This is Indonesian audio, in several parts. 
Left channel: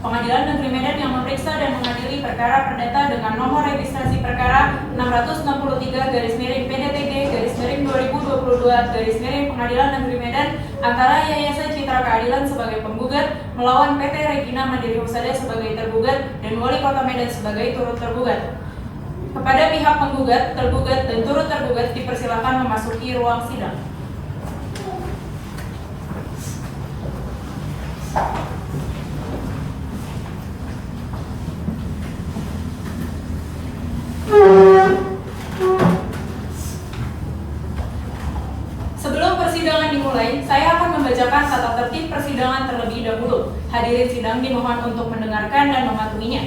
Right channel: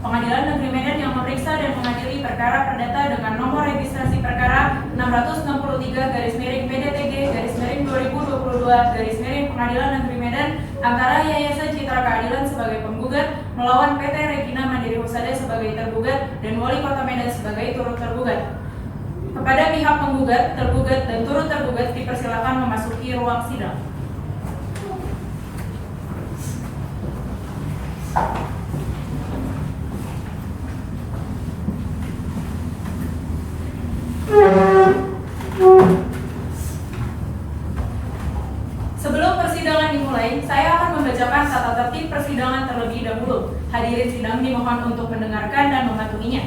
Pengadilan Negeri Medan yang memeriksa dan mengadili perkara perdata dengan nomor registrasi perkara 663-PDTG-2022 Pengadilan Negeri Medan antara Yayasan Citra Keadilan sebagai penggugat melawan PT Regina Mandiri Husada sebagai tergugat dan Wali Kota Medan sebagai turut tergugat. Kepada pihak penggugat, tergugat, dan turut tergugat dipersilakan memasuki ruang sidang. Sebelum persidangan dimulai, saya akan membacakan tata tertib persidangan terlebih dahulu. Hadirin sidang dimohon untuk mendengarkan dan mematuhinya.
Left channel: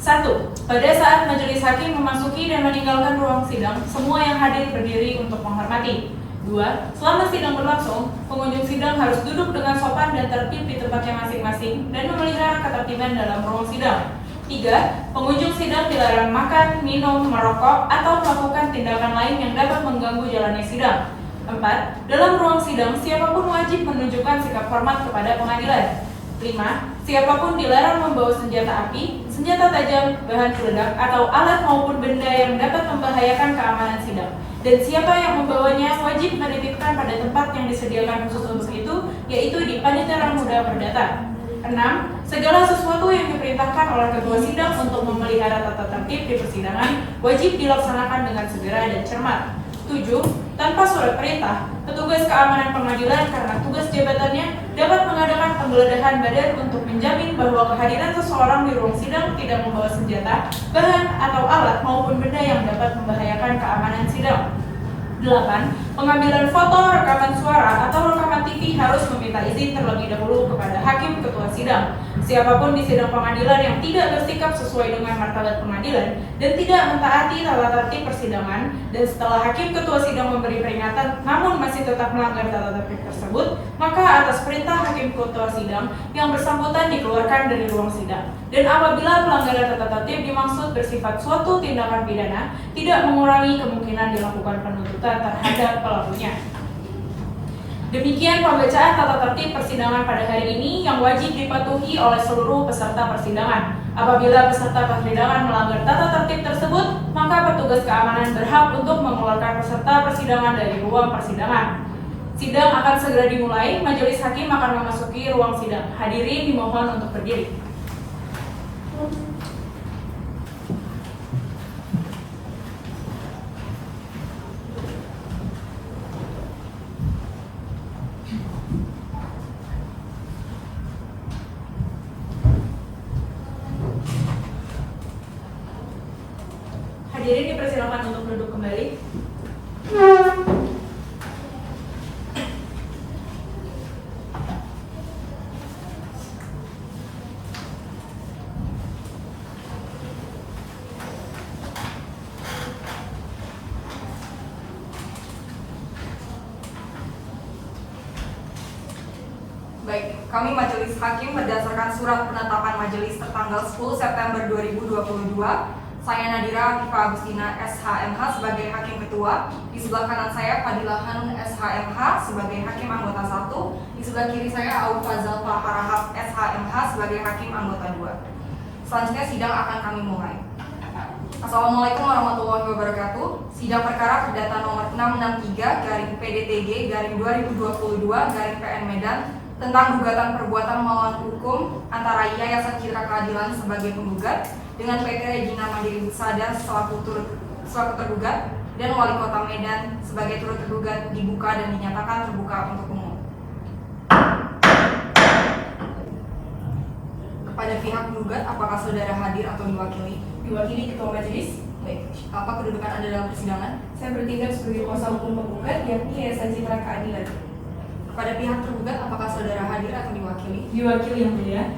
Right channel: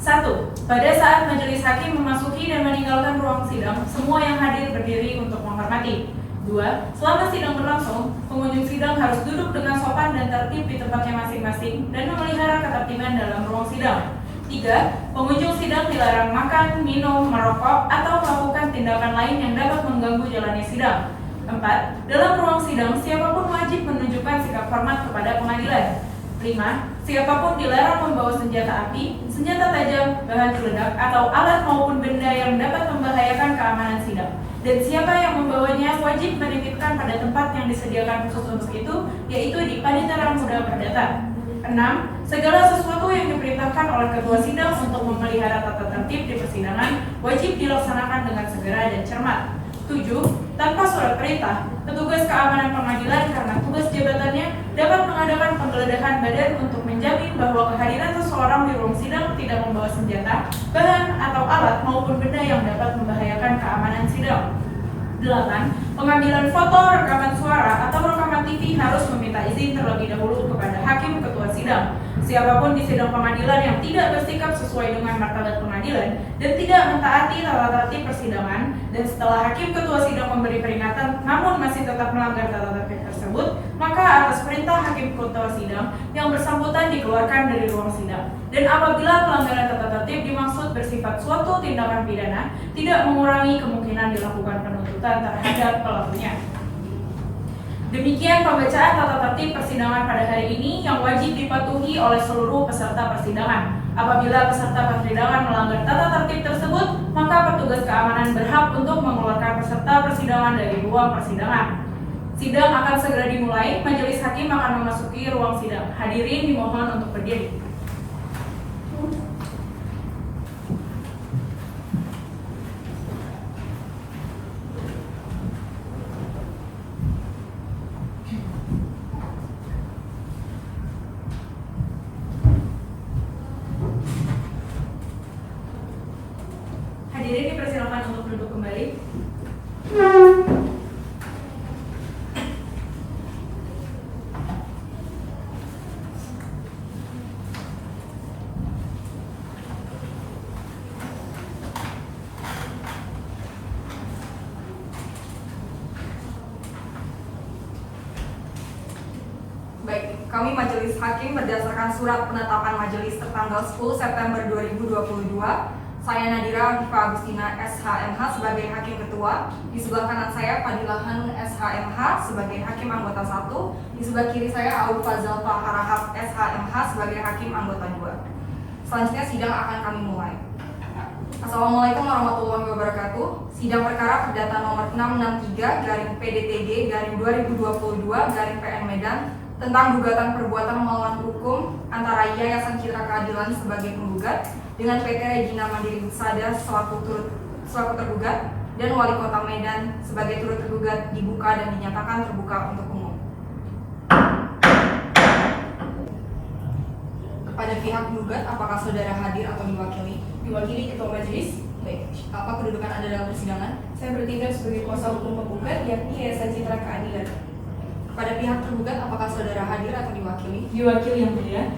1. Pada saat majelis hakim memasuki dan meninggalkan ruang sidang, semua yang hadir berdiri untuk menghormati. 2. Selama sidang berlangsung, pengunjung sidang harus duduk dengan sopan dan tertib di tempatnya masing-masing dan memelihara ketertiban dalam ruang sidang. 3. Pengunjung sidang dilarang makan, minum, merokok, atau melakukan tindakan lain yang dapat mengganggu jalannya sidang. 4. Dalam ruang sidang, siapapun wajib menunjukkan sikap hormat kepada pengadilan. 5. Siapapun dilarang membawa senjata api, senjata tajam, bahan peledak, atau alat maupun benda yang dapat membahayakan keamanan sidang. Dan siapa yang membawanya wajib menitipkan pada tempat yang disediakan khusus untuk itu, yaitu di Panitera Muda Perdata. 6. Segala sesuatu yang diperintahkan oleh ketua sidang untuk memelihara tata tertib di persidangan wajib dilaksanakan dengan segera dan cermat. 7. Tanpa surat perintah, petugas keamanan pengadilan karena tugas jabatannya dapat mengadakan penggeledahan badan untuk menjamin bahwa kehadiran seseorang di ruang sidang tidak membawa senjata, bahan, atau alat maupun benda yang dapat membahayakan keamanan sidang. 8. Pengambilan foto, rekaman suara, atau rekaman TV harus meminta izin terlebih dahulu kepada hakim ketua sidang. Siapapun di sidang pengadilan yang tidak bersikap sesuai dengan martabat pengadilan dan tidak mentaati tata tertib persidangan, dan setelah hakim ketua sidang memberi peringatan namun masih tetap melanggar tata tertib tersebut, maka atas perintah hakim ketua sidang yang bersangkutan dikeluarkan dari ruang sidang. Dan apabila pelanggaran tata tertib dimaksud bersifat suatu tindakan pidana, tidak mengurangi kemungkinan dilakukan penuntutan terhadap pelakunya. Demikian pembacaan tata tertib persidangan pada hari ini yang wajib dipatuhi oleh seluruh peserta persidangan. Apabila peserta persidangan melanggar tata tertib tersebut, maka petugas keamanan berhak untuk mengeluarkan peserta persidangan dari ruang persidangan. Sidang akan segera dimulai, majelis hakim akan memasuki ruang sidang. Hadirin dimohon untuk berdiri. Hadirin dipersilakan untuk duduk kembali. Baik, kami Majelis Hakim berdasarkan surat penetapan majelis tertanggal 10 September 2022, saya Nadira Hanifah Agustina SHMH sebagai Hakim Ketua. Di sebelah kanan saya Fadilah Hanun SHMH sebagai Hakim Anggota 1. Di sebelah kiri saya Abu Fazal Taharahab SHMH sebagai Hakim Anggota 2. Selanjutnya sidang akan kami mulai. Assalamualaikum warahmatullahi wabarakatuh. Sidang perkara perdata nomor 663-PDTG-2022-PN Medan tentang gugatan perbuatan melawan hukum antara Yayasan Citra Keadilan sebagai penggugat dengan PT Regina Mandiri Husada selaku tergugat dan Wali Kota Medan sebagai turut tergugat dibuka dan dinyatakan terbuka untuk umum. Kepada pihak penggugat, apakah saudara hadir atau diwakili? Diwakili Ketua Majelis. Baik, apa kedudukan Anda dalam persidangan? Saya bertindak sebagai kuasa hukum penggugat, yakni Yayasan Citra Keadilan. Kepada pihak tergugat, apakah saudara hadir atau diwakili? Diwakili yang mulia.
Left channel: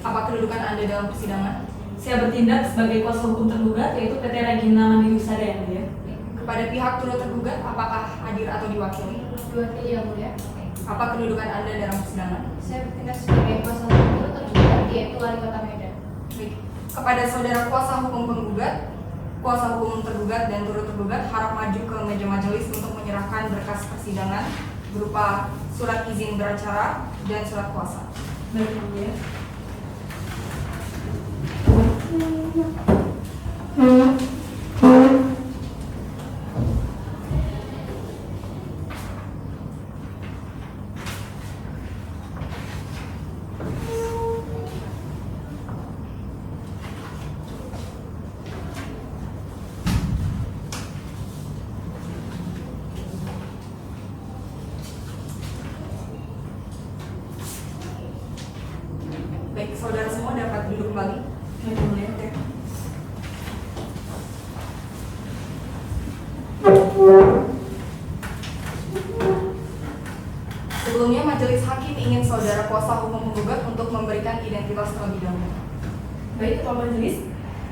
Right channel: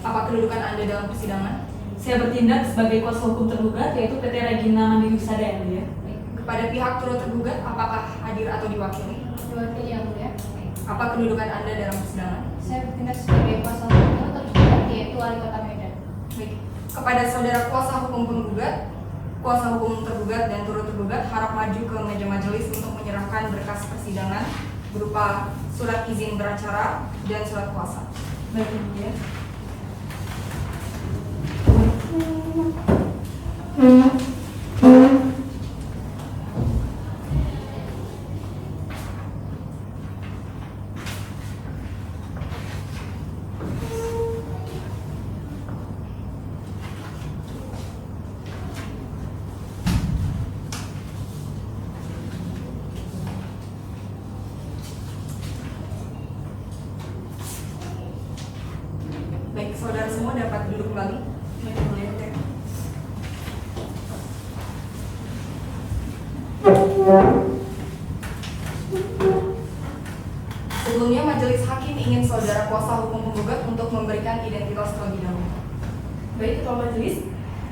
Apa kedudukan Anda dalam persidangan? Saya bertindak sebagai kuasa hukum tergugat, yaitu PT Regina Mandiri Husada yang mulia. Kepada pihak turut tergugat, apakah hadir atau diwakili? Diwakili yang mulia. Apa kedudukan Anda dalam persidangan? Saya bertindak sebagai kuasa hukum tergugat, yaitu Wali Kota Medan. Baik. Kepada saudara kuasa hukum penggugat, kuasa hukum tergugat dan turut tergugat harap maju ke meja majelis untuk menyerahkan berkas persidangan berupa surat izin beracara dan surat kuasa. Baik, yang mulia. Baik, saudara semua dapat duduk kembali. Sebelumnya majelis hakim ingin saudara kuasa hukum penggugat untuk memberikan identitas terlebih dahulu. Baik, Ketua Majelis,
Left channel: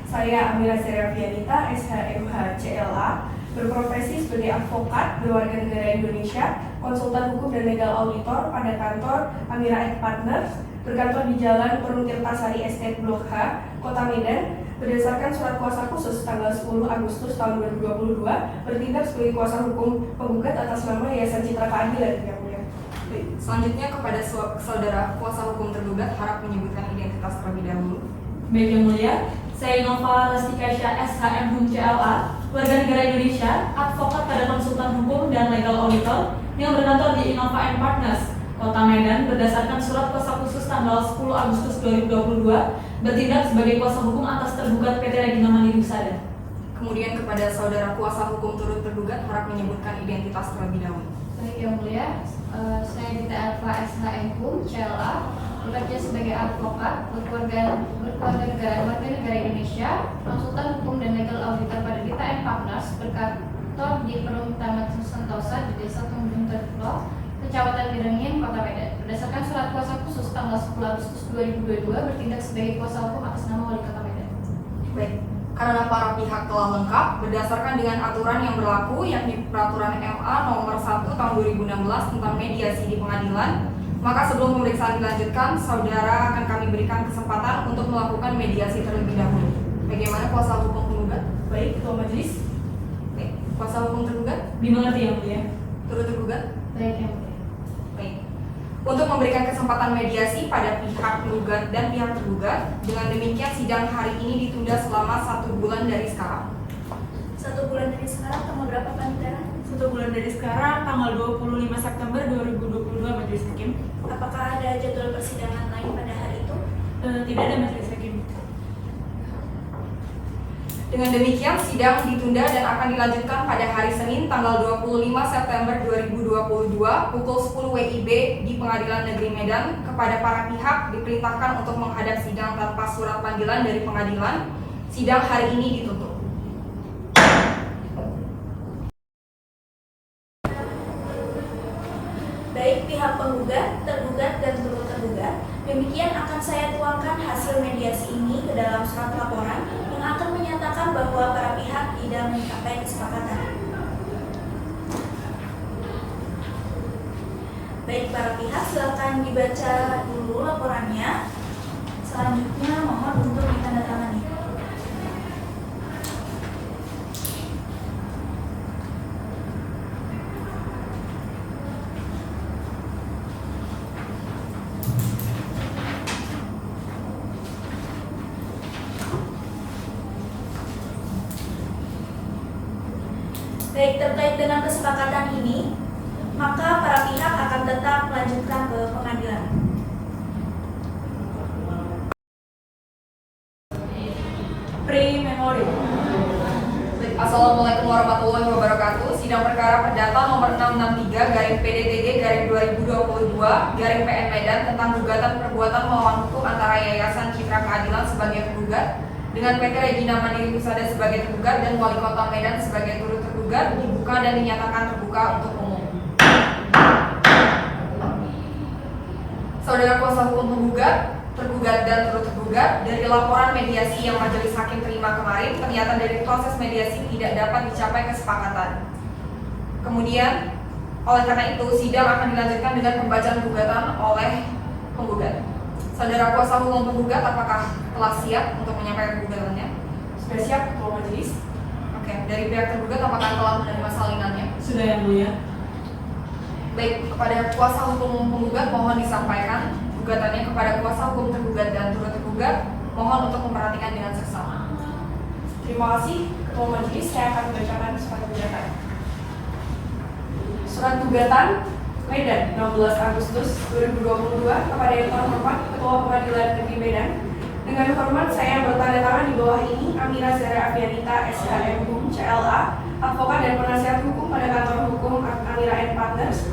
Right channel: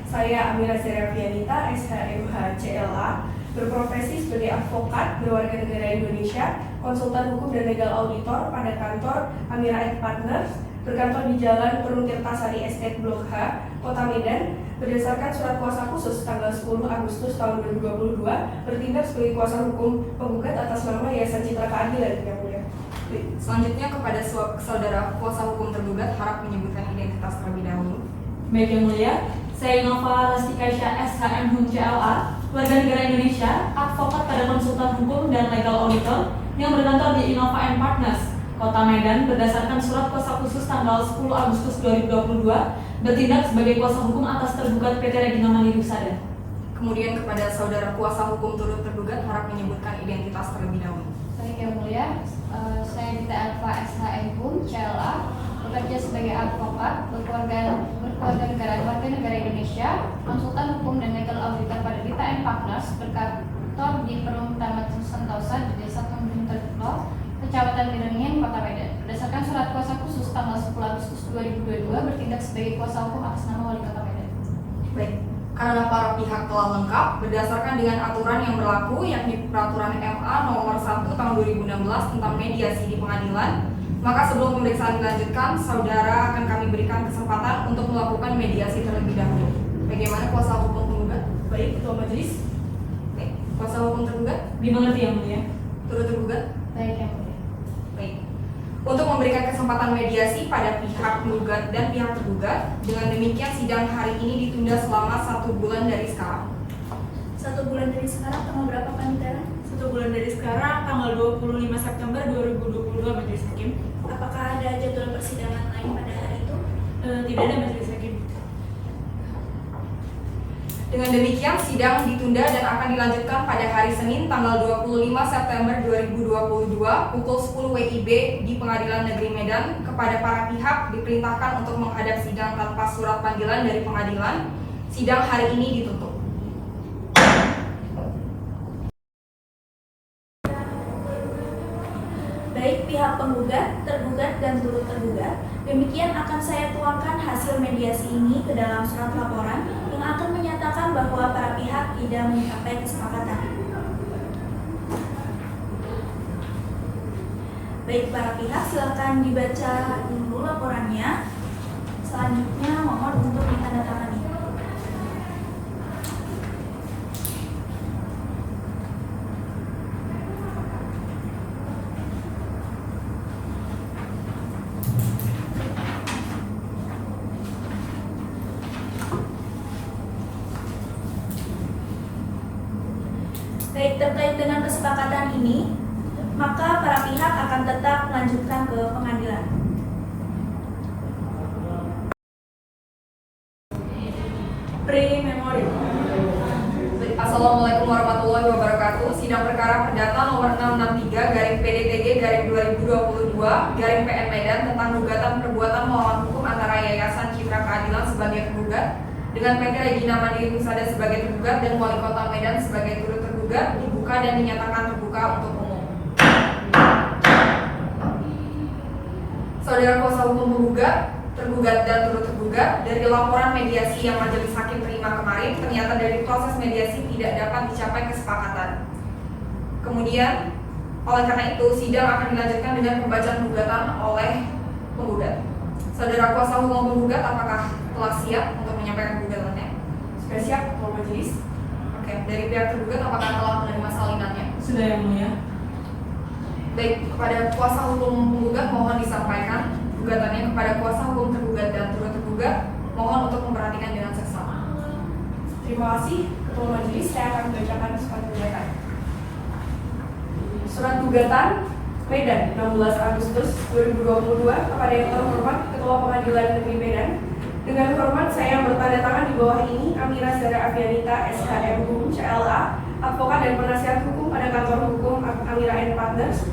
saya Amira Serafianita, SHMH CLA, berprofesi sebagai advokat berwarga negara Indonesia, konsultan hukum dan legal auditor pada kantor Amira Partners, berkantor di Jalan Perung Tirtasari Estate Blok H, Kota Medan, berdasarkan surat kuasa khusus tanggal 10 Agustus tahun 2022, bertindak sebagai kuasa hukum penggugat atas nama Yayasan Citra Keadilan. Yang mulia. Selanjutnya kepada saudara kuasa hukum tergugat harap menyebutkan identitas terlebih dahulu. Baik yang mulia, saya Nova Lastikasya SHM CLA, warga negara Indonesia, advokat pada konsultan hukum dan legal auditor yang berkantor di Innova Partners, Kota Medan, berdasarkan surat kuasa khusus tanggal 10 Agustus 2022, bertindak sebagai kuasa hukum atas tergugat PT Regina Mandiri Husada. Kemudian kepada saudara kuasa hukum turut tergugat harap menyebutkan identitas terlebih dahulu. Baik yang mulia, saya Dita Alfa SHM CLA, bekerja sebagai advokat berkeluarga negara Indonesia, konsultan hukum dan legal auditor pada Dita Partners, berkantor di Perumda Tamat Sentosa di Desa Tanjung Teluk, Kecamatan Kirengin, Kota Medan. Berdasarkan surat kuasa khusus tanggal 10 Agustus 2022, bertindak sebagai kuasa hukum atas nama Wali Kota Medan. Baik, karena para pihak telah lengkap berdasarkan dengan aturan yang berlaku, yakni Peraturan MA Nomor 1 Tahun 2016 tentang mediasi di pengadilan, maka sebelum pemeriksaan dilanjutkan, saudara akan kami berikan kesempatan untuk melakukan mediasi terlebih dahulu. Bagaimana kuasa hukum penggugat? Baik, Ketua Majelis. Baik, kuasa hukum tergugat? Dimengerti yang mulia. Turut tergugat? Baik yang mulia. Baik. Untuk memberikan kesempatan mediasi pada pihak penggugat dan pihak tergugat, dengan demikian sidang hari ini ditunda selama 1 bulan dari sekarang. 1 bulan dari sekarang tanggal berapa Panitera? 1 bulan dari sekarang, tanggal 25 September 2022, Majelis Hakim. Apakah ada jadwal persidangan lain pada hari itu? Tidak ada, Majelis Hakim. Dengan demikian sidang ditunda dan akan dilanjutkan pada hari Senin tanggal 25 September 2022 pukul 10 WIB di Pengadilan Negeri Medan. Kepada para pihak diperintahkan untuk menghadap sidang tanpa surat panggilan dari pengadilan. Sidang hari ini ditutup. Baik pihak penggugat, tergugat, dan turut tergugat, demikian akan saya tuangkan hasil mediasi ini ke dalam surat laporan yang akan menyatakan bahwa para pihak tidak mencapai kesepakatan. Baik para pihak, silakan dibaca dulu laporannya. Selanjutnya mohon untuk ditandatangani. Baik, terkait dengan kesepakatan ini, maka para pihak akan tetap melanjutkan ke pengadilan. Pre-memoriam. Assalamualaikum warahmatullahi wabarakatuh. Sidang perkara perdata nomor 663 garing PDTG garing 2022 garing PN Medan tentang gugatan perbuatan melawan hukum antara Yayasan Citra Keadilan sebagai tergugat dengan PT Regina Mandiri Husada sebagai tergugat dan Wali Kota Medan sebagai turut tergugat dibuka dan dinyatakan terbuka untuk umum. Saudara kuasa hukum penggugat, tergugat dan turut tergugat, dari laporan mediasi yang majelis hakim terima kemarin, ternyata dari proses mediasi tidak dapat dicapai kesepakatan. Kemudian, oleh karena itu, sidang akan dilanjutkan dengan pembacaan gugatan oleh penggugat. Saudara kuasa hukum penggugat, apakah telah siap untuk menyampaikan gugatannya? Sudah siap, Ketua Majelis. Oke, dari pihak tergugat, apakah telah menerima salinannya? Sudah yang mulia. Baik, kepada kuasa hukum penggugat mohon disampaikan gugatannya. Kepada kuasa hukum tergugat dan turut tergugat mohon untuk memperhatikan dengan seksama. Terima kasih, Ketua Majelis. Saya akan membacakan surat gugatan. Surat gugatan Medan 16 Agustus 2022 kepada yang terhormat Ketua Pengadilan Negeri Medan. Dengan hormat saya yang bertanda tangan di bawah ini Amira Zara Avianita SHM CLA, advokat dan penasihat hukum pada kantor hukum Amira & Partners,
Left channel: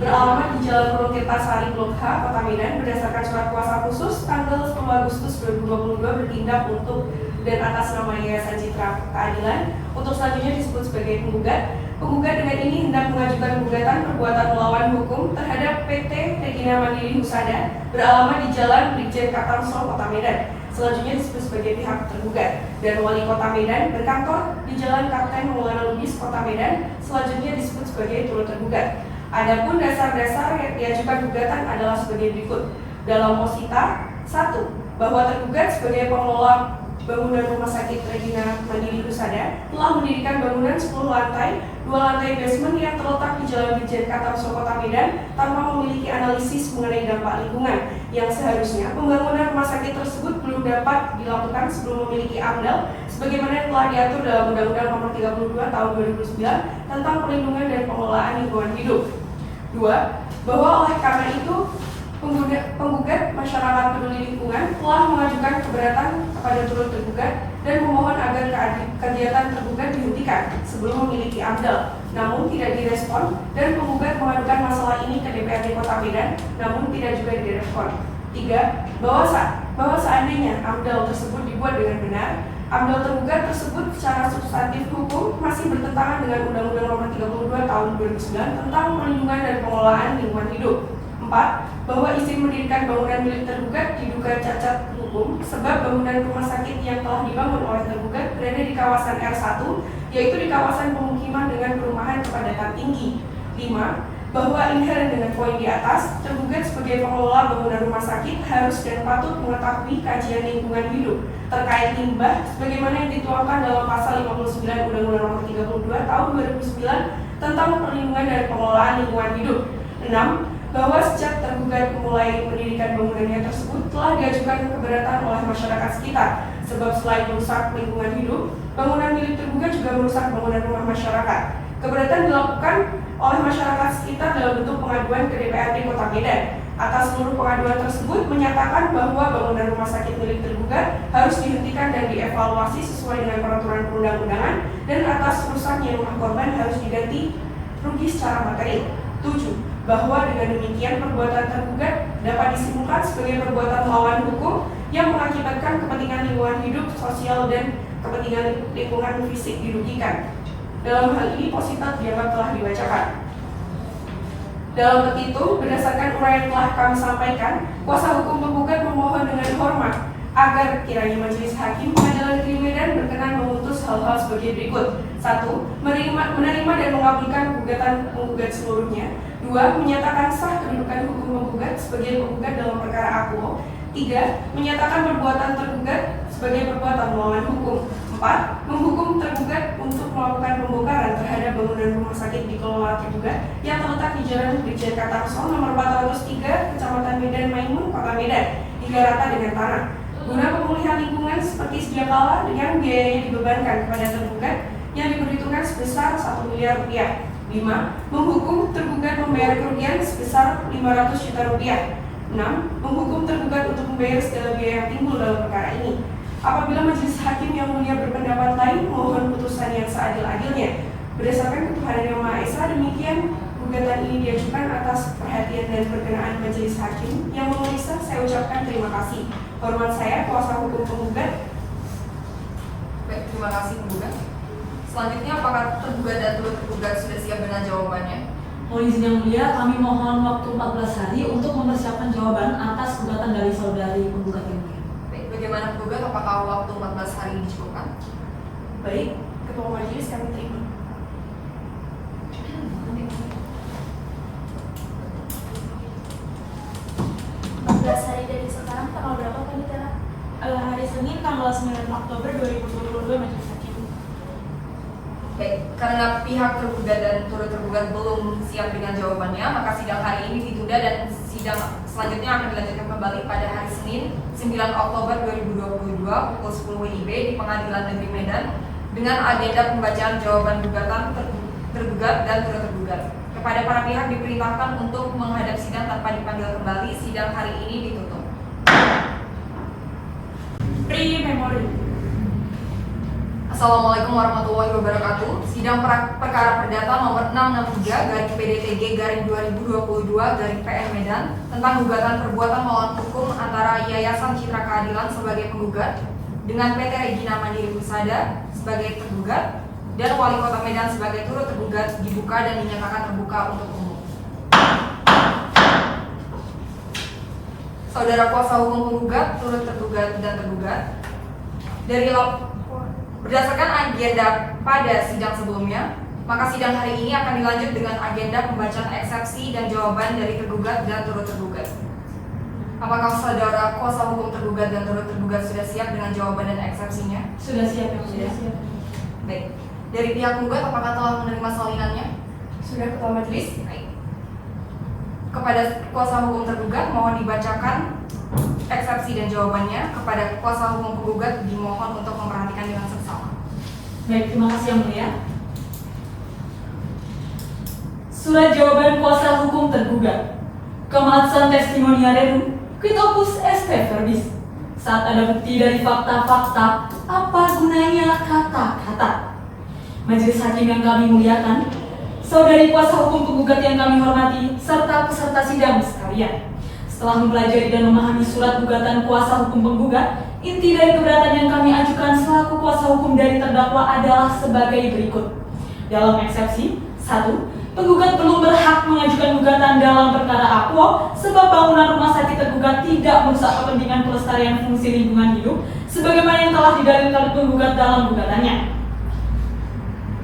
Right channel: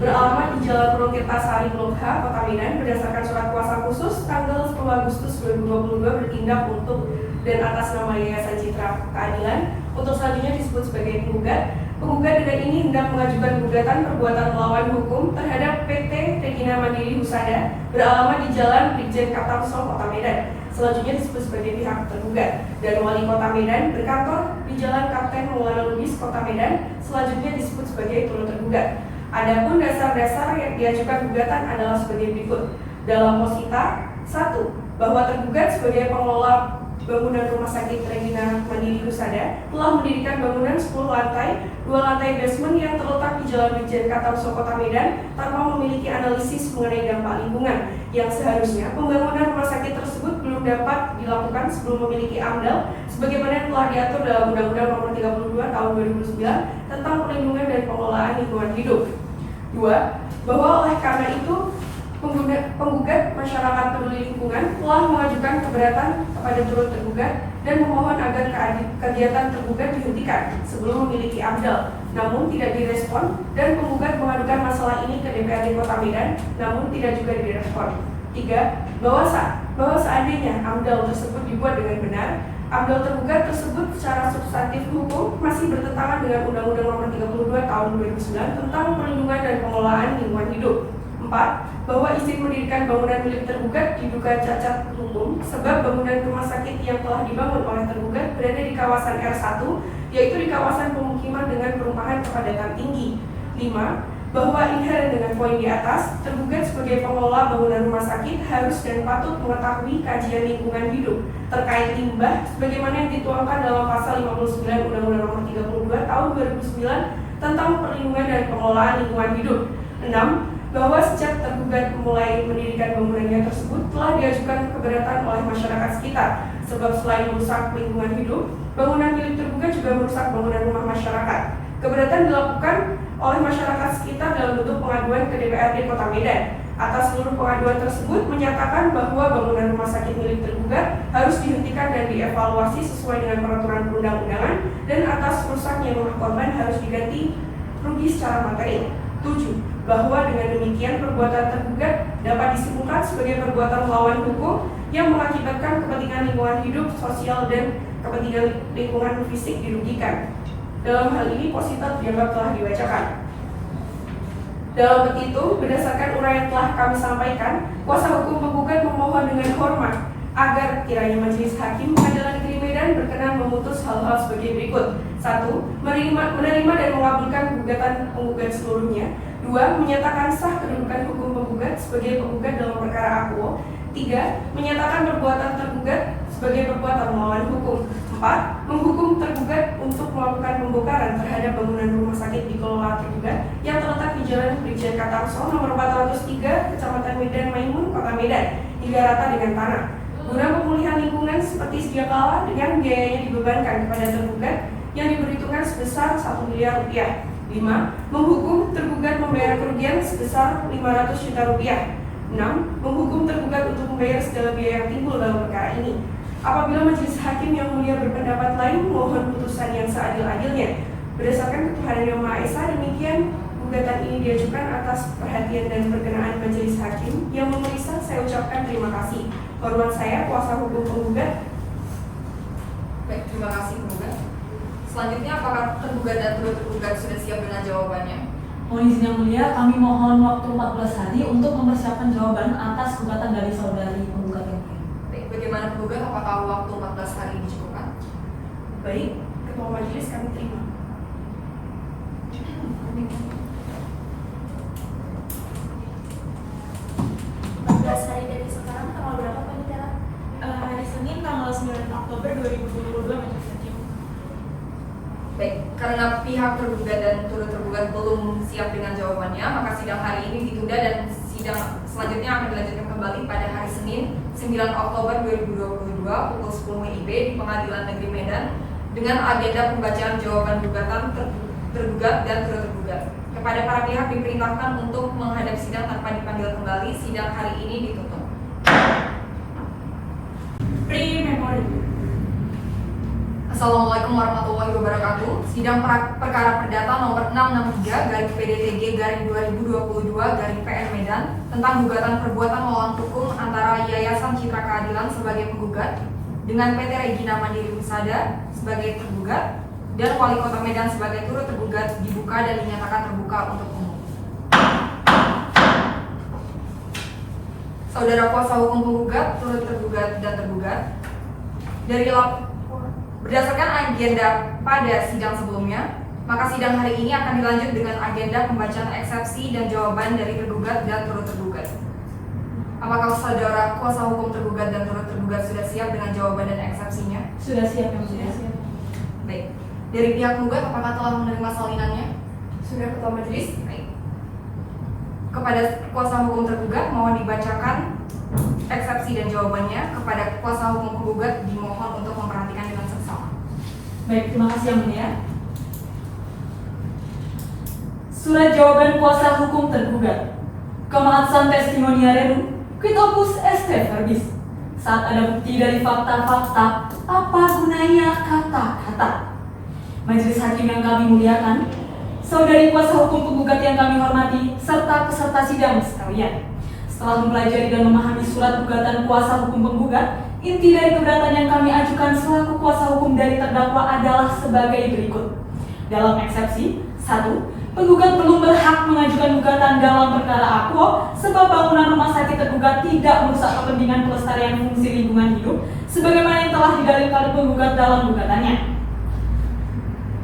beralamat di Jalan Gunung Tirtasari Blok H, Kota Medan, berdasarkan surat kuasa khusus tanggal 10 Agustus 2022 bertindak untuk dan atas nama Yayasan Citra Keadilan untuk selanjutnya disebut sebagai penggugat. Penggugat dengan ini hendak mengajukan gugatan perbuatan melawan hukum terhadap PT Regina Mandiri Husada beralamat di Jalan Brigjen Katamso, Kota Medan. Selanjutnya disebut sebagai pihak tergugat, dan Wali Kota Medan berkantor di Jalan Kapten Maulana Lubis, Kota Medan. Selanjutnya disebut sebagai turut tergugat. Adapun dasar-dasar yang diajukan gugatan adalah sebagai berikut. Dalam posita 1, bahwa tergugat sebagai pengelola bangunan Rumah Sakit Regina Mandiri Husada telah mendirikan bangunan 10 lantai, 2 lantai basement yang terletak di Jalan Brigjen Katamso, Kota Medan tanpa memiliki analisis mengenai dampak lingkungan, yang seharusnya pembangunan rumah sakit tersebut belum dapat dilakukan sebelum memiliki AMDAL sebagaimana yang telah diatur dalam Undang-Undang Nomor 32 Tahun 2009 tentang Perlindungan dan Pengelolaan Lingkungan Hidup. 2. Bahwa oleh karena itu penggugat masyarakat peduli lingkungan telah mengajukan keberatan kepada turut tergugat dan memohon agar kegiatan tergugat dihentikan sebelum memiliki AMDAL, namun tidak direspon, dan penggugat mengadukan masalah ini ke DPRD Kota Medan, namun tidak juga direspon. 3. Bahwa seandainya AMDAL tersebut dibuat dengan benar, AMDAL tergugat tersebut secara substantif hukum masih bertentangan dengan Undang-Undang Nomor 32 Tahun 2009 tentang Perlindungan dan Pengelolaan Lingkungan Hidup. 4. Bahwa izin mendirikan bangunan milik tergugat diduga cacat hukum sebab bangunan rumah sakit yang telah dibangun oleh tergugat berada di kawasan R1, yaitu di kawasan pemukiman dengan perumahan kepadatan tinggi. 5. Bahwa inheren dengan poin di atas, tergugat sebagai pengelola bangunan rumah sakit harus dan patut mengetahui kajian lingkungan hidup terkait limbah sebagaimana yang dituangkan dalam pasal 59 Undang-Undang Nomor 32 Tahun 2009 tentang Perlindungan dan Pengelolaan Lingkungan Hidup. 6. Bahwa sejak tergugat mulai mendirikan bangunannya tersebut telah diajukan keberatan oleh masyarakat sekitar, sebab selain merusak lingkungan hidup, bangunan milik tergugat juga merusak bangunan rumah masyarakat. Keberatan dilakukan oleh masyarakat sekitar dalam bentuk pengaduan ke DPRD Kota Medan. Atas seluruh pengaduan tersebut menyatakan bahwa bangunan rumah sakit milik tergugat harus dihentikan dan dievaluasi sesuai dengan peraturan perundang-undangan, dan atas rusaknya rumah korban harus diganti rugi secara materi. 7. Bahwa dengan demikian perbuatan tergugat dapat disimpulkan sebagai perbuatan melawan hukum yang mengakibatkan kepentingan lingkungan hidup, sosial, dan kepentingan lingkungan fisik dirugikan. Dalam hal ini posita dianggap telah dibacakan. Dalam petitum, berdasarkan uraian telah kami sampaikan, kuasa hukum penggugat memohon dengan hormat agar kiranya Majelis Hakim Pengadilan Negeri Medan berkenan memutus hal-hal sebagai berikut. 1. Menerima dan mengabulkan gugatan penggugat seluruhnya. 2. Menyatakan sah kedudukan hukum penggugat sebagai penggugat dalam perkara akuo. 3. Menyatakan perbuatan tergugat sebagai perbuatan melawan hukum. 4. Menghukum tergugat untuk melakukan pembongkaran terhadap bangunan rumah sakit dikelola tergugat yang terletak di Jalan Brigjen Katamso nomor 403, Kecamatan Medan Maimun, Kota Medan, hingga rata dengan tanah. Guna pemulihan lingkungan seperti sedia kala yang biayanya dibebankan kepada tergugat yang diperhitungkan sebesar 1 miliar rupiah. 5. Menghukum tergugat membayar kerugian sebesar 500 juta rupiah. 6. Menghukum tergugat untuk membayar segala biaya yang timbul dalam perkara ini. Apabila Majelis Hakim yang mulia berpendapat lain, mohon putusan yang seadil-adilnya. Berdasarkan ketuhanan Yang Maha Esa, demikian gugatan ini diajukan atas perhatian dan berkenaan Majelis Hakim yang memeriksa. Saya ucapkan terima kasih. Hormat saya, kuasa hukum penggugat. Baik, terima kasih penggugat. Selanjutnya, apakah tergugat dan turut tergugat sudah siap dengan jawabannya? Mohon izin yang mulia, kami mohon waktu 14 hari untuk mempersiapkan jawaban atas gugatan dari saudari penggugat yang mulia. Baik, bagaimana penggugat? Apakah waktu 14 hari dicukupkan? Baik, Ketua Majelis kami terima. 14 hari dari sekarang, tanggal berapa Pak? Hari Senin tanggal 9 Oktober 2022 Majelis Hakim. Baik, karena pihak tergugat dan turut tergugat belum siap dengan jawabannya, maka sidang hari ini ditunda dan sidang selanjutnya akan dilanjutkan kembali pada hari Senin 9 Oktober 2022 pukul 10 WIB di Pengadilan Negeri Medan dengan agenda pembacaan jawaban gugatan tergugat dan turut tergugat. Kepada para pihak diperintahkan untuk menghadap sidang tanpa dipanggil kembali. Sidang hari ini ditutup. Pre-memori. Assalamualaikum warahmatullahi wabarakatuh. Sidang perkara perdata nomor 663/PDTG/2022/PN Medan tentang gugatan perbuatan melawan hukum antara Yayasan Citra Keadilan sebagai penggugat dengan PT Regina Mandiri Husada sebagai tergugat dan Wali Kota Medan sebagai turut tergugat dibuka dan dinyatakan terbuka untuk umum. Saudara kuasa hukum penggugat, turut tergugat dan tergugat, berdasarkan agenda pada sidang sebelumnya, maka sidang hari ini akan dilanjut dengan agenda pembacaan eksepsi dan jawaban dari tergugat dan turut tergugat. Apakah saudara kuasa hukum tergugat dan turut tergugat sudah siap dengan jawaban dan eksepsinya? Sudah siap, yang sudah siap. Baik. Dari pihak penggugat, apakah telah menerima salinannya? Sudah, Ketua Majelis. Baik. Kepada kuasa hukum tergugat, mohon dibacakan eksepsi dan jawabannya. Kepada kuasa hukum penggugat, dimohon untuk memperhatikan dengan seksama. Baik, terima kasih Yang Mulia. Surat jawaban kuasa hukum tergugat. Kematsan testimonia rerum, quid opus est verbis. Saat ada bukti dari fakta-fakta, apa gunanya kata-kata? Majelis hakim yang kami muliakan, saudari kuasa hukum penggugat yang kami hormati, serta peserta sidang sekalian. Setelah mempelajari dan memahami surat gugatan kuasa hukum penggugat, inti dari keberatan yang kami ajukan selaku kuasa hukum dari terdakwa adalah sebagai berikut. Dalam eksepsi, 1. Penggugat belum berhak mengajukan gugatan dalam perkara akuo sebab bangunan rumah sakit tergugat tidak merusak kepentingan pelestarian fungsi lingkungan hidup sebagaimana yang telah didalilkan penggugat dalam gugatannya.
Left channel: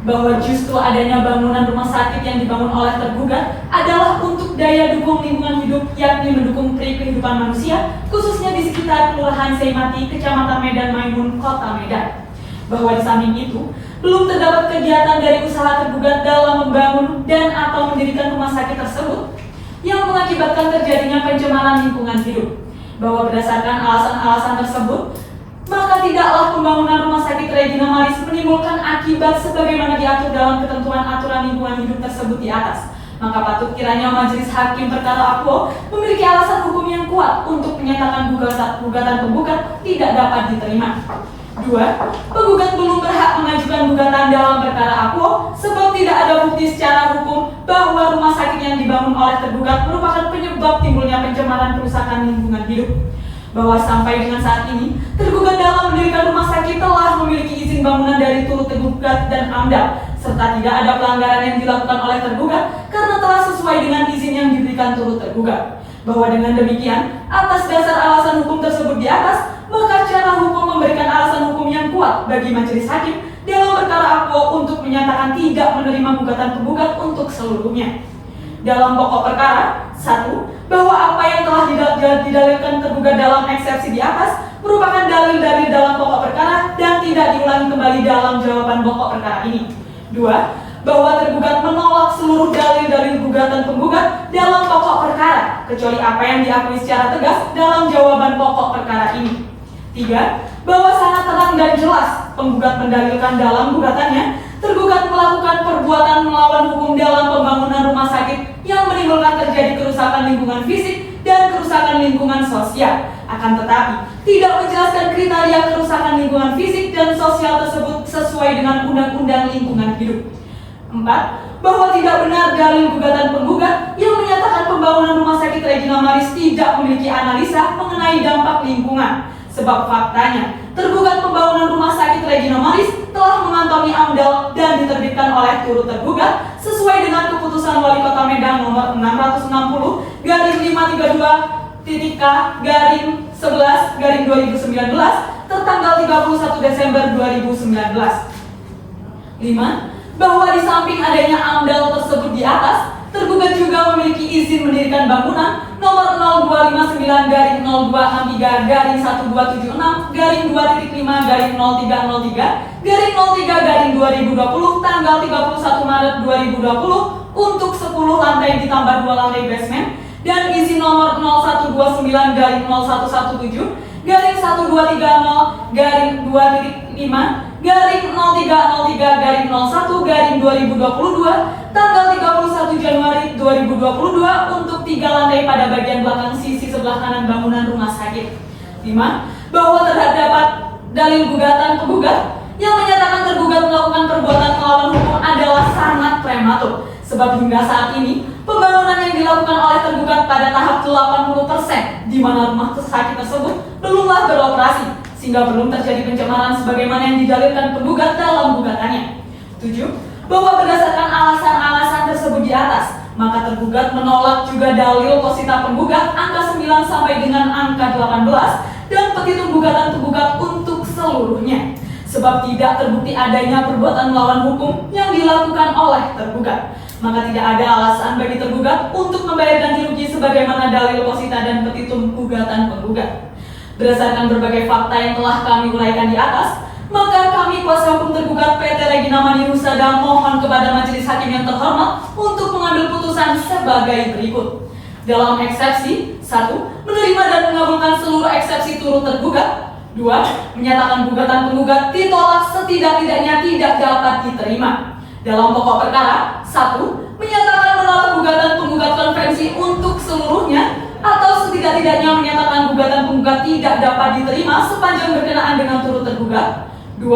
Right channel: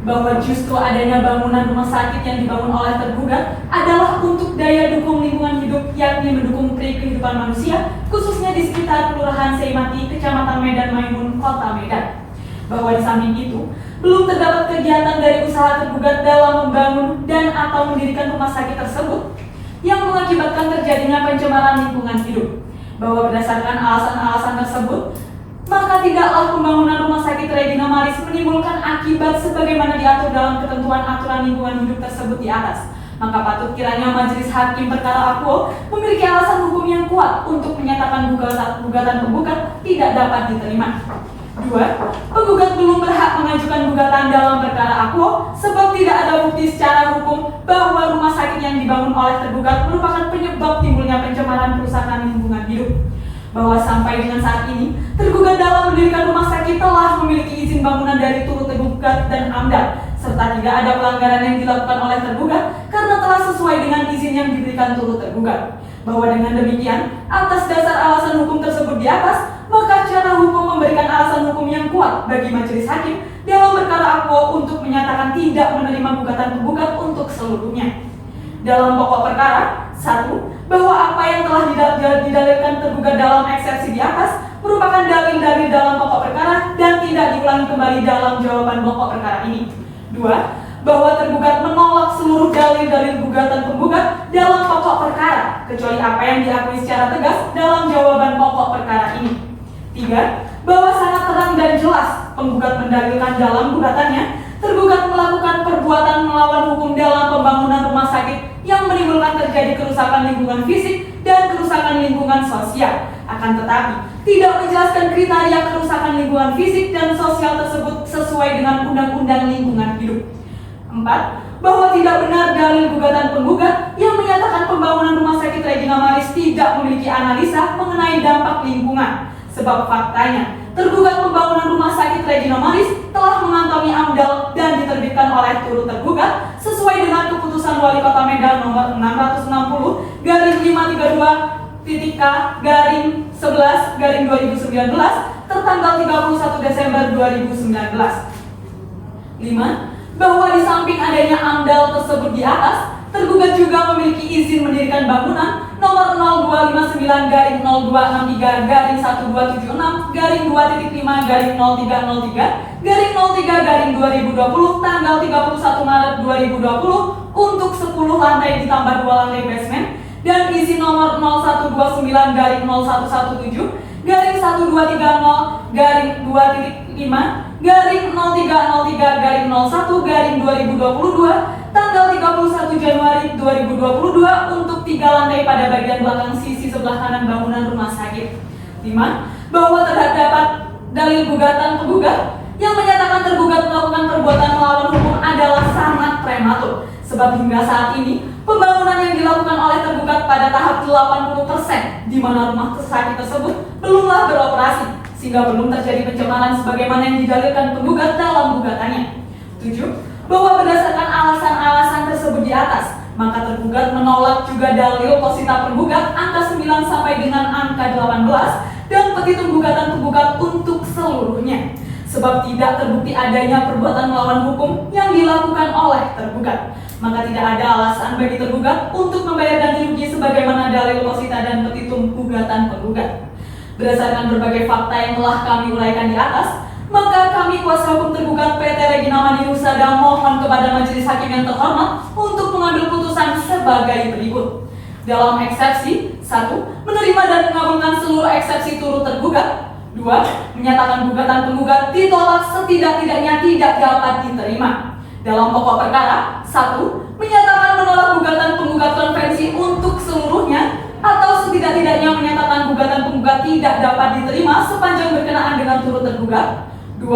Bahwa justru adanya bangunan rumah sakit yang dibangun oleh tergugat adalah untuk daya dukung lingkungan hidup, yakni mendukung kehidupan manusia, khususnya di sekitar Kelurahan Seimati, Kecamatan Medan Maimun, Kota Medan. Bahwa di samping itu, belum terdapat kegiatan dari usaha tergugat dalam membangun dan atau mendirikan rumah sakit tersebut yang mengakibatkan terjadinya pencemaran lingkungan hidup. Bahwa berdasarkan alasan-alasan tersebut, maka tidaklah pembangunan rumah sakit Regina Maris menimbulkan akibat sebagaimana diatur dalam ketentuan aturan lingkungan hidup tersebut di atas. Maka patut kiranya majelis hakim perkara akuo memiliki alasan hukum yang kuat untuk menyatakan gugatan penggugat tidak dapat diterima. 2. Penggugat belum berhak mengajukan gugatan dalam perkara akuo sebab tidak ada bukti secara hukum bahwa rumah sakit yang dibangun oleh tergugat merupakan penyebab timbulnya pencemaran kerusakan lingkungan hidup. Bahwa sampai dengan saat ini, tergugat dalam mendirikan rumah sakit telah memiliki izin bangunan dari turut tergugat dan AMDAL, serta tidak ada pelanggaran yang dilakukan oleh tergugat karena telah sesuai dengan izin yang diberikan turut tergugat. Bahwa dengan demikian, atas dasar alasan hukum tersebut di atas, maka secara hukum memberikan alasan hukum yang kuat bagi majelis hakim dalam perkara akuo untuk menyatakan tidak menerima gugatan penggugat untuk seluruhnya. Dalam pokok perkara, 1. Bahwa apa yang telah didalilkan tergugat dalam eksepsi di atas merupakan dalil-dalil dalam pokok perkara dan tidak diulangi kembali dalam jawaban pokok perkara ini. 2. Bahwa tergugat menolak seluruh dalil-dalil gugatan penggugat dalam pokok perkara, kecuali apa yang diakui secara tegas dalam jawaban pokok perkara ini. 3. Bahwa sangat terang dan jelas penggugat mendalilkan dalam gugatannya, tergugat melakukan perbuatan melawan hukum dalam pembangunan rumah sakit yang menimbulkan terjadi kerusakan lingkungan fisik dan kerusakan lingkungan sosial. Akan tetapi, tidak menjelaskan kriteria kerusakan lingkungan fisik dan sosial tersebut sesuai dengan Undang-Undang Lingkungan Hidup. 4. Bahwa tidak benar dalil gugatan penggugat yang menyatakan pembangunan rumah sakit Regina Maris tidak memiliki analisa mengenai dampak lingkungan. Sebab faktanya, tergugat pembangunan rumah sakit Regina Maris telah mengantongi AMDAL dan diterbitkan oleh turut tergugat sesuai dengan keputusan Wali Kota Medan nomor 660/532-K/11/2019 tertanggal 31 Desember 2019. 5. Bahwa di samping adanya AMDAL tersebut di atas, tergugat juga memiliki izin mendirikan bangunan nomor 0259-12-13-2.5-03-03-2020 tanggal 31 Maret 2020 untuk 10 lantai ditambah 2 lantai basement dan izin nomor 0129-0117-03030-5-0303-01-2022 tanggal 31 Januari 2022 untuk 3 lantai pada bagian belakang sisi sebelah kanan bangunan rumah sakit. 5. Bahwa terdapat dalil gugatan penggugat yang menyatakan tergugat melakukan perbuatan melawan hukum adalah sangat prematur, sebab hingga saat ini pembangunan yang dilakukan oleh tergugat pada tahap 80%, di mana rumah sakit tersebut belumlah beroperasi, sehingga belum terjadi pencemaran sebagaimana yang didalilkan penggugat dalam gugatannya. 7. Bahwa berdasarkan alasan-alasan tersebut di atas, maka tergugat menolak juga dalil posita penggugat angka 9 sampai dengan angka 18 dan petitum gugatan penggugat untuk seluruhnya, sebab tidak terbukti adanya perbuatan melawan hukum yang dilakukan oleh tergugat. Maka tidak ada alasan bagi tergugat untuk membayar ganti rugi sebagaimana dalil posita dan petitum gugatan penggugat. Berdasarkan berbagai fakta yang telah kami uraikan di atas, maka kami kuasa hukum tergugat PT Regina Mani Husada mohon kepada majelis hakim yang terhormat untuk mengambil putusan sebagai berikut. Dalam eksepsi 1. Menerima dan mengabulkan seluruh eksepsi turut tergugat. 2. Menyatakan gugatan penggugat ditolak setidak-tidaknya tidak dapat diterima. Dalam pokok perkara 1. Menyatakan menolak gugatan penggugat konvensi untuk seluruhnya atau setidak-tidaknya menyatakan gugatan penggugat tidak dapat diterima sepanjang berkenaan dengan turut tergugat. 2.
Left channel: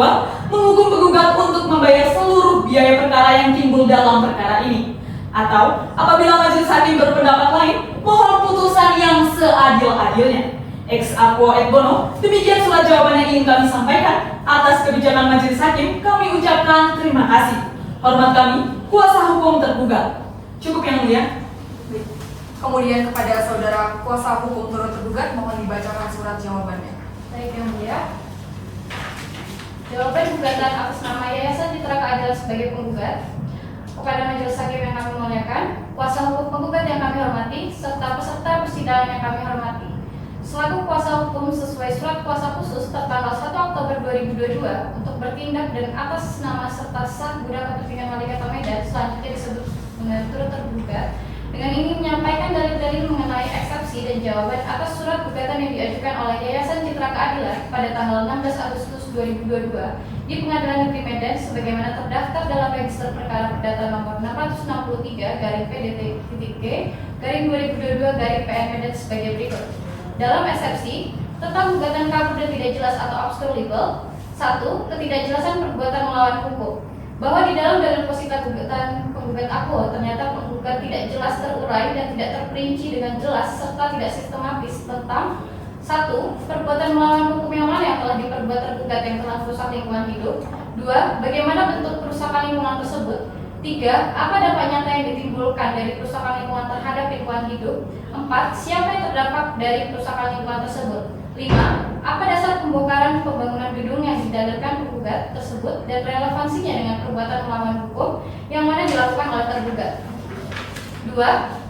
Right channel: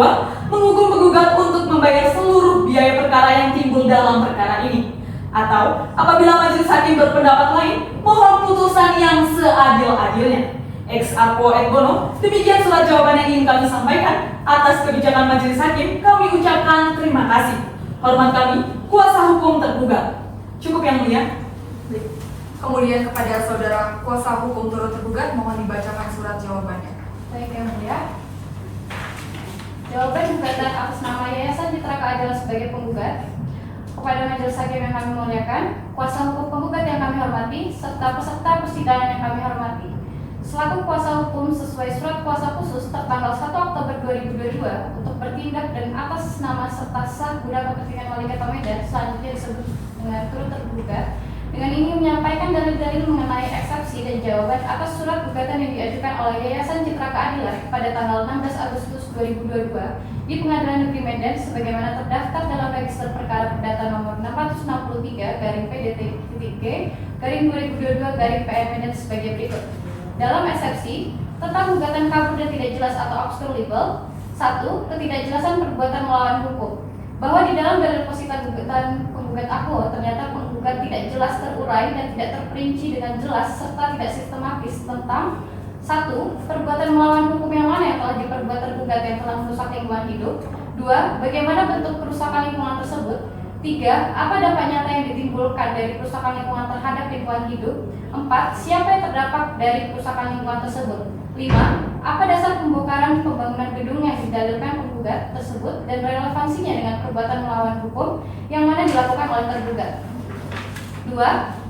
Menghukum penggugat untuk membayar seluruh biaya perkara yang timbul dalam perkara ini. Atau apabila majelis hakim berpendapat lain, mohon putusan yang seadil-adilnya. Ex aequo et bono, demikian surat jawaban yang ingin kami sampaikan. Atas kebijakan majelis hakim, kami ucapkan terima kasih. Hormat kami, kuasa hukum tergugat. Cukup yang mulia. Kemudian kepada saudara kuasa hukum turut tergugat mohon dibacakan surat jawabannya. Baik yang mulia. Jawaban gugatan atas nama Yayasan Citra Keadilan sebagai penggugat kepada majelis hakim yang kami muliakan, kuasa hukum penggugat yang kami hormati, serta peserta persidangan yang kami hormati. Selaku kuasa hukum sesuai surat kuasa khusus tertanggal 1 Oktober 2022 untuk bertindak dan atas nama serta sah guna kepentingan Wali Kota Medan selanjutnya disebut dengan turut tergugat, dengan ingin menyampaikan dalil-dalil mengenai eksepsi dan jawaban atas surat gugatan yang diajukan oleh Yayasan Citra Keadilan pada tanggal 16 Agustus 2022 di Pengadilan Negeri Medan sebagaimana terdaftar dalam Register Perkara Perdata nomor 663-PDT-2022-PN Medan sebagai berikut. Dalam eksepsi tentang gugatan kabur dan tidak jelas atau obscure legal, 1. Ketidakjelasan perbuatan melawan hukum, bahwa di dalam dalil posita gugatan penggugat aku ternyata penggugat tidak jelas terurai dan tidak terperinci dengan jelas serta tidak sistematis tentang 1. Perbuatan melawan hukum yang mana yang telah diperbuat tergugat yang telah merusak lingkungan hidup. 2. Bagaimana bentuk kerusakan lingkungan tersebut. 3. Apa dampak nyata yang ditimbulkan dari kerusakan lingkungan terhadap lingkungan hidup. 4. Siapa yang terdampak dari kerusakan lingkungan tersebut. 5. Apa dasar pembongkaran pembangunan gedung yang didalilkan penggugat tersebut dan relevansinya dengan perbuatan melawan hukum yang mana dilakukan oleh tergugat. 2.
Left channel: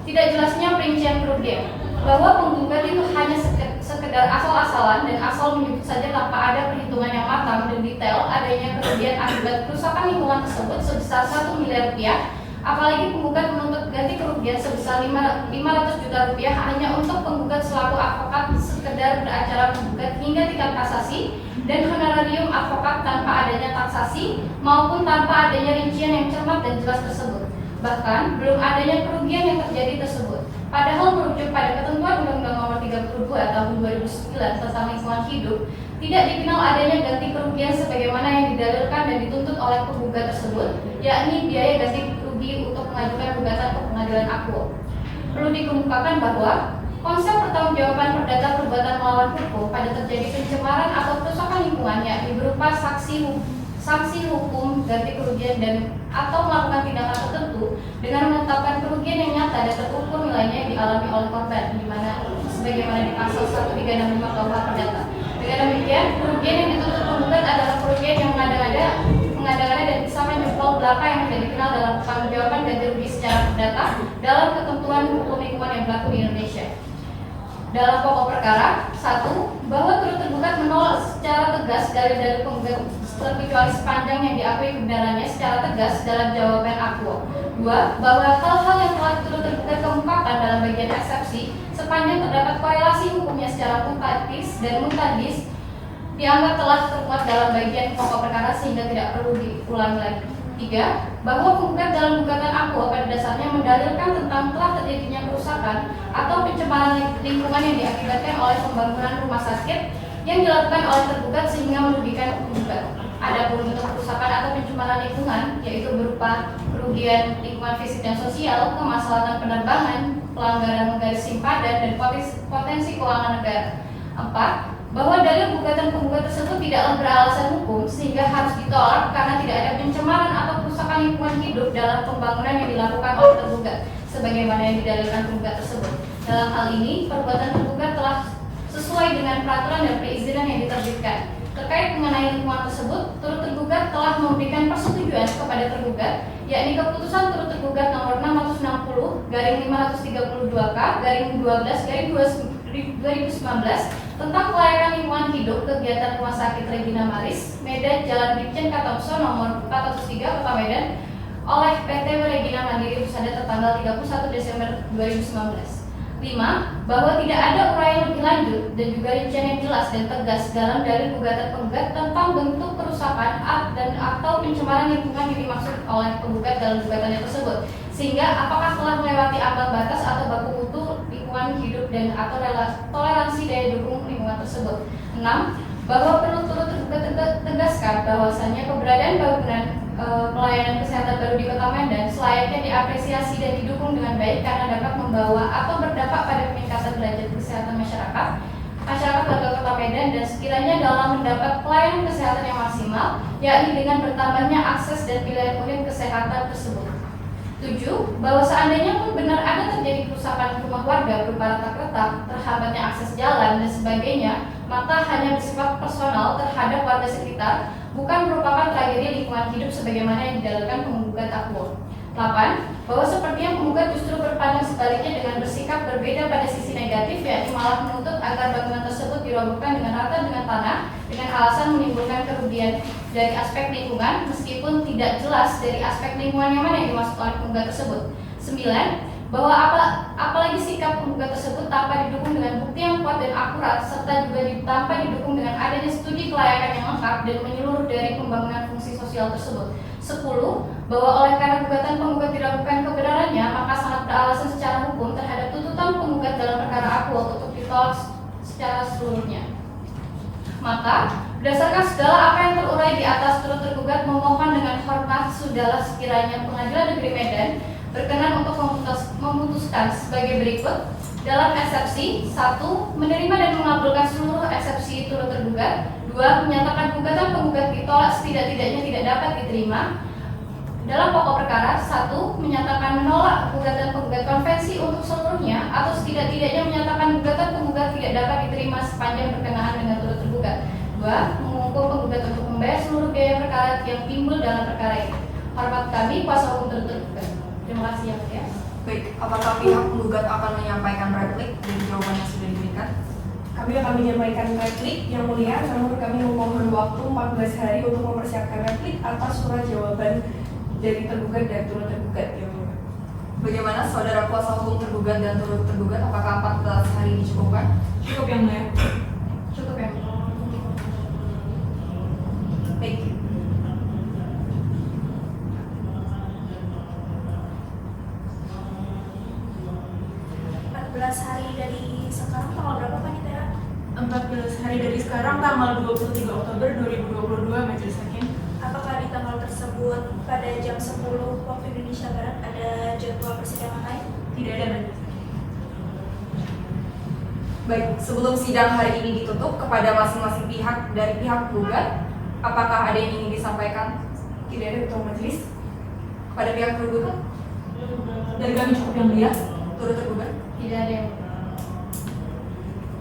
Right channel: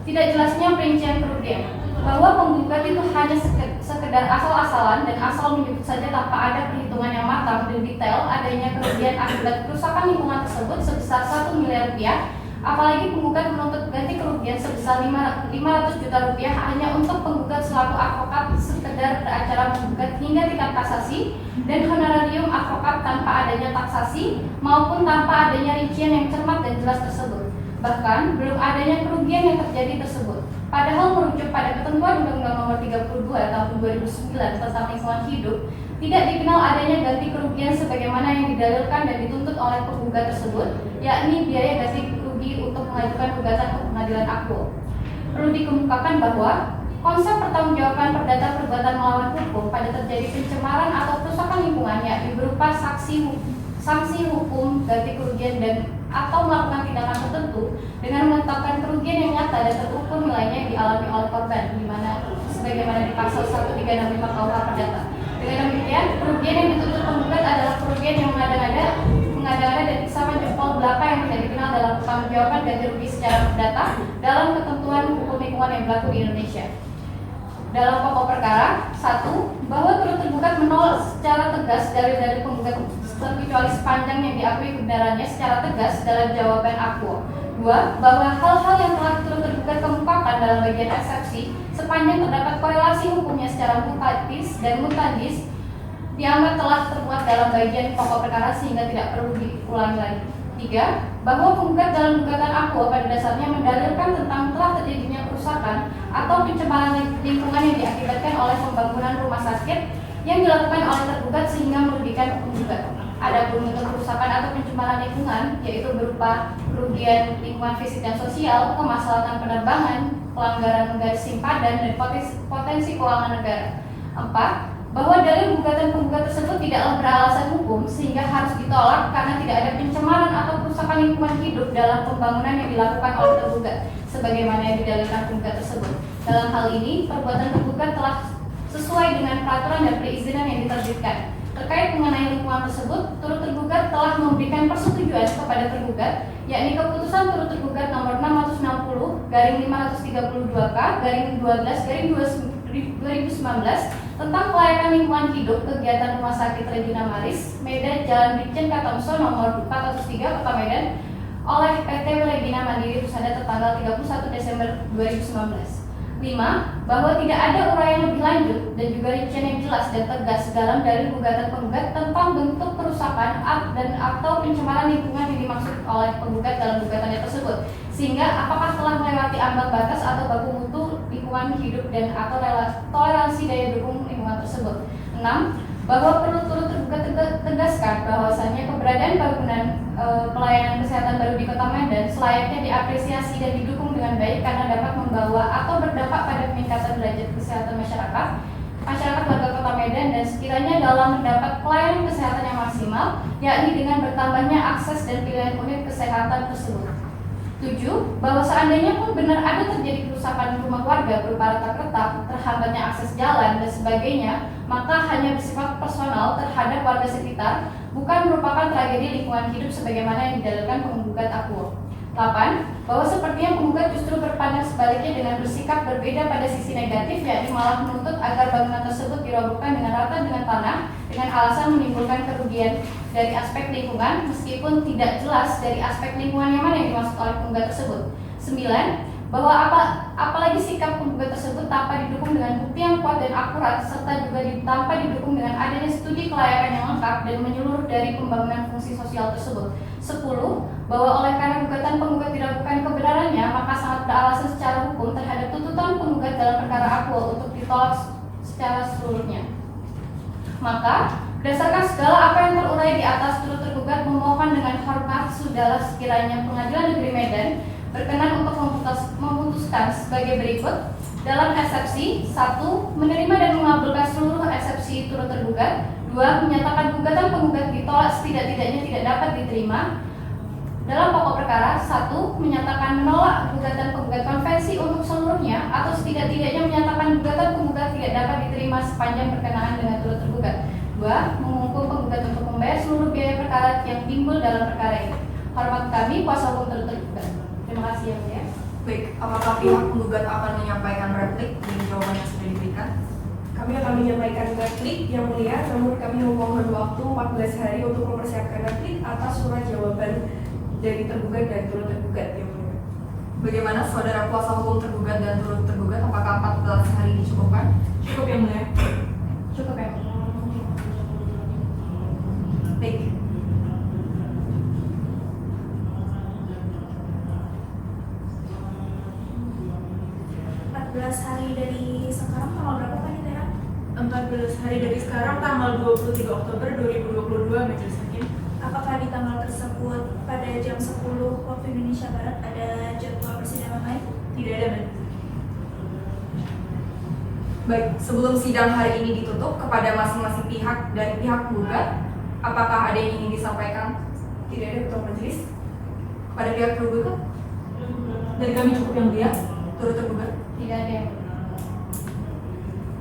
Tidak jelasnya perincian kerugian, bahwa penggugat itu hanya sekedar asal-asalan dan asal menyebut saja tanpa ada perhitungan yang matang dan detail adanya kerugian akibat kerusakan lingkungan tersebut sebesar 1 miliar rupiah, apalagi penggugat menuntut ganti kerugian sebesar 500 juta rupiah hanya untuk penggugat selaku advokat sekedar beracara penggugat hingga tingkat kasasi dan honorarium advokat tanpa adanya taksasi maupun tanpa adanya rincian yang cermat dan jelas tersebut. Bahkan belum adanya kerugian yang terjadi tersebut. Padahal merujuk pada ketentuan Undang-Undang Nomor 32 Tahun 2009 tentang lingkungan hidup, tidak dikenal adanya ganti kerugian sebagaimana yang didalilkan dan dituntut oleh penggugat tersebut, yakni biaya ganti rugi untuk mengajukan gugatan ke pengadilan akbo. Perlu dikemukakan bahwa konsep pertanggungjawaban perdata perbuatan melawan hukum pada terjadi pencemaran atau kerusakan lingkungan yakni berupa sanksi hukum, ganti kerugian dan atau melakukan tindakan tertentu dengan menetapkan kerugian yang nyata dan terukur nilainya yang dialami oleh korban, di mana sebagaimana di pasal 1365 KUH Perdata. Dengan demikian, kerugian yang dituntut penggugat adalah kerugian yang mengada-ngada dan sama jempol belaka yang tidak dikenal dalam pertanggungjawaban ganti rugi secara perdata dalam ketentuan hukum lingkungan yang berlaku di Indonesia. Dalam pokok perkara, 1. Bahwa turut tergugat menolak secara tegas dalil-dalil penggugat terkecuali sepanjang yang diakui kebenarannya secara tegas dalam jawaban akuo. 2. Bahwa hal-hal yang telah turut tergugat kemukakan dalam bagian eksepsi sepanjang terdapat korelasi hukumnya secara mutatis dan mutadis dianggap telah termuat dalam bagian pokok perkara sehingga tidak perlu diulangi lagi. 3. Bahwa penggugat dalam gugatan akuo pada dasarnya mendalilkan tentang telah terjadinya kerusakan atau pencemaran lingkungan yang diakibatkan oleh pembangunan rumah sakit yang dilakukan oleh tergugat sehingga merugikan penggugat. Adapun bentuk kerusakan atau pencemaran lingkungan yaitu berupa kerugian lingkungan fisik dan sosial, kemaslahatan penerbangan, pelanggaran garis simpadan dan potensi keuangan negara. 4. Bahwa dalil gugatan penggugat tersebut tidaklah beralasan hukum sehingga harus ditolak karena tidak ada pencemaran atau kerusakan lingkungan hidup dalam pembangunan yang dilakukan oleh tergugat sebagaimana yang didalilkan penggugat tersebut. Dalam hal ini, perbuatan tergugat telah sesuai dengan peraturan dan perizinan yang diterbitkan. Terkait mengenai lingkungan tersebut, turut tergugat telah memberikan persetujuan kepada tergugat, yakni keputusan turut tergugat nomor 660/532K/12/2019 tentang kelayakan lingkungan hidup kegiatan Rumah Sakit Regina Maris, Medan, Jalan Brigjen Katamso nomor 403 Kota Medan oleh PT Regina Mandiri Husada tertanggal 31 Desember 2019. 5. Bahwa tidak ada uraian lebih lanjut dan juga rincian yang jelas dan tegas dalam dalil gugatan penggugat tentang bentuk kerusakan dan atau pencemaran lingkungan yang dimaksud oleh penggugat dalam gugatannya tersebut, sehingga apakah telah melewati ambang batas atau baku mutu lingkungan hidup dan atau toleransi daya dukung lingkungan tersebut. 6. Bahwa perlu turut tergugat tegaskan bahwasannya keberadaan bangunan pelayanan kesehatan baru di Kota Medan selayaknya diapresiasi dan didukung dengan baik karena dapat membawa atau berdampak pada peningkatan derajat kesehatan masyarakat warga Kota Medan dan sekiranya dalam mendapat pelayanan kesehatan yang maksimal, yakni dengan bertambahnya akses dan pilihan unit kesehatan tersebut. 7. Bahwa seandainya pun benar ada terjadi kerusakan rumah warga berupa retak-retak, terhambatnya akses jalan dan sebagainya, maka hanya bersifat personal terhadap warga sekitar, bukan merupakan tragedi lingkungan hidup sebagaimana yang didalilkan penggugat akuo. 8. Bahwa sepertinya penggugat justru berpandang sebaliknya dengan bersikap berbeda pada sisi negatif, yakni malah menuntut agar bangunan tersebut dirobohkan dengan rata dengan tanah dengan alasan menimbulkan kerugian dari aspek lingkungan meskipun tidak jelas dari aspek lingkungan yang mana yang dimaksud oleh penggugat tersebut. 9. Bahwa apalagi sikap penggugat tersebut tanpa didukung dengan bukti yang kuat dan akurat serta juga tanpa didukung dengan adanya studi kelayakan yang lengkap dan menyeluruh dari pembangunan fungsi sosial tersebut. 10. Bahwa oleh karena gugatan penggugat diragukan kebenarannya, maka sangat beralasan secara hukum terhadap tuntutan penggugat dalam perkara akuo untuk ditolak secara seluruhnya. Maka, berdasarkan segala apa yang terurai di atas, turut tergugat memohon dengan hormat sudahlah sekiranya Pengadilan Negeri Medan berkenan untuk memutuskan sebagai berikut. Dalam eksepsi 1. Menerima dan mengabulkan seluruh eksepsi turut tergugat. 2. Menyatakan gugatan penggugat ditolak setidak-tidaknya tidak dapat diterima. Dalam pokok perkara 1. Menyatakan menolak gugatan penggugat konvensi untuk seluruhnya atau setidak-tidaknya menyatakan gugatan penggugat tidak dapat diterima sepanjang berkenaan dengan turut tergugat. 2. Menghukum penggugat untuk membayar seluruh biaya perkara yang timbul dalam perkara ini. Hormat kami, kuasa hukum turut tergugat. Terima kasih ya, Mulia. Baik, apakah pihak penggugat akan menyampaikan replik dari jawaban yang sudah diberikan? Kami akan menyampaikan replik yang mulia, namun kami memohon waktu 14 hari untuk mempersiapkan replik atas surat jawaban dari tergugat dan turut tergugat yang mulia. Bagaimana saudara kuasa hukum tergugat dan turut tergugat? Apakah 14 hari dicukupkan? Cukup yang mulia. Cukup ya. Baik. Hari dari sekarang tanggal berapa Pak Nidara? 14 hari dari sekarang tanggal 23 Oktober 2022 Majelis Hakim. Apakah di tanggal tersebut pada jam 10 waktu Indonesia Barat ada jadwal persidangan lain? Tidak ada Majelis Hakim. Baik, sebelum sidang hari ini ditutup kepada masing-masing pihak dari pihak penggugat, apakah ada yang ingin disampaikan? Tidak ada ketua majelis. Kepada pihak tergugat, Dari kami cukup yang mulia. turut tergugat. Tidak ada yang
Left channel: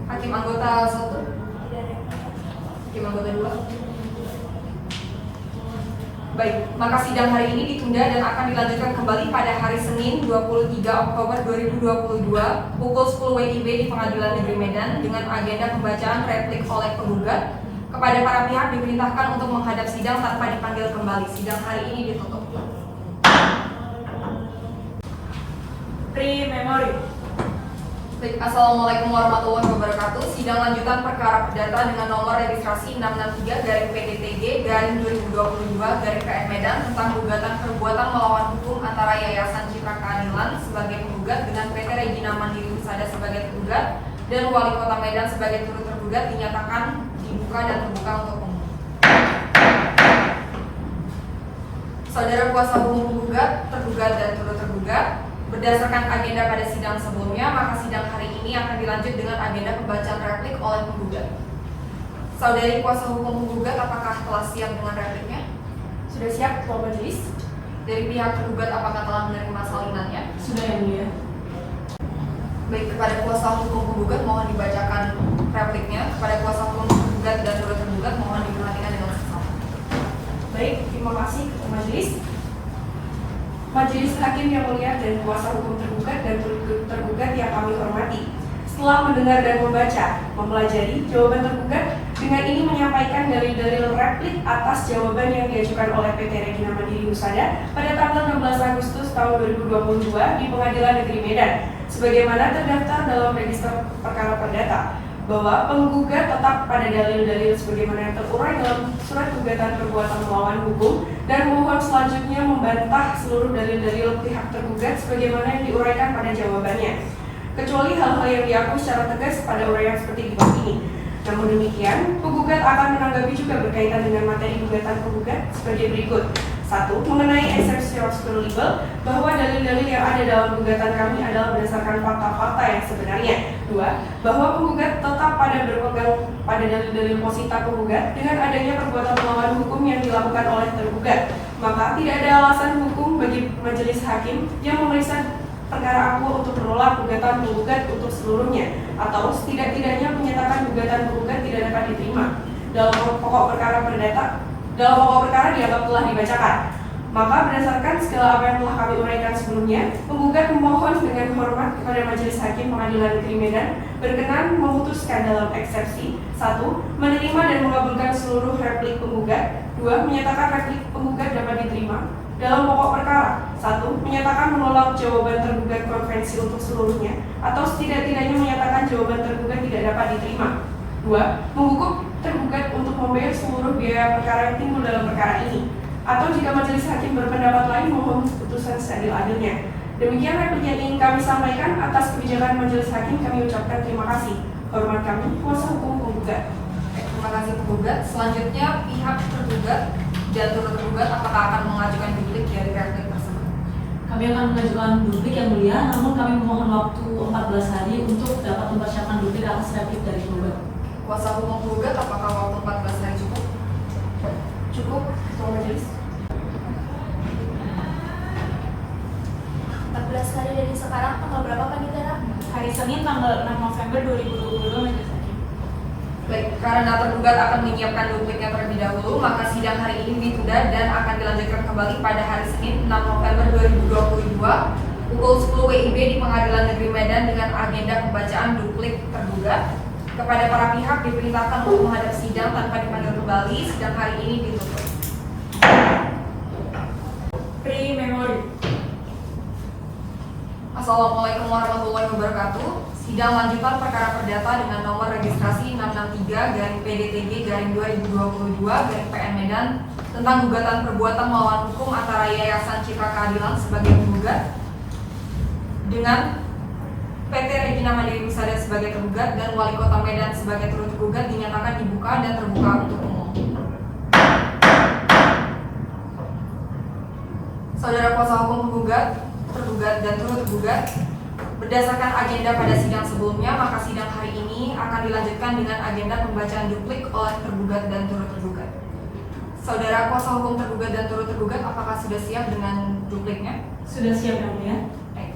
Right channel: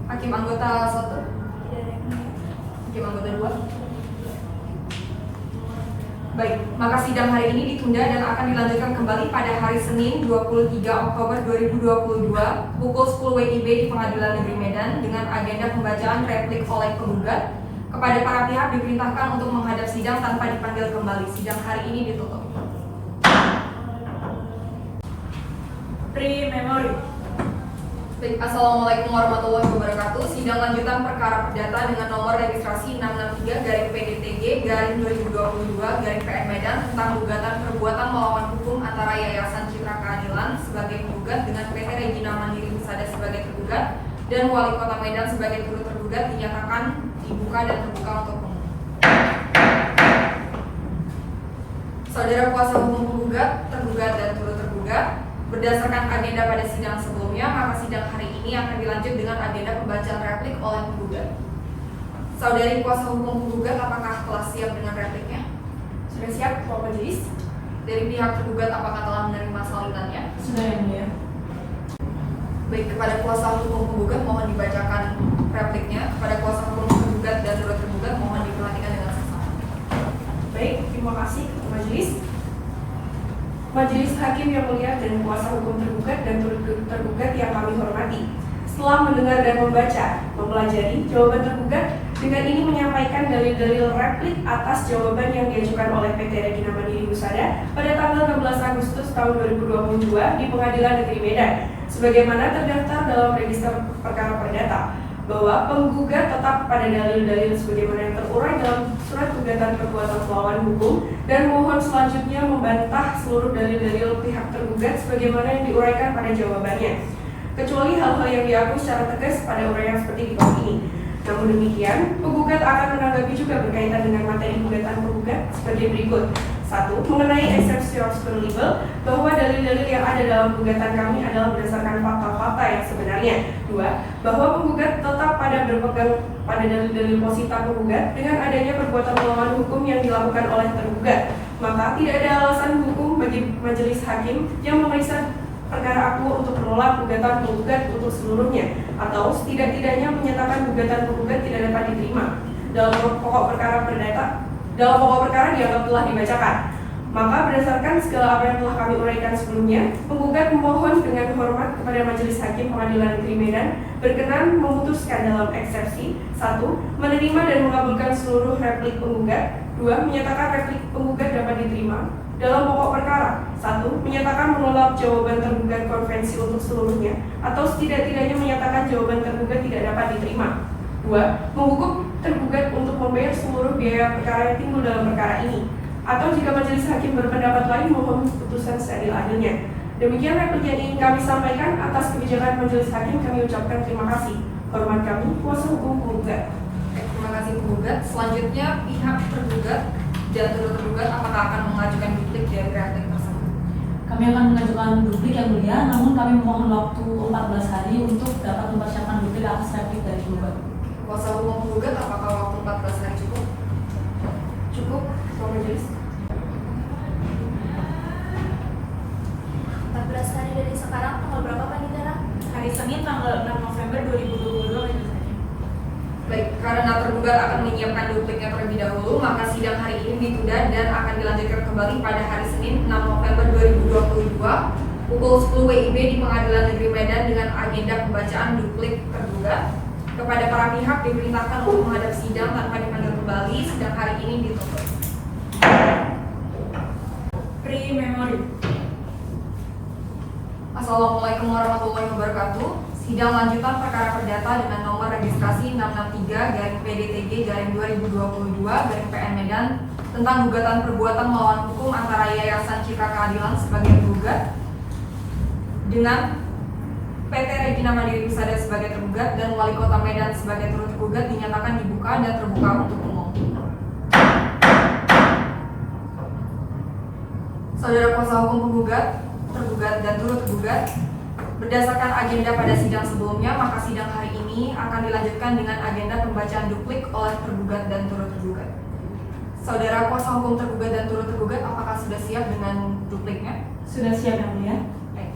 Hakim anggota 1, Tidak ada yang mulia. hakim anggota 2. Baik, maka sidang hari ini ditunda dan akan dilanjutkan kembali pada hari Senin 23 Oktober 2022 pukul 10 WIB di Pengadilan Negeri Medan dengan agenda pembacaan replik oleh penggugat. Kepada para pihak diperintahkan untuk menghadap sidang tanpa dipanggil kembali. Sidang hari ini ditutup. Pre-memori. Baik, Assalamualaikum warahmatullahi wabarakatuh. Sidang lanjutan perkara perdata dengan nomor registrasi 663/PDTG/2022/PN Medan tentang gugatan perbuatan melawan hukum antara Yayasan Citra Keadilan sebagai penggugat dengan PT Regina Mandiri Husada sebagai tergugat dan Wali Kota Medan sebagai turut tergugat dinyatakan dibuka dan terbuka untuk umum. Saudara kuasa hukum penggugat, tergugat dan turut tergugat, berdasarkan agenda pada sidang sebelumnya, maka sidang hari ini akan dilanjut dengan agenda pembacaan replik oleh penggugat. Saudari kuasa hukum penggugat, apakah telah siap dengan repliknya? Sudah siap, Ketua Majelis? Dari pihak tergugat, apakah telah menerima salinannya? Sudah yang mulia. Baik, kepada kuasa hukum penggugat mohon dibacakan repliknya. Kepada kuasa hukum penggugat dan turut tergugat mohon diperhatikan dengan seksama. Baik, terima kasih Ketua Majelis. Majelis Hakim yang mulia dan kuasa hukum tergugat dan turut tergugat yang kami hormati, setelah mendengar dan membaca, mempelajari jawaban tergugat, dengan ini menyampaikan dalil-dalil replik atas jawaban yang diajukan oleh PT Regina Mandiri Husada pada tanggal 16 Agustus tahun 2022 di Pengadilan Negeri Medan, sebagaimana terdaftar dalam register perkara perdata, bahwa penggugat tetap pada dalil-dalil sebagaimana yang terurai dalam surat gugatan perbuatan melawan hukum dan mohon selanjutnya membantah seluruh dalil-dalil pihak tergugat sebagaimana yang diuraikan pada jawabannya, kecuali hal-hal yang diakui secara tegas pada uraian seperti di bawah ini. Namun demikian, penggugat akan menanggapi juga berkaitan dengan materi gugatan penggugat sebagai berikut. 1. Mengenai exception libel, bahwa dalil-dalil yang ada dalam gugatan kami adalah berdasarkan fakta-fakta yang sebenarnya. 2. Bahwa penggugat tetap pada berpegang pada dalil-dalil posita penggugat dengan adanya perbuatan melawan hukum yang dilakukan oleh tergugat. Maka tidak ada alasan hukum bagi majelis hakim yang memeriksa perkara akuo untuk menolak gugatan penggugat untuk seluruhnya, atau setidak-tidaknya menyatakan gugatan penggugat tidak dapat diterima dalam pokok perkara dianggap telah dibacakan. Maka berdasarkan segala apa yang telah kami uraikan sebelumnya, penggugat memohon dengan hormat kepada Majelis Hakim Pengadilan Negeri Medan berkenan memutuskan dalam eksepsi 1. Menerima dan mengabulkan seluruh replik penggugat. 2. Menyatakan replik penggugat dapat diterima dalam pokok perkara. 1. Menyatakan menolak jawaban tergugat konvensi untuk seluruhnya, atau setidak-tidaknya menyatakan jawaban tergugat tidak dapat diterima. 2. Menghukum tergugat untuk membayar seluruh biaya perkara yang timbul dalam perkara ini, atau jika majelis hakim berpendapat lain mohon keputusan seadil-adilnya. Demikian replik yang ingin kami sampaikan. Atas kebijakan majelis hakim kami ucapkan terima kasih. Hormat kami, kuasa hukum penggugat. Terima kasih penggugat. Selanjutnya pihak tergugat dan turut tergugat apakah akan mengajukan duplik dari replik tersebut? Kami akan mengajukan duplik yang mulia, namun kami mohon waktu 14 hari untuk dapat mempersiapkan duplik atas replik dari penggugat. Kuasa hukum penggugat, apakah waktu 14 hari cukup? Cukup, Ketua Majelis. 14 hari dari sekarang, tanggal berapa Pak Nidara? Hari Senin tanggal 6 November 2022 Majelis Hakim. Baik, karena tergugat akan menyiapkan dupliknya terlebih dahulu, maka sidang hari ini ditunda dan akan dilanjutkan kembali pada hari Senin 6 November 2022 pukul 10 WIB di Pengadilan Negeri Medan dengan agenda pembacaan duplik tergugat. Kepada para pihak diperintahkan untuk menghadap sidang tanpa dipanggil kembali. Sidang hari ini ditutup. Pre-memori. Assalamualaikum warahmatullahi wabarakatuh. Sidang lanjutan perkara perdata dengan nomor registrasi 663/PDTG/2022/PN Medan tentang gugatan perbuatan melawan hukum antara Yayasan Citra Keadilan sebagai penggugat dengan PT Regina Mandiri Husada sebagai tergugat dan Wali Kota Medan sebagai turut tergugat dinyatakan dibuka dan terbuka untuk umum. Saudara kuasa hukum penggugat, tergugat dan turut tergugat, berdasarkan agenda pada sidang sebelumnya, maka sidang hari ini akan dilanjutkan dengan agenda pembacaan duplik oleh tergugat dan turut tergugat. Saudara kuasa hukum tergugat dan turut tergugat, apakah sudah siap dengan dupliknya? Sudah siap yang mulia? Baik.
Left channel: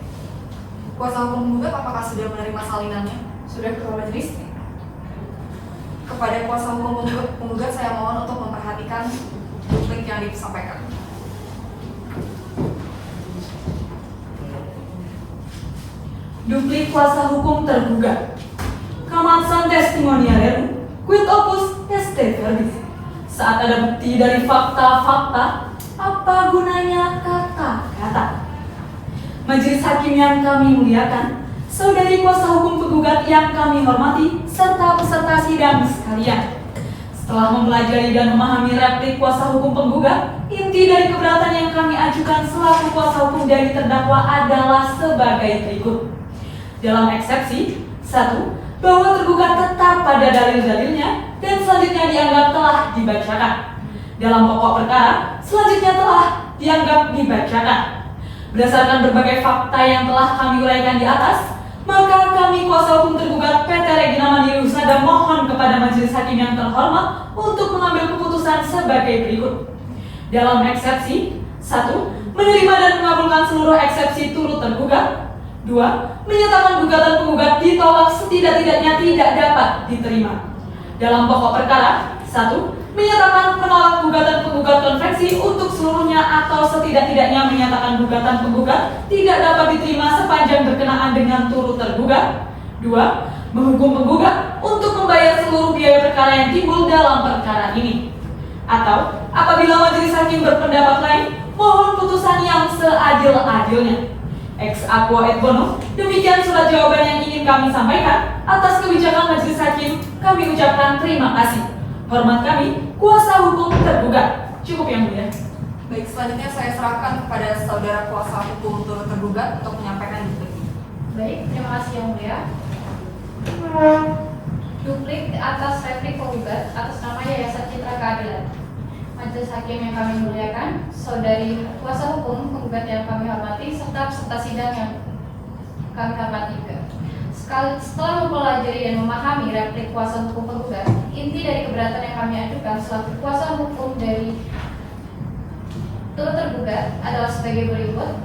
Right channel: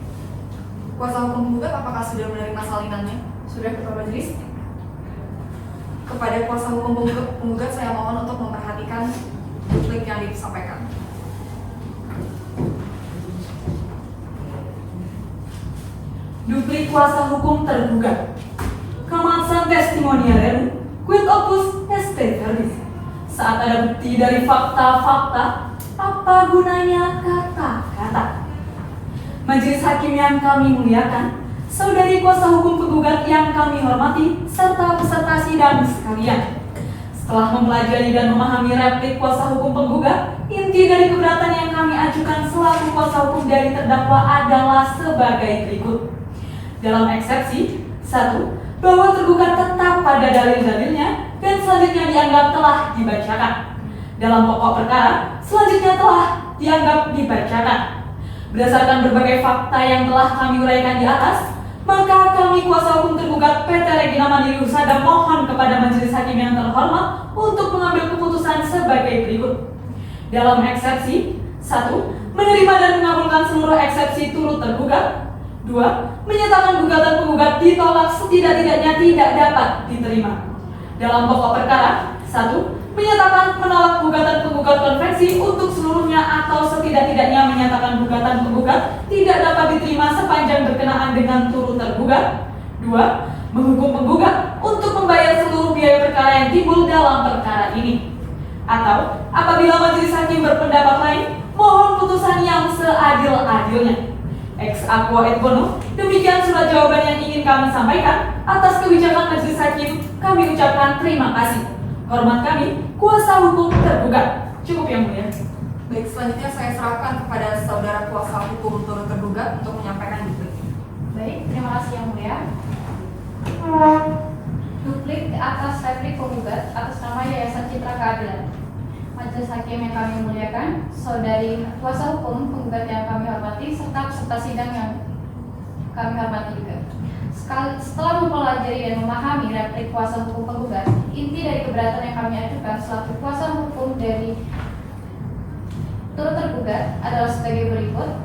Kuasa hukum penggugat, apakah sudah menerima salinannya? Sudah, Ketua Majelis. Kepada kuasa hukum penggugat, saya mohon untuk memperhatikan duplik yang yang disampaikan. Duplik kuasa hukum tergugat. Kamatsan testimonial quid opus est verbis. Saat ada bukti dari fakta-fakta, apa gunanya kata-kata? Majelis hakim yang kami muliakan, saudari kuasa hukum penggugat yang kami hormati, serta peserta sidang sekalian. Setelah mempelajari dan memahami replik kuasa hukum penggugat, inti dari keberatan yang kami ajukan selaku kuasa hukum dari terdakwa adalah sebagai berikut. Dalam eksepsi, 1. Bahwa tergugat tetap pada dalil-dalilnya dan selanjutnya dianggap telah dibacakan. Dalam pokok perkara, selanjutnya telah dianggap dibacakan. Berdasarkan berbagai fakta yang telah kami uraikan di atas, maka kami kuasa hukum tergugat PT Regina Mandiri Husada mohon kepada majelis hakim yang terhormat untuk mengambil keputusan sebagai berikut. Dalam eksepsi, 1. Menerima dan mengabulkan seluruh eksepsi turut tergugat. 2. Menyatakan gugatan penggugat ditolak setidak-tidaknya tidak dapat diterima. Dalam pokok perkara, 1. Menyatakan menolak gugatan penggugat konvensi untuk seluruhnya atau setidak-tidaknya menyatakan gugatan penggugat tidak dapat diterima sepanjang berkenaan dengan turut tergugat. 2. Menghukum penggugat untuk membayar seluruh biaya perkara yang timbul dalam perkara ini. Atau apabila majelis hakim berpendapat lain, mohon putusan yang seadil-adilnya. Ex aqua et bono, demikian surat jawaban yang ingin kami sampaikan. Atas kebijakan majelis hakim, kami ucapkan terima kasih. Hormat kami, kuasa hukum tergugat. Cukup yang mulia. Baik, selanjutnya saya serahkan kepada saudara kuasa hukum turut tergugat untuk menyampaikan duplik. Baik, terima kasih yang mulia. Duplik atas replik penggugat atas nama Yayasan Citra Keadilan. Majelis hakim yang kami muliakan, saudari kuasa hukum penggugat yang kami hormati, serta peserta sidang yang kami hormati juga. Setelah mempelajari dan memahami replik kuasa hukum penggugat, inti dari keberatan yang kami ajukan selaku kuasa hukum dari turut tergugat adalah sebagai berikut.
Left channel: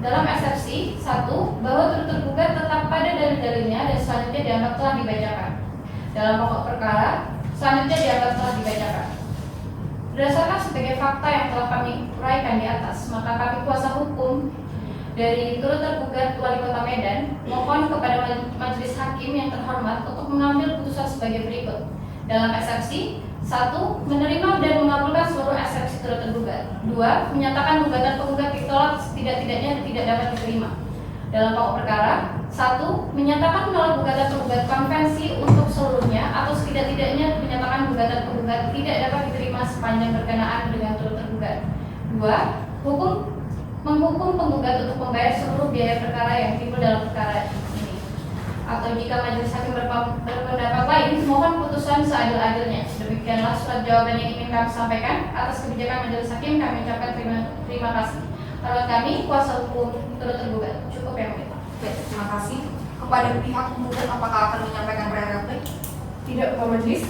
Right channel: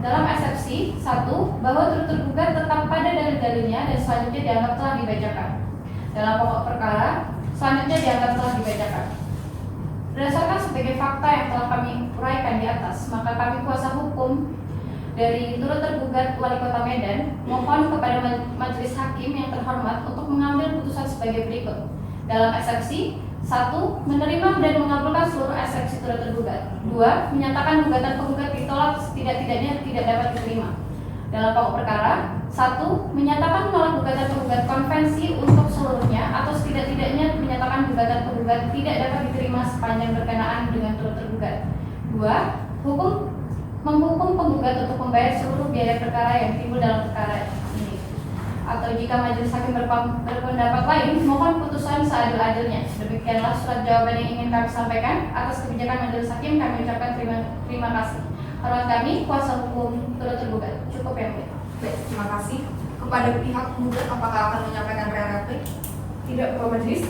Dalam eksepsi, 1. Bahwa turut tergugat tetap pada dalil-dalilnya dan selanjutnya dianggap telah dibacakan. Dalam pokok perkara, selanjutnya dianggap telah dibacakan. Berdasarkan sebagai fakta yang telah kami uraikan di atas, maka kami kuasa hukum dari turut tergugat Wali Kota Medan mohon kepada majelis hakim yang terhormat untuk mengambil putusan sebagai berikut. Dalam eksepsi, 1. Menerima dan mengabulkan seluruh eksepsi turut tergugat. 2. Menyatakan gugatan penggugat ditolak setidak-tidaknya tidak dapat diterima. Dalam pokok perkara, 1. Menyatakan menolak gugatan penggugat konvensi untuk seluruhnya atau setidak-tidaknya menyatakan gugatan penggugat tidak dapat diterima sepanjang berkenaan dengan turut tergugat. 2. Menghukum penggugat untuk membayar seluruh biaya perkara yang timbul dalam perkara ini. Atau jika majelis hakim berpendapat lain, mohon putusan seadil-adilnya. Demikianlah surat jawaban yang ingin kami sampaikan. Atas kebijakan majelis hakim kami ucapkan terima kasih. Hormat kami, kuasa hukum turut tergugat. Cukup yang mulia. Baik, terima kasih. Kepada pihak penggugat, apakah akan menyampaikan replik? Tidak, Ketua Majelis.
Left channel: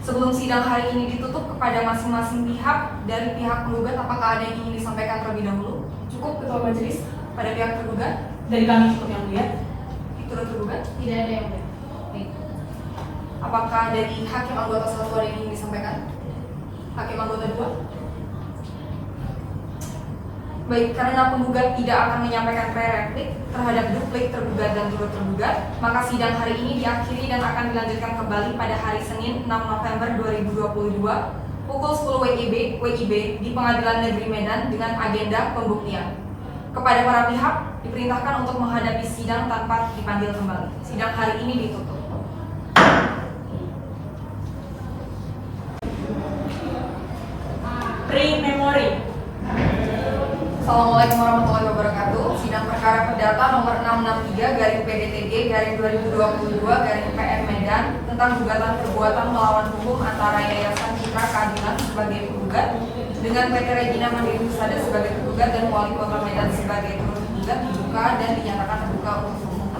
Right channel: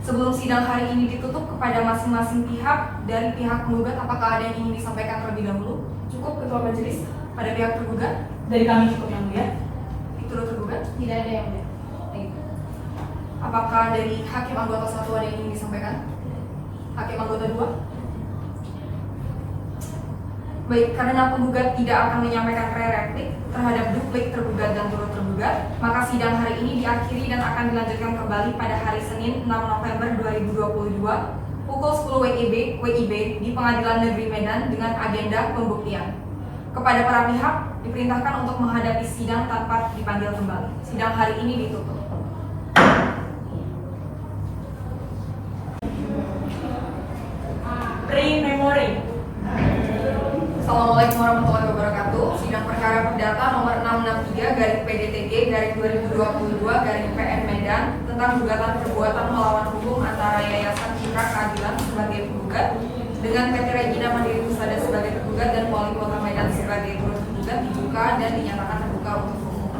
Sebelum sidang hari ini ditutup, kepada masing-masing pihak dari pihak penggugat, apakah ada yang ingin disampaikan terlebih dahulu? Cukup, Ketua Majelis. Pada pihak tergugat, Dari kami cukup yang mulia. turut tergugat, Tidak ada yang mulia. Baik. apakah dari hakim anggota 1 ada yang ingin disampaikan? Hakim anggota 2? Baik, karena penggugat tidak akan menyampaikan replik terhadap duplik tergugat dan turut tergugat, maka sidang hari ini diakhiri dan akan dilanjutkan kembali pada hari Senin 6 November 2022 pukul 10 WIB di Pengadilan Negeri Medan dengan agenda pembuktian. Kepada para pihak diperintahkan untuk menghadapi sidang tanpa dipanggil kembali. Sidang hari ini ditutup. Pre-memory. Assalamualaikum warahmatullahi wabarakatuh. Sidang perkara perdata nomor 663/PDTG/2022/PN Medan tentang gugatan perbuatan melawan hukum antara Yayasan Citra Keadilan sebagai penggugat dengan PT Regina Mandiri Husada sebagai tergugat dan Wali Kota Medan sebagai turut tergugat dibuka dan dinyatakan terbuka untuk umum.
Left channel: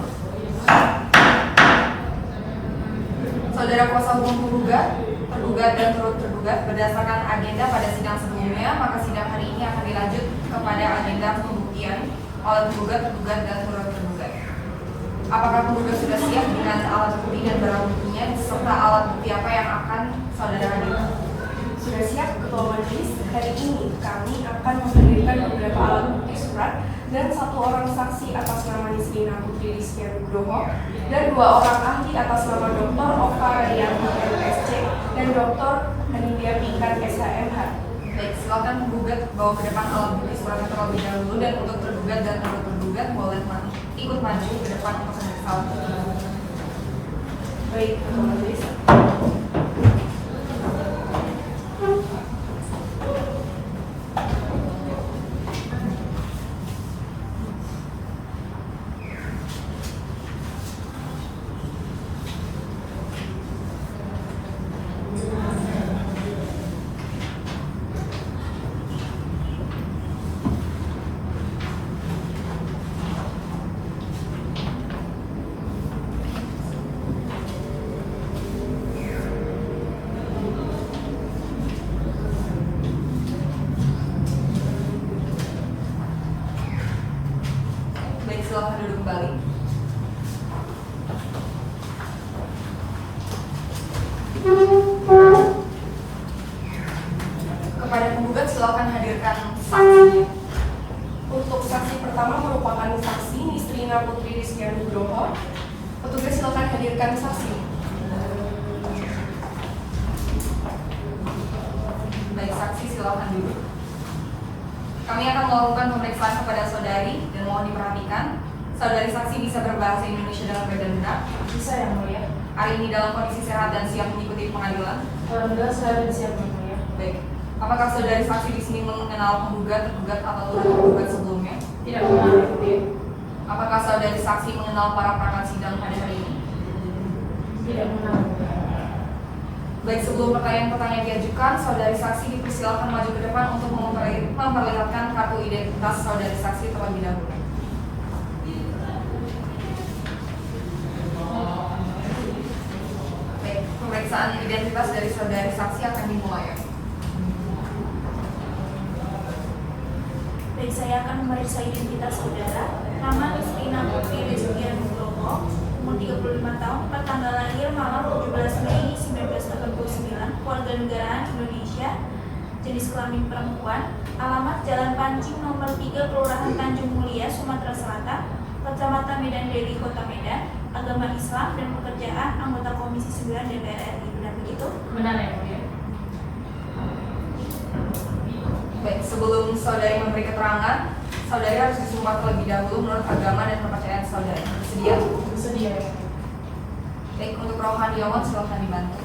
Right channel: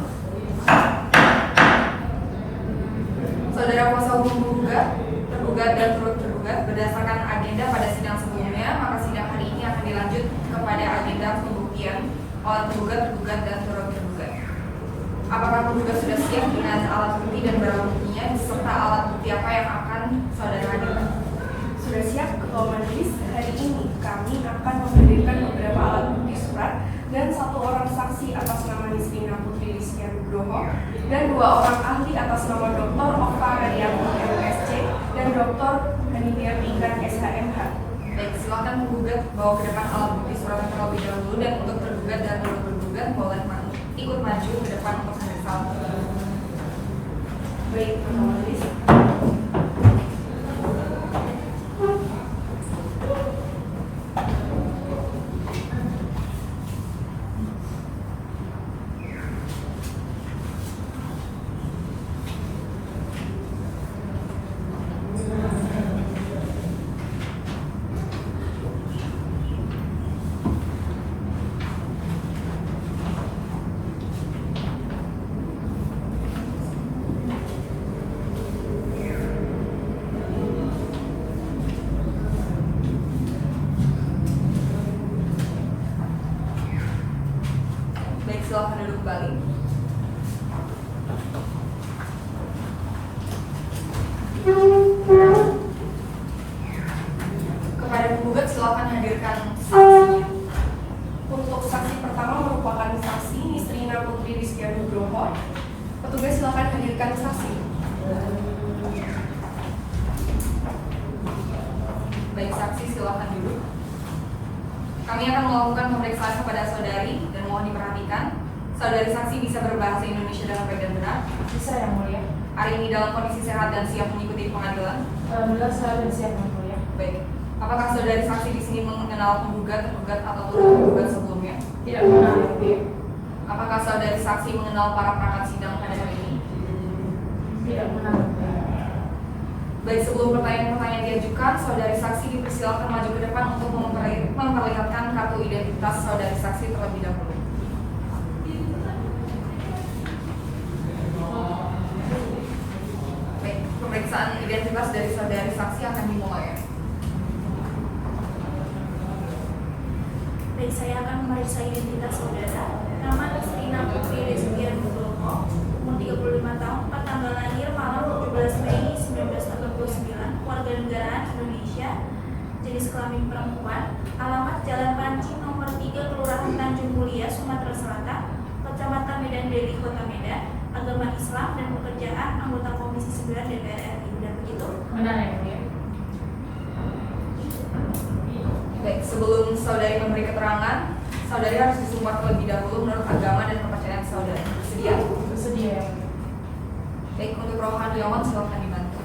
Saudara kuasa hukum tergugat dan turut tergugat berdasarkan agenda pada sidang sebelumnya, maka sidang hari ini akan dilanjut kepada agenda pembuktian oleh tergugat dan turut tergugat. Apakah penggugat sudah siap dengan alat bukti dan barang buktinya serta alat bukti apa yang akan saudara hadirkan? Sudah, sudah siap Ketua Majelis, hari ini kami akan menghadirkan beberapa alat bukti surat dan 1 orang saksi atas nama Nisrina Putri Rizky Nugroho dan 2 orang ahli atas nama Dr. Ova Radianti MSc dan Dr. Anindya Pikan SHMH. Baik, silakan penggugat bawa ke depan alat bukti surat terlebih dahulu, dan untuk tergugat dan tergugat boleh ikut maju ke depan untuk memeriksa alat bukti. Baik, Ketua Majelis. Baik, silakan duduk kembali. Kepada penggugat silakan hadirkan saksinya. Untuk saksi pertama merupakan saksi Nisrina Putri Rizky Nugroho. Petugas silakan hadirkan saksi. Baik, saksi silakan duduk. Kami akan melakukan pemeriksaan kepada saudari dan mohon diperhatikan, saudari saksi bisa berbahasa Indonesia dengan baik dan benar. Bisa yang mulia. Hari ini dalam kondisi sehat dan siap mengikuti pengadilan. Alhamdulillah saya sudah siap yang mulia. Baik. Apakah saudari saksi di sini mengenal penggugat, tergugat atau turut tergugat sebelumnya? Tidak mengenal yang mulia. Apakah saudari saksi mengenal para perangkat sidang pada hari ini? Tidak mengenal yang mulia. Baik, sebelum pertanyaan-pertanyaan diajukan, saudari saksi dipersilakan maju ke depan untuk memperlihatkan kartu identitas saudari saksi terlebih dahulu. Baik, pemeriksaan identitas dari saudari saksi akan dimulai. Baik, saya akan memeriksa identitas saudara. Nama Nisrina Putri Rizky Nugroho, umur 35 tahun, tempat tanggal lahir malam 17 Mei 1989, warga negaraan Indonesia, jenis kelamin perempuan, alamat Jalan Pancing nomor 3, Kelurahan Tanjung Mulia, Sumatera Selatan, Kecamatan Medan Deli, Kota Medan, agama Islam, dan pekerjaan anggota Komisi 9 DPR RI. Benar begitu? Benar yang mulia. Baik, sebelum saudari memberi keterangan, saudari harus disumpah terlebih dahulu menurut agama dan kepercayaan saudari. Bersedia? Bersedia yang mulia. Baik, untuk rohaniawan silakan dibantu.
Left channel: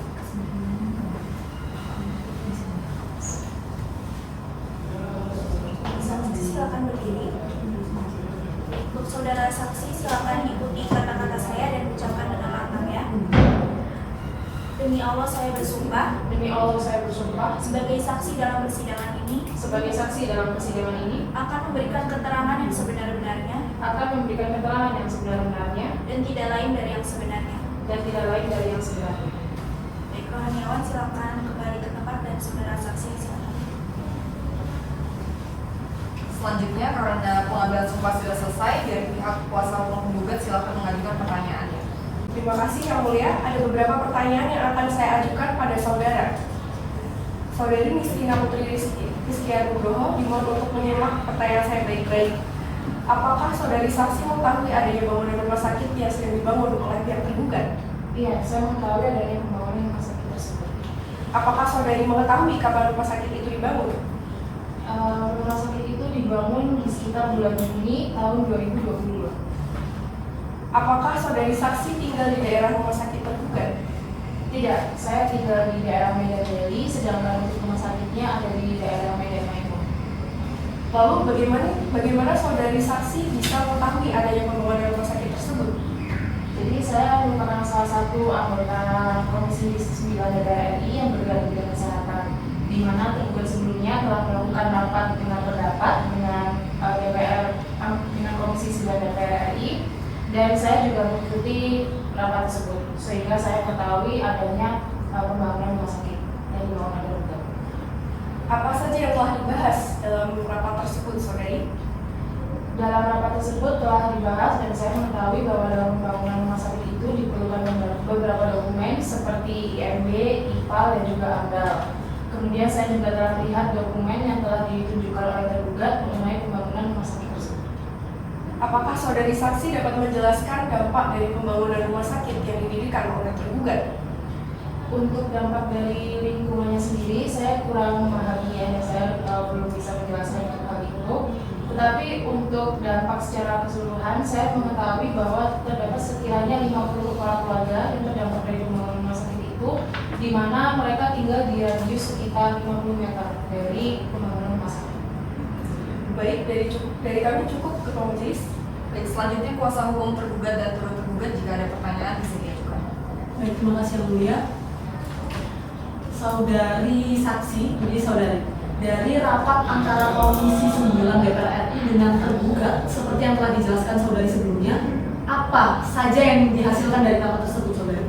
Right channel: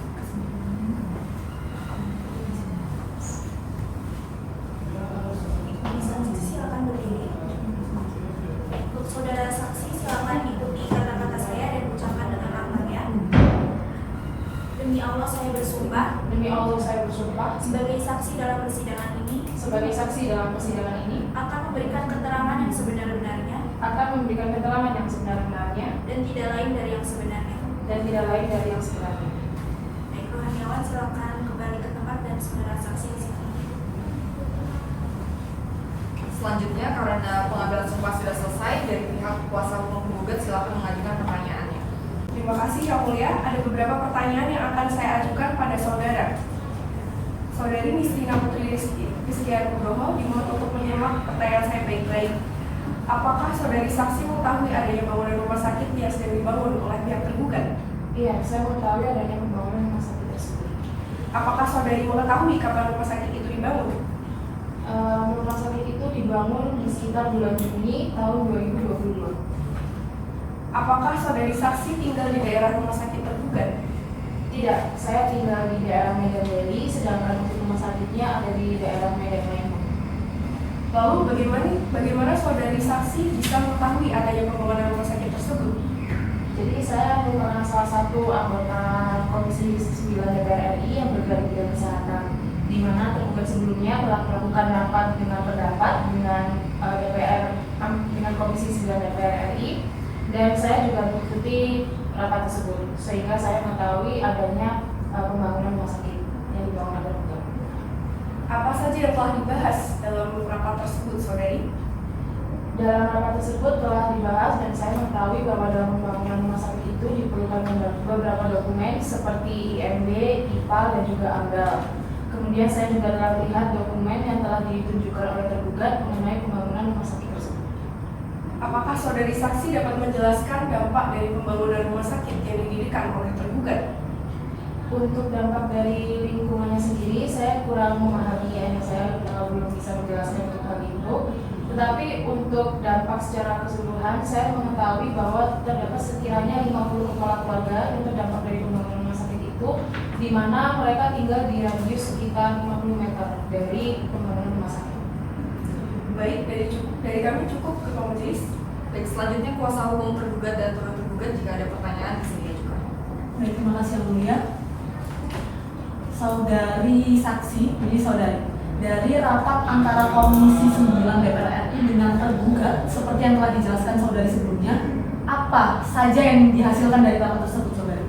Saksi silakan berdiri. Untuk saudara saksi silakan ikuti kata-kata saya dan ucapkan dengan lantang ya. Demi Allah saya bersumpah Demi Allah saya bersumpah sebagai saksi dalam persidangan ini sebagai saksi dalam persidangan ini akan memberikan keterangan yang sebenar-benarnya akan memberikan keterangan yang sebenar-benarnya dan tidak lain dari yang sebenarnya. dan tidak lain dari yang sebenarnya. Baik, rohaniawan silakan kembali ke tempat dan saudara saksi silakan. Selanjutnya, karena pengambilan sumpah sudah selesai, dari pihak kuasa hukum penggugat silakan mengajukan pertanyaannya. Terima kasih Yang Mulia. Ada beberapa pertanyaan yang akan saya ajukan pada saudara. Saudari Nisrina Putri Rizky Nugroho dimohon untuk menyimak pertanyaan saya baik-baik. Apakah saudari saksi mengetahui adanya bangunan rumah sakit yang sedang dibangun oleh pihak tergugat? Iya, saya mengetahui adanya pembangunan rumah sakit tersebut. Apakah saudari mengetahui kapan rumah sakit itu dibangun? Rumah sakit itu dibangun di sekitar bulan Juni tahun 2022. Apakah saudari saksi tinggal di daerah rumah sakit tergugat? Tidak, saya tinggal di daerah Medan Deli, sedangkan untuk rumah sakitnya ada di daerah Medan Maimun. Lalu bagaimana saudari saksi bisa mengetahui adanya pembangunan rumah sakit tersebut? Jadi saya merupakan salah satu anggota Komisi 9 DPR RI yang bergerak di bidang kesehatan, di mana tergugat sebelumnya telah melakukan rapat dengan pendapat dengan dengan Komisi 9 DPR RI, dan saya juga mengikuti rapat tersebut, sehingga saya mengetahui adanya pembangunan rumah sakit yang dibangun oleh tergugat. Apa saja yang telah dibahas dalam rapat tersebut, saudari? Dalam rapat tersebut telah dibahas dan saya mengetahui bahwa dalam pembangunan rumah sakit itu diperlukan beberapa dokumen seperti IMB, IPA, dan juga AMDAL. Kemudian saya juga telah melihat dokumen yang telah ditunjukkan oleh tergugat mengenai pembangunan rumah sakit tersebut. Apakah saudari saksi dapat menjelaskan dampak dari pembangunan rumah sakit yang didirikan oleh tergugat? Untuk dampak dari lingkungannya sendiri, saya kurang memahami ya, saya belum bisa menjelaskan untuk hal itu. Tetapi untuk dampak secara keseluruhan, saya mengetahui bahwa terdapat sekiranya 50 kepala keluarga yang terdampak dari pembangunan rumah sakit itu, di mana mereka tinggal di radius sekitar 50 meter dari pembangunan rumah sakit. Baik, dari kami cukup Ketua Majelis. Baik, selanjutnya kuasa hukum tergugat dan turut tergugat jika ada pertanyaan bisa diajukan. Baik, terima kasih Yang Mulia. Saudari saksi, jadi saudari, dari rapat antara Komisi 9 DPR RI dengan tergugat, seperti yang telah dijelaskan saudari sebelumnya, apa saja yang dihasilkan dari rapat tersebut, saudari?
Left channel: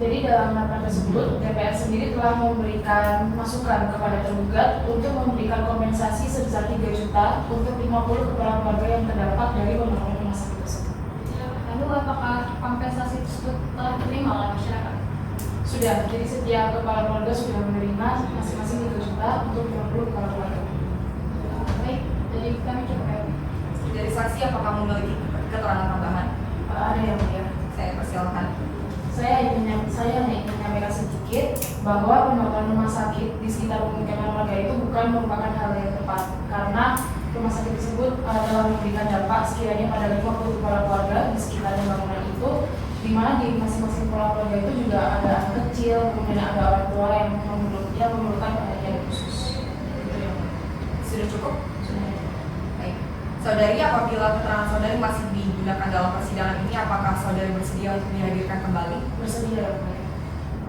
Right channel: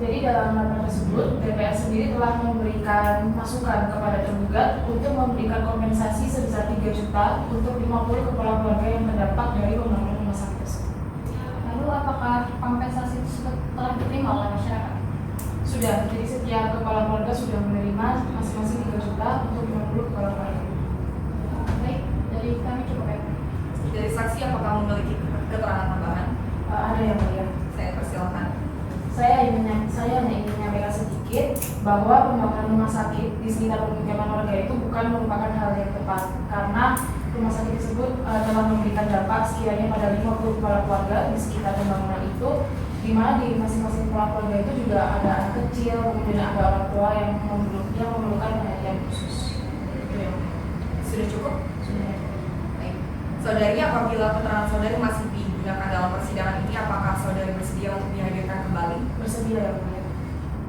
Jadi dalam rapat tersebut, DPR sendiri telah memberikan masukan kepada tergugat untuk memberikan kompensasi sebesar 3 juta untuk 50 kepala keluarga yang terdampak dari pembangunan rumah sakit tersebut. Lalu apakah kompensasi tersebut telah diterima oleh masyarakat? Sudah, jadi setiap kepala keluarga sudah menerima masing-masing 3 juta untuk 50 kepala keluarga. Baik, dari kami cukup ya. Dari saksi apakah memiliki keterangan tambahan? Ada yang mulia. Saya persilakan. Saya hanya ingin menyampaikan sedikit bahwa pembangunan rumah sakit di sekitar pemukiman warga itu bukan merupakan hal yang tepat, karena rumah sakit tersebut telah memberikan dampak sekiranya pada 50 kepala keluarga di sekitar bangunan itu, di mana di masing-masing kepala keluarga itu juga ada anak kecil, kemudian ada orang tua yang memerlukan perhatian khusus. Sudah cukup? Sudah. Baik. Saudari, apabila keterangan saudari masih digunakan dalam persidangan ini, apakah saudari bersedia untuk dihadirkan kembali? Bersedia ya, Bu.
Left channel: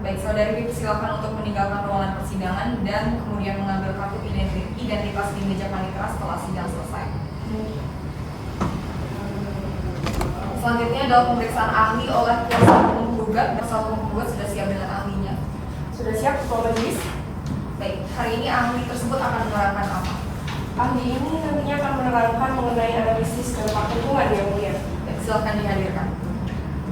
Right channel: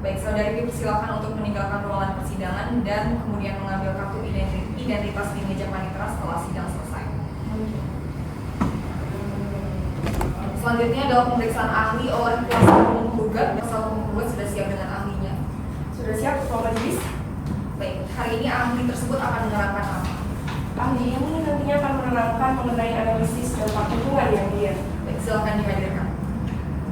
Baik, saudari dipersilakan untuk meninggalkan ruangan persidangan dan kemudian mengambil kartu identitas di meja panitera setelah sidang selesai. Selanjutnya adalah pemeriksaan ahli oleh kuasa hukum penggugat. Kuasa hukum penggugat sudah siap dengan ahlinya. Sudah siap Ketua Majelis? Baik, hari ini ahli tersebut akan menerangkan apa? Ahli ini nantinya akan menerangkan mengenai analisis dampak lingkungan yang mulia. Baik, silakan dihadirkan.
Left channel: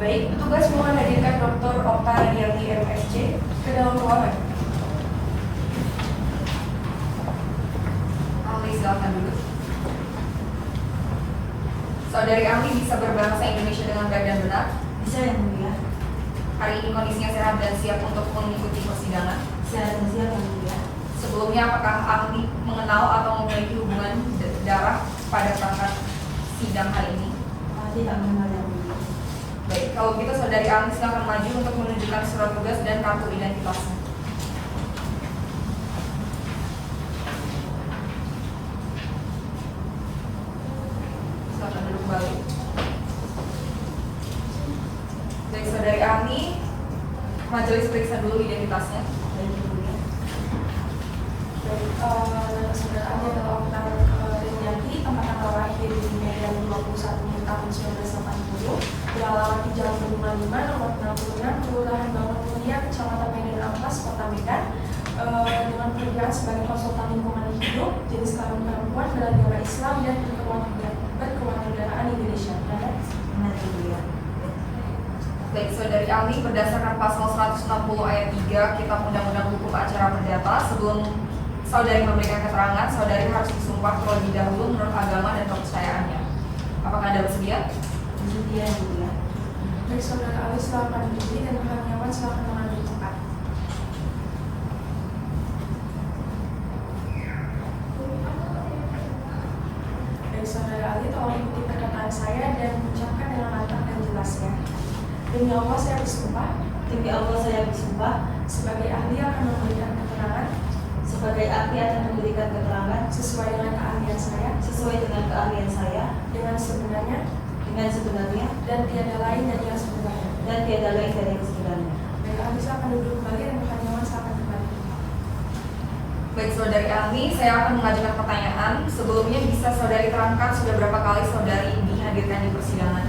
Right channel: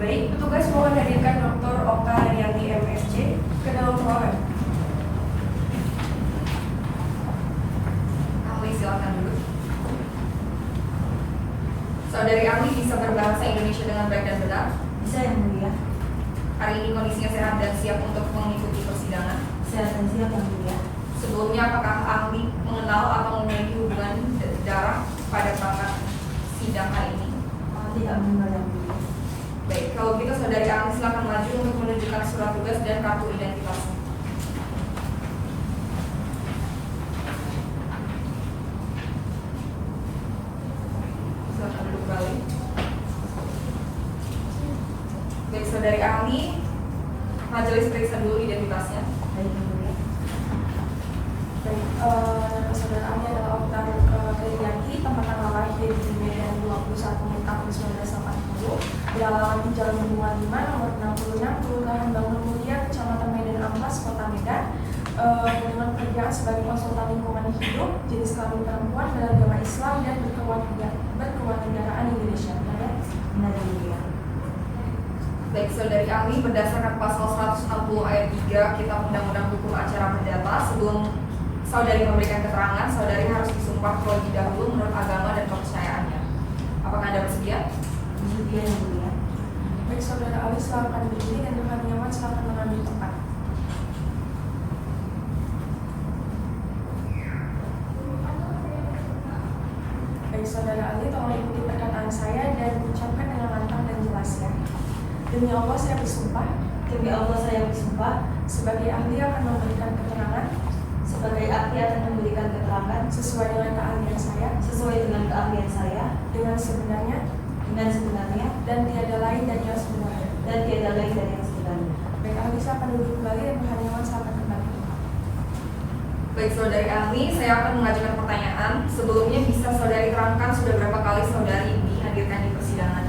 Baik, petugas mohon hadirkan Dr. Okta Radianti MSc ke dalam ruangan. Ahli silakan dulu. Saudari ahli bisa berbahasa Indonesia dengan baik dan benar? Bisa Yang Mulia? Hari ini kondisinya sehat dan siap untuk mengikuti persidangan. Sehat dan siap Yang Mulia. Sebelumnya apakah ahli mengenal atau memiliki hubungan darah pada perangkat sidang hari ini? Tidak mengenal Yang Mulia. Baik, kalau gitu saudari ahli silakan maju untuk menunjukkan surat tugas dan kartu identitasnya. Silakan duduk kembali. Baik, saudari ahli, majelis periksa dulu identitasnya. Baik Yang Mulia. Baik, nama saudara ahli adalah Okta Radianti, tempat tanggal lahir di Medan 21 Mei tahun 1980, beralamat di Jalan Bendungan 5, nomor 66, Kelurahan Bangun Mulia, Kecamatan Medan Amplas, Kota Medan, dengan pekerjaan sebagai konsultan lingkungan hidup, jenis kelamin perempuan, beragama Islam, dan berkewarganegaraan Indonesia. Ada? Benar Yang Mulia. Baik, saudari ahli, berdasarkan pasal 160 ayat 3 Kitab Undang-Undang Hukum Acara Perdata, sebelum saudari memberikan keterangan, saudari harus disumpah terlebih dahulu menurut agama dan kepercayaannya. Apakah Anda bersedia? Bersedia Yang Mulia. Baik, saudara ahli silakan berdiri dan kami nyaman silakan mengambil tempat. Baik, saudara ahli, tolong ikuti perkataan saya dan ucapkan dengan lantang dan jelas ya. Demi Allah saya bersumpah, Demi Allah saya bersumpah, sebagai ahli akan memberikan keterangan sebagai ahli akan memberikan keterangan sesuai dengan keahlian saya, sesuai dengan keahlian saya, dengan sebenarnya, dan tiada lain dari yang sebenarnya. dari yang sebenarnya. Baik, ahli silakan duduk kembali dan kami nyaman silakan kembali. Baik, saudari ahli, saya akan mengajukan pertanyaan. Sebelumnya bisa saudari terangkan sudah berapa kali saudari dihadirkan di persidangan?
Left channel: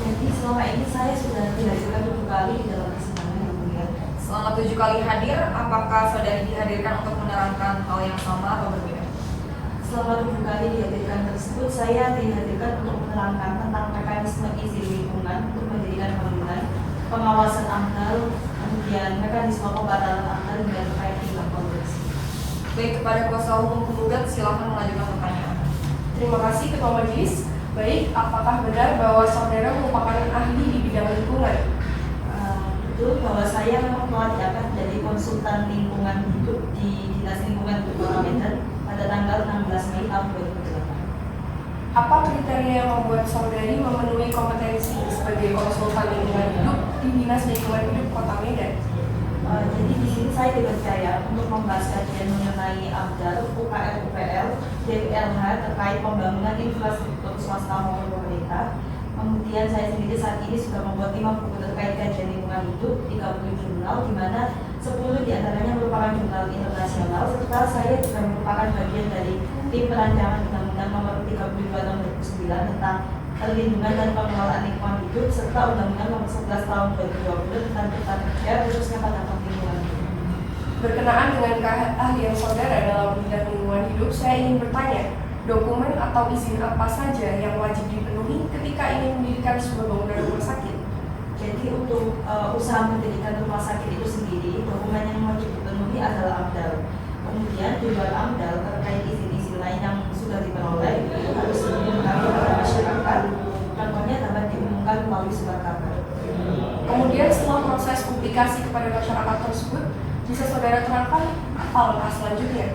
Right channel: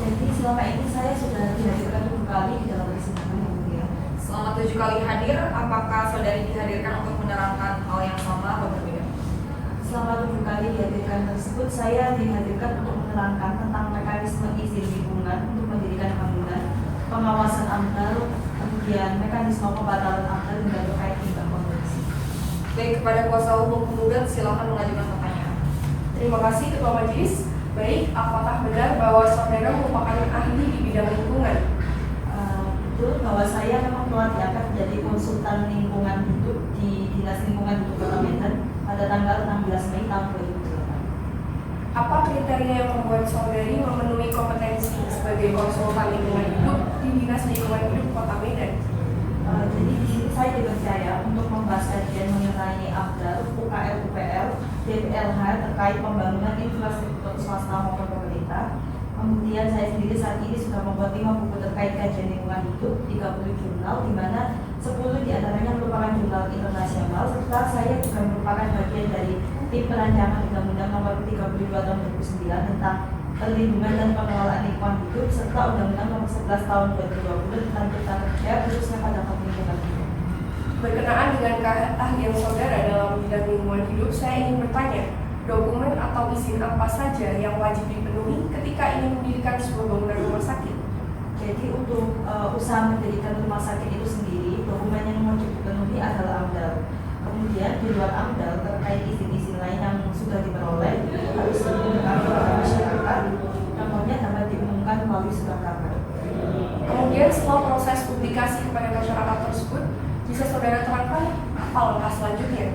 Jadi selama ini saya sudah dihadirkan 7 kali di dalam persidangan Yang Mulia. Selama 7 kali hadir, apakah saudari dihadirkan untuk menerangkan hal yang sama atau berbeda? Selama 7 kali dihadirkan tersebut, saya dihadirkan untuk menerangkan tentang mekanisme izin lingkungan untuk mendirikan bangunan, pengawasan AMDAL, kemudian mekanisme pembatalan AMDAL hingga terkait hibah Baik, kepada kuasa hukum penggugat silakan mengajukan pertanyaan. Terima kasih Ketua Majelis. Baik, apakah benar bahwa saudara merupakan ahli di bidang lingkungan? Betul bahwa saya memang telah diangkat menjadi konsultan lingkungan hidup di Dinas Lingkungan Hidup Kota Medan pada tanggal 16 Mei tahun 2008. Apa kriteria yang membuat saudari memenuhi kompetensi sebagai konsultan lingkungan hidup di Dinas Lingkungan Hidup Kota Medan? Jadi di sini saya dipercaya untuk membahas kajian mengenai AMDAL, UKL, UPL, DPLH terkait pembangunan infrastruktur swasta maupun pemerintah. Kemudian saya sendiri saat ini sudah membuat 5 buku terkait kajian lingkungan hidup, 30 jurnal, di mana 10 diantaranya merupakan jurnal internasional, serta saya juga merupakan bagian dari tim perancangan Undang-Undang Nomor 32 Tahun 2009 tentang perlindungan dan pengelolaan lingkungan hidup, serta Undang-Undang Nomor 11 Tahun 2020 tentang cipta kerja khususnya pada lingkungan hidup. Berkenaan dengan keahlian saudara dalam bidang lingkungan hidup, saya ingin bertanya, dokumen atau izin apa saja yang wajib dipenuhi ketika ingin mendirikan sebuah bangunan rumah sakit? Jadi untuk usaha mendirikan rumah sakit itu sendiri, dokumen yang wajib dipenuhi adalah AMDAL. Kemudian di luar AMDAL terkait izin-izin lain yang sudah diperoleh itu harus diumumkan kepada masyarakat. Contohnya dapat diumumkan melalui surat kabar. Kemudian setelah proses publikasi kepada masyarakat tersebut, bisa saudara terangkan apa langkah selanjutnya?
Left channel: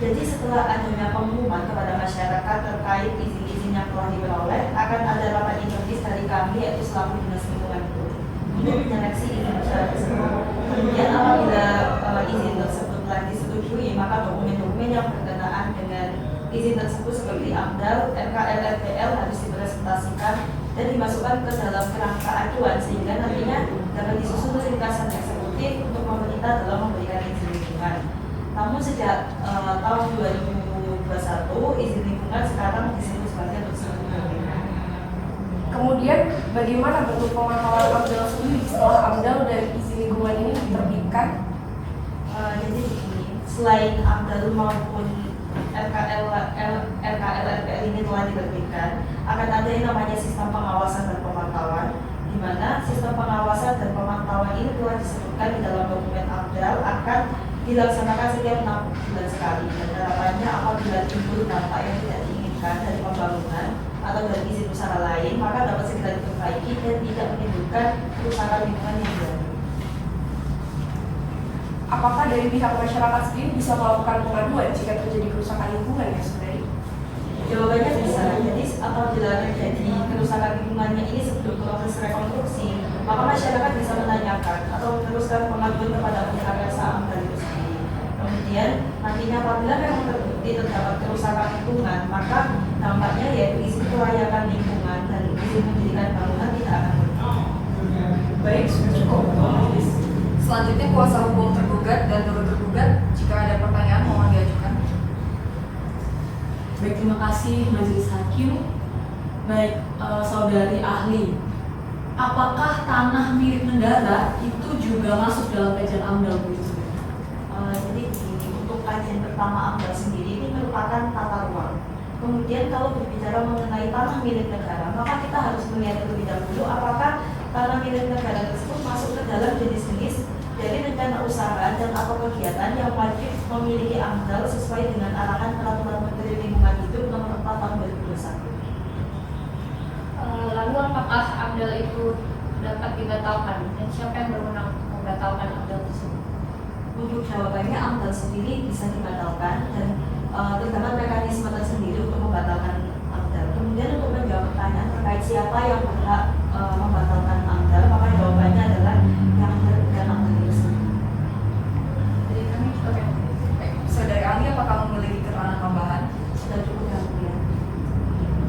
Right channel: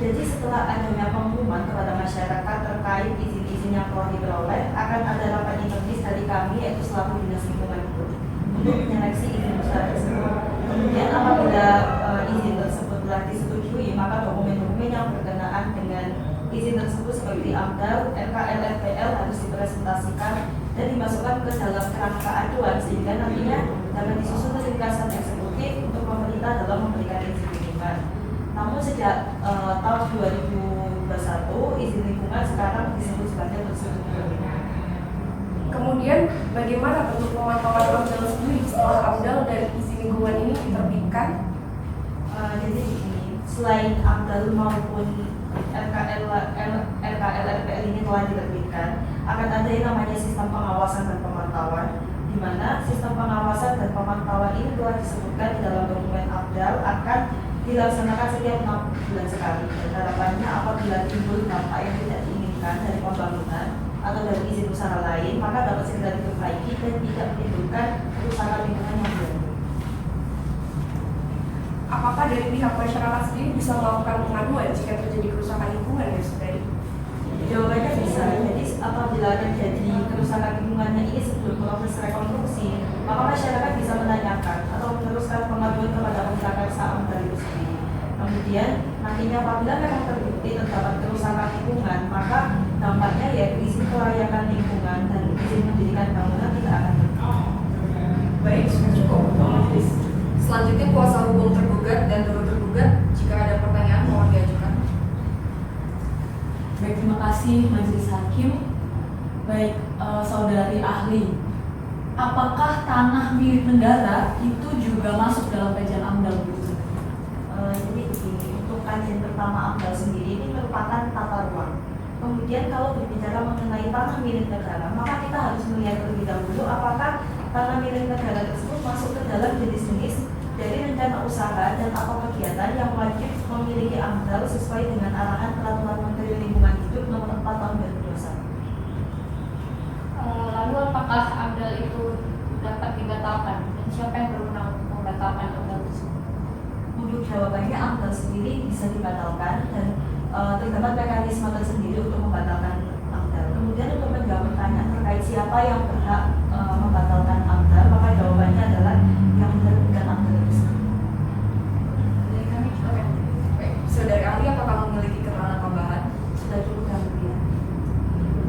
Jadi setelah adanya pengumuman kepada masyarakat terkait izin-izin yang telah diperoleh, akan ada rapat internis dari kami yaitu selaku Dinas Lingkungan Hidup untuk menyeleksi izin usaha tersebut. Kemudian apabila izin tersebut telah disetujui, maka dokumen-dokumen yang berkenaan dengan izin tersebut seperti AMDAL, RKL, RPL harus dipresentasikan dan dimasukkan ke dalam kerangka aduan sehingga nantinya dapat disusun kesimpulan eksekutif untuk pemerintah dalam memberikan izin lingkungan. Namun sejak tahun 2021, izin lingkungan sekarang disebut sebagai persetujuan lingkungan. Kemudian bagaimana bentuk pemantauan AMDAL sendiri setelah AMDAL dan izin lingkungan ini diterbitkan? Jadi selain AMDAL maupun RKL, RPL ini telah diterbitkan, akan ada yang namanya sistem pengawasan dan pemantauan, di mana sistem pengawasan dan pemantauan ini telah disebutkan di dalam dokumen AMDAL akan dilaksanakan setiap 6 bulan sekali, dan harapannya apabila timbul dampak yang tidak diinginkan dari pembangunan atau dari izin usaha lain, maka dapat segera diperbaiki dan tidak menimbulkan kerusakan lingkungan yang baru. Apakah dari pihak masyarakat sendiri bisa melakukan pengaduan jika terjadi kerusakan lingkungan ya saudari? Jawabannya bisa. Jadi apabila terjadi kerusakan lingkungannya ini sebelum proses rekonstruksi, maka masyarakat bisa menanyakan atau meneruskan pengaduan kepada Pemprakarsaan AMDAL itu sendiri. Kemudian nantinya apabila memang terbukti terdapat kerusakan lingkungan, maka dampaknya yaitu izin kelayakan lingkungan dan izin mendirikan bangunan tidak akan berlaku. Baik, sudah cukup. Selanjutnya kuasa hukum tergugat dan turut tergugat, jika ada pertanyaan mohon diajukan. Baik, terima kasih Majelis Hakim. Baik, saudari ahli, apakah tanah milik negara itu juga masuk dalam kajian AMDAL begitu? Jadi begini, untuk kajian pertama AMDAL sendiri ini merupakan tata ruang. Kemudian kalau berbicara mengenai tanah milik negara, maka kita harus melihat terlebih dahulu apakah tanah milik negara tersebut masuk ke dalam jenis-jenis dari rencana usaha dan atau kegiatan yang wajib memiliki AMDAL sesuai dengan arahan Peraturan Menteri Lingkungan Hidup Nomor 4 Tahun 2021. Lalu apakah AMDAL itu dapat dibatalkan dan siapa yang berwenang membatalkan AMDAL tersebut? Untuk jawabannya AMDAL sendiri bisa dibatalkan dan terdapat mekanisme tersendiri untuk membatalkan AMDAL. Kemudian untuk menjawab pertanyaan terkait siapa yang berhak membatalkan AMDAL, maka jawabannya adalah yang dan AMDAL itu sendiri. Jadi kami juga Baik, saudari ahli apakah memiliki keterangan tambahan? Sudah cukup yang mulia.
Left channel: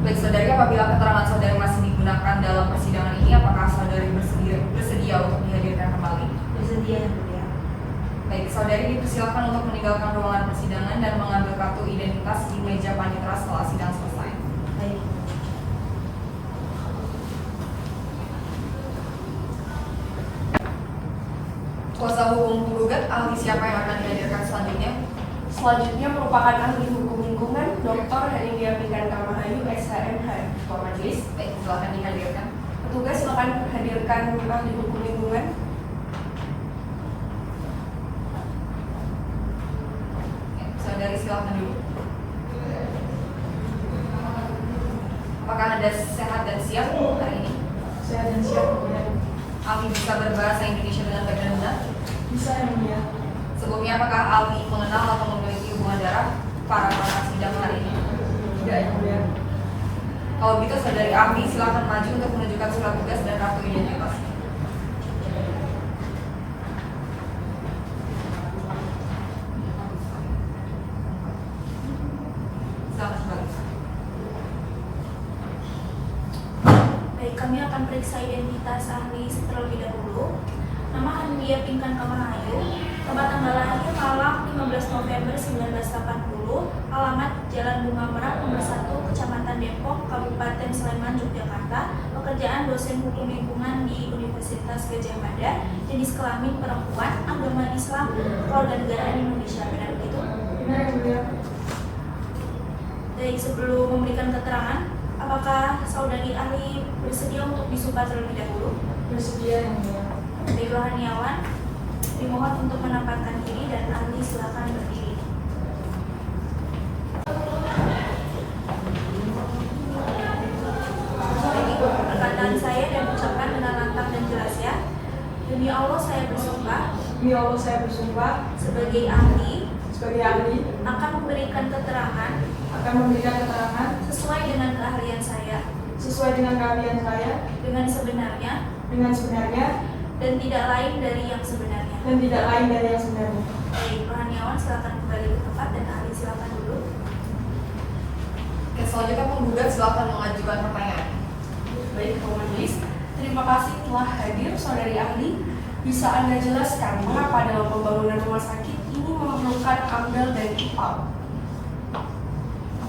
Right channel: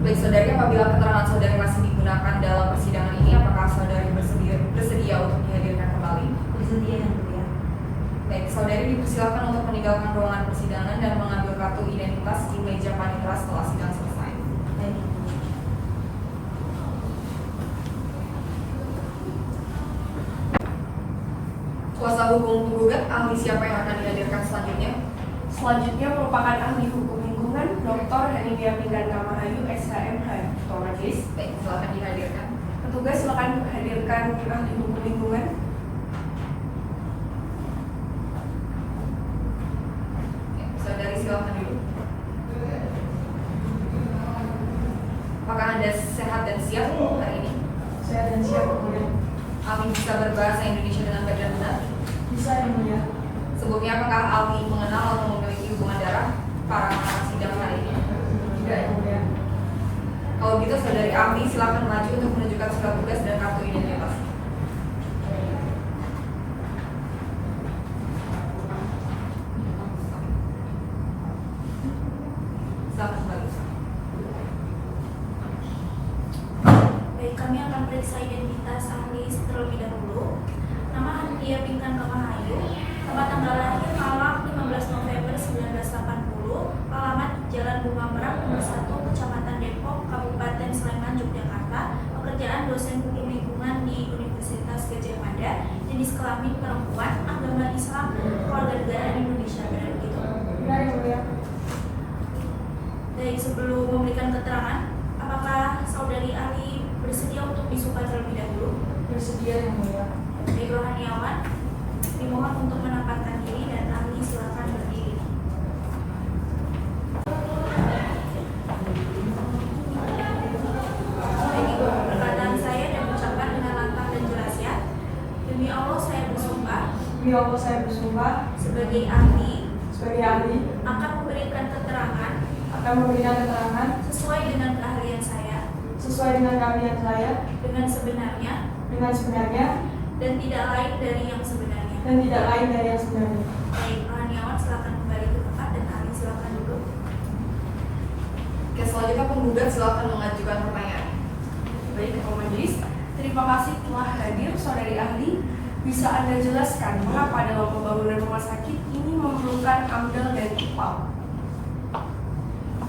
Baik, saudari, apabila keterangan saudari masih digunakan dalam persidangan ini, apakah saudari bersedia untuk dihadirkan kembali? Bersedia yang mulia. Baik, saudari dipersilakan untuk meninggalkan ruangan persidangan dan mengambil kartu identitas di meja panitera setelah sidang selesai. Baik. Kuasa hukum penggugat, ahli siapa yang akan dihadirkan selanjutnya? Selanjutnya merupakan ahli hukum lingkungan Dr. Hadinia Pindan Kamahayu, SHMH. Ketua Majelis, Baik, silakan dihadirkan. petugas silakan hadirkan ahli hukum lingkungan. Ya, Saudari silahkan duduk. Apakah Anda sehat dan siap hari ini? Saya dan siap Yang Mulia. Aldi bisa berbahasa Indonesia dengan baik dan benar? Bisa Yang Mulia. Sebelumnya apakah Aldi mengenal atau memiliki hubungan darah para pengarah sidang hari ini? Tidak Yang Mulia. Kalau begitu Saudari Aldi silakan maju untuk menunjukkan surat tugas dan kartu identitas. Silakan kembali. Baik, kami akan periksa identitas ahli terlebih dahulu. Nama Handia Pinkan Kamahayu, tempat tanggal lahir Malang 15 November 1980, alamat Jalan Bunga Merak nomor 1, Kecamatan Depok, Kabupaten Sleman, Yogyakarta, pekerjaan dosen hukum lingkungan di Universitas Gadjah Mada, jenis kelamin perempuan, agama Islam, kewarganegaraan Indonesia. Benar begitu? Benar Yang Mulia. Baik, sebelum memberikan keterangan, apakah saudari ahli bersedia untuk disumpah terlebih dahulu? Bersedia Yang Mulia. Baik, rohaniawan, dimohon untuk menempatkan diri dan ahli silakan berdiri. Baik, Ibu, perkataan saya dan ucapkan dengan lantang dan jelas ya. Demi Allah saya bersumpah Demi Allah saya bersumpah sebagai ahli sebagai ahli akan memberikan keterangan akan memberikan keterangan sesuai dengan keahlian saya sesuai dengan keahlian saya dengan sebenarnya dan tidak lain dari yang sebenarnya. yang sebenarnya. Baik, rohaniawan silakan kembali ke tempat dan ahli silakan duduk. Oke, selanjutnya penggugat silakan mengajukan pertanyaan. Baik, Pak Majelis, terima kasih telah hadir saudari ahli. Bisa Anda jelaskan mengapa dalam pembangunan rumah sakit ini memerlukan AMDAL dan IPAL?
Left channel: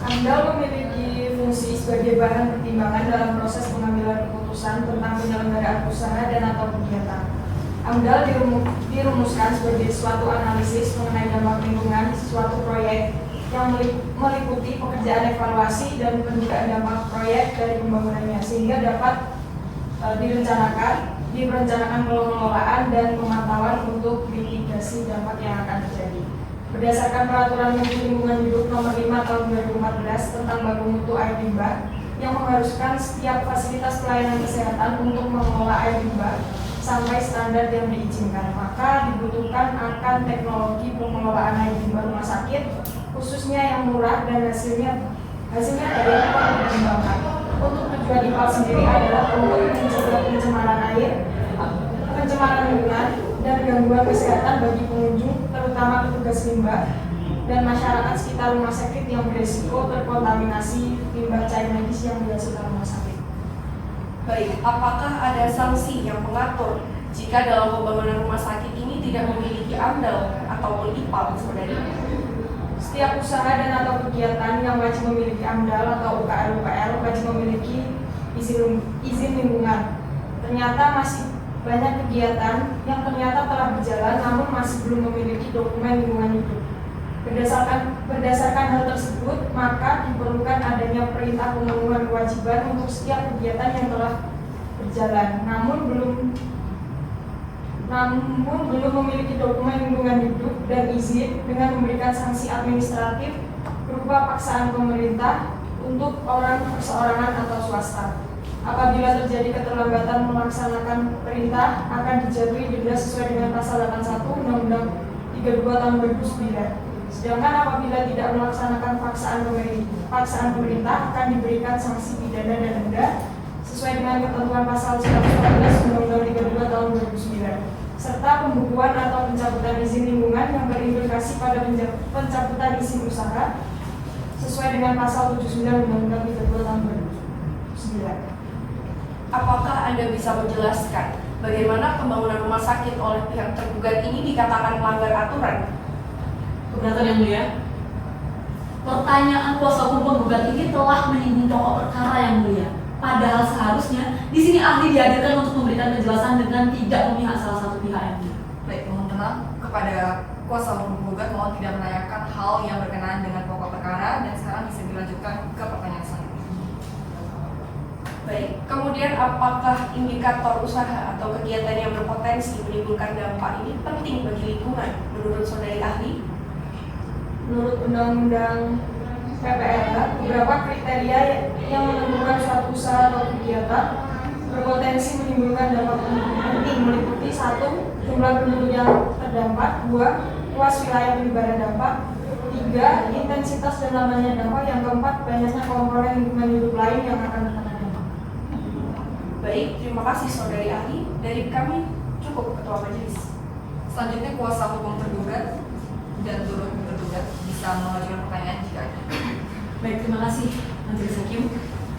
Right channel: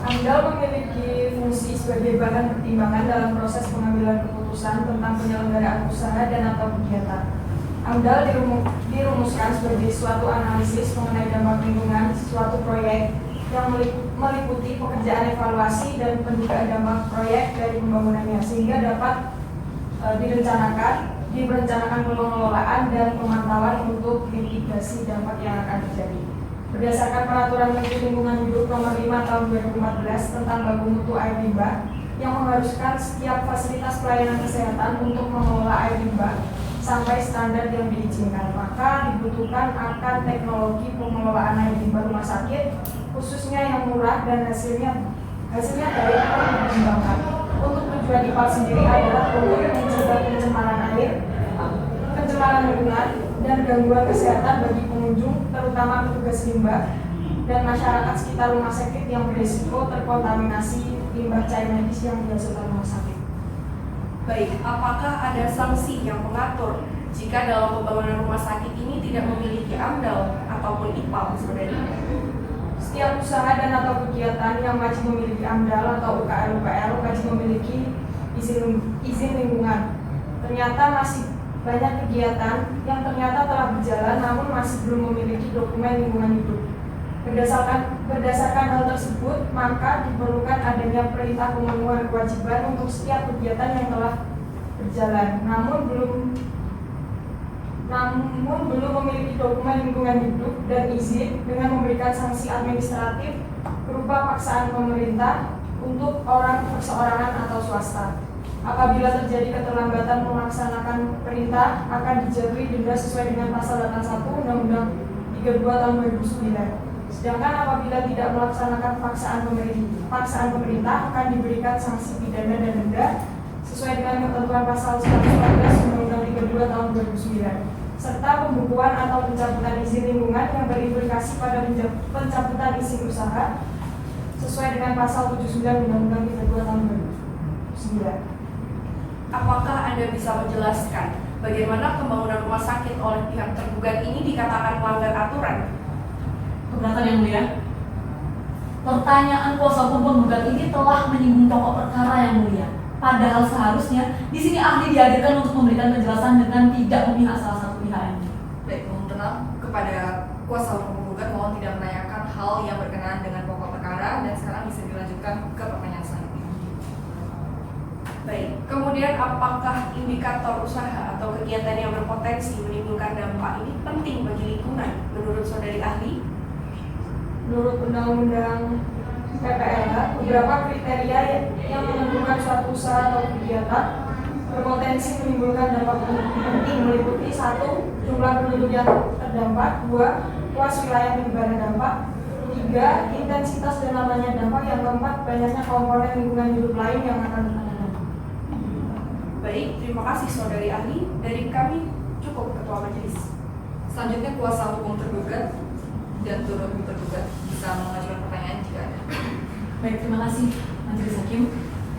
AMDAL memiliki fungsi sebagai bahan pertimbangan dalam proses pengambilan keputusan tentang penyelenggaraan usaha dan atau kegiatan. AMDAL dirumuskan sebagai suatu analisis mengenai dampak lingkungan suatu proyek yang meliputi pekerjaan evaluasi dan pendugaan dampak proyek dari pembangunannya sehingga dapat direncanakan pengelolaan dan pemantauan untuk mitigasi dampak yang akan terjadi. Berdasarkan Peraturan Menteri Lingkungan Hidup Nomor 5 Tahun 2014 tentang baku mutu air limbah yang mengharuskan setiap fasilitas pelayanan kesehatan untuk mengelola air limbah sampai standar yang diizinkan, maka dibutuhkan akan teknologi pengelolaan air limbah rumah sakit khususnya yang murah dan hasilnya dari dikembangkan. Untuk tujuan IPAL sendiri adalah untuk mencegah pencemaran air, pencemaran lingkungan, dan gangguan kesehatan bagi pengunjung, terutama petugas limbah dan masyarakat sekitar rumah sakit yang berisiko terkontaminasi limbah cair medis yang dihasilkan rumah sakit. Baik, apakah ada sanksi yang mengatur jika dalam pembangunan rumah sakit ini tidak memiliki AMDAL ataupun IPAL, saudari? Setiap usaha dan atau kegiatan yang wajib memiliki AMDAL atau UKL wajib memiliki izin lingkungan. Ternyata masih banyak kegiatan yang ternyata telah berjalan namun masih belum memiliki dokumen lingkungan hidup. Berdasarkan hal tersebut, maka diperlukan adanya perintah pemenuhan kewajiban untuk setiap kegiatan yang telah berjalan namun belum memiliki dokumen lingkungan hidup dan izin dengan memberikan sanksi administratif berupa paksaan pemerintah untuk orang perseorangan atau swasta. Apabila terjadi keterlambatan melaksanakan perintah, akan dijatuhi denda sesuai dengan pasal 81 Undang-Undang 32 Tahun 2009. Sedangkan apabila tidak melaksanakan paksaan pemerintah, akan diberikan sanksi pidana dan denda sesuai dengan ketentuan pasal 114 Undang-Undang 32 Tahun 2009. Serta pembukuan atau pencabutan izin lingkungan yang berimplikasi pada pencabutan izin usaha sesuai dengan pasal 79 Undang-Undang 32 Tahun 2009. Apakah Anda bisa menjelaskan bagaimana pembangunan rumah sakit oleh pihak tergugat ini dikatakan melanggar aturan? Keberatan Yang Mulia. Pertanyaan kuasa hukum penggugat ini telah menyinggung pokok perkara Yang Mulia. Padahal seharusnya di sini ahli dihadirkan untuk memberikan penjelasan dengan tidak memihak salah satu pihak Yang Mulia. Baik, mohon tenang kepada kuasa hukum penggugat, mohon tidak menanyakan hal yang berkenaan dengan pokok perkara dan sekarang bisa dilanjutkan ke pertanyaan selanjutnya. Baik, kemudian apakah indikator usaha atau kegiatan yang berpotensi menimbulkan dampak ini penting bagi lingkungan menurut saudari ahli? menurut Undang-Undang PPLK, beberapa kriteria yang menentukan suatu usaha atau kegiatan berpotensi menimbulkan dampak penting meliputi 1. Jumlah penduduk yang terdampak, 2. Luas wilayah penyebaran dampak, 3. Intensitas dan lamanya dampak, yang keempat banyaknya komponen lingkungan hidup lain yang akan terkena dampak. Baik, terima kasih saudari ahli. Dari kami cukup ketua majelis. Selanjutnya kuasa hukum tergugat dan turut tergugat bisa mengajukan pertanyaan jika ada. Baik, terima kasih Majelis Hakim.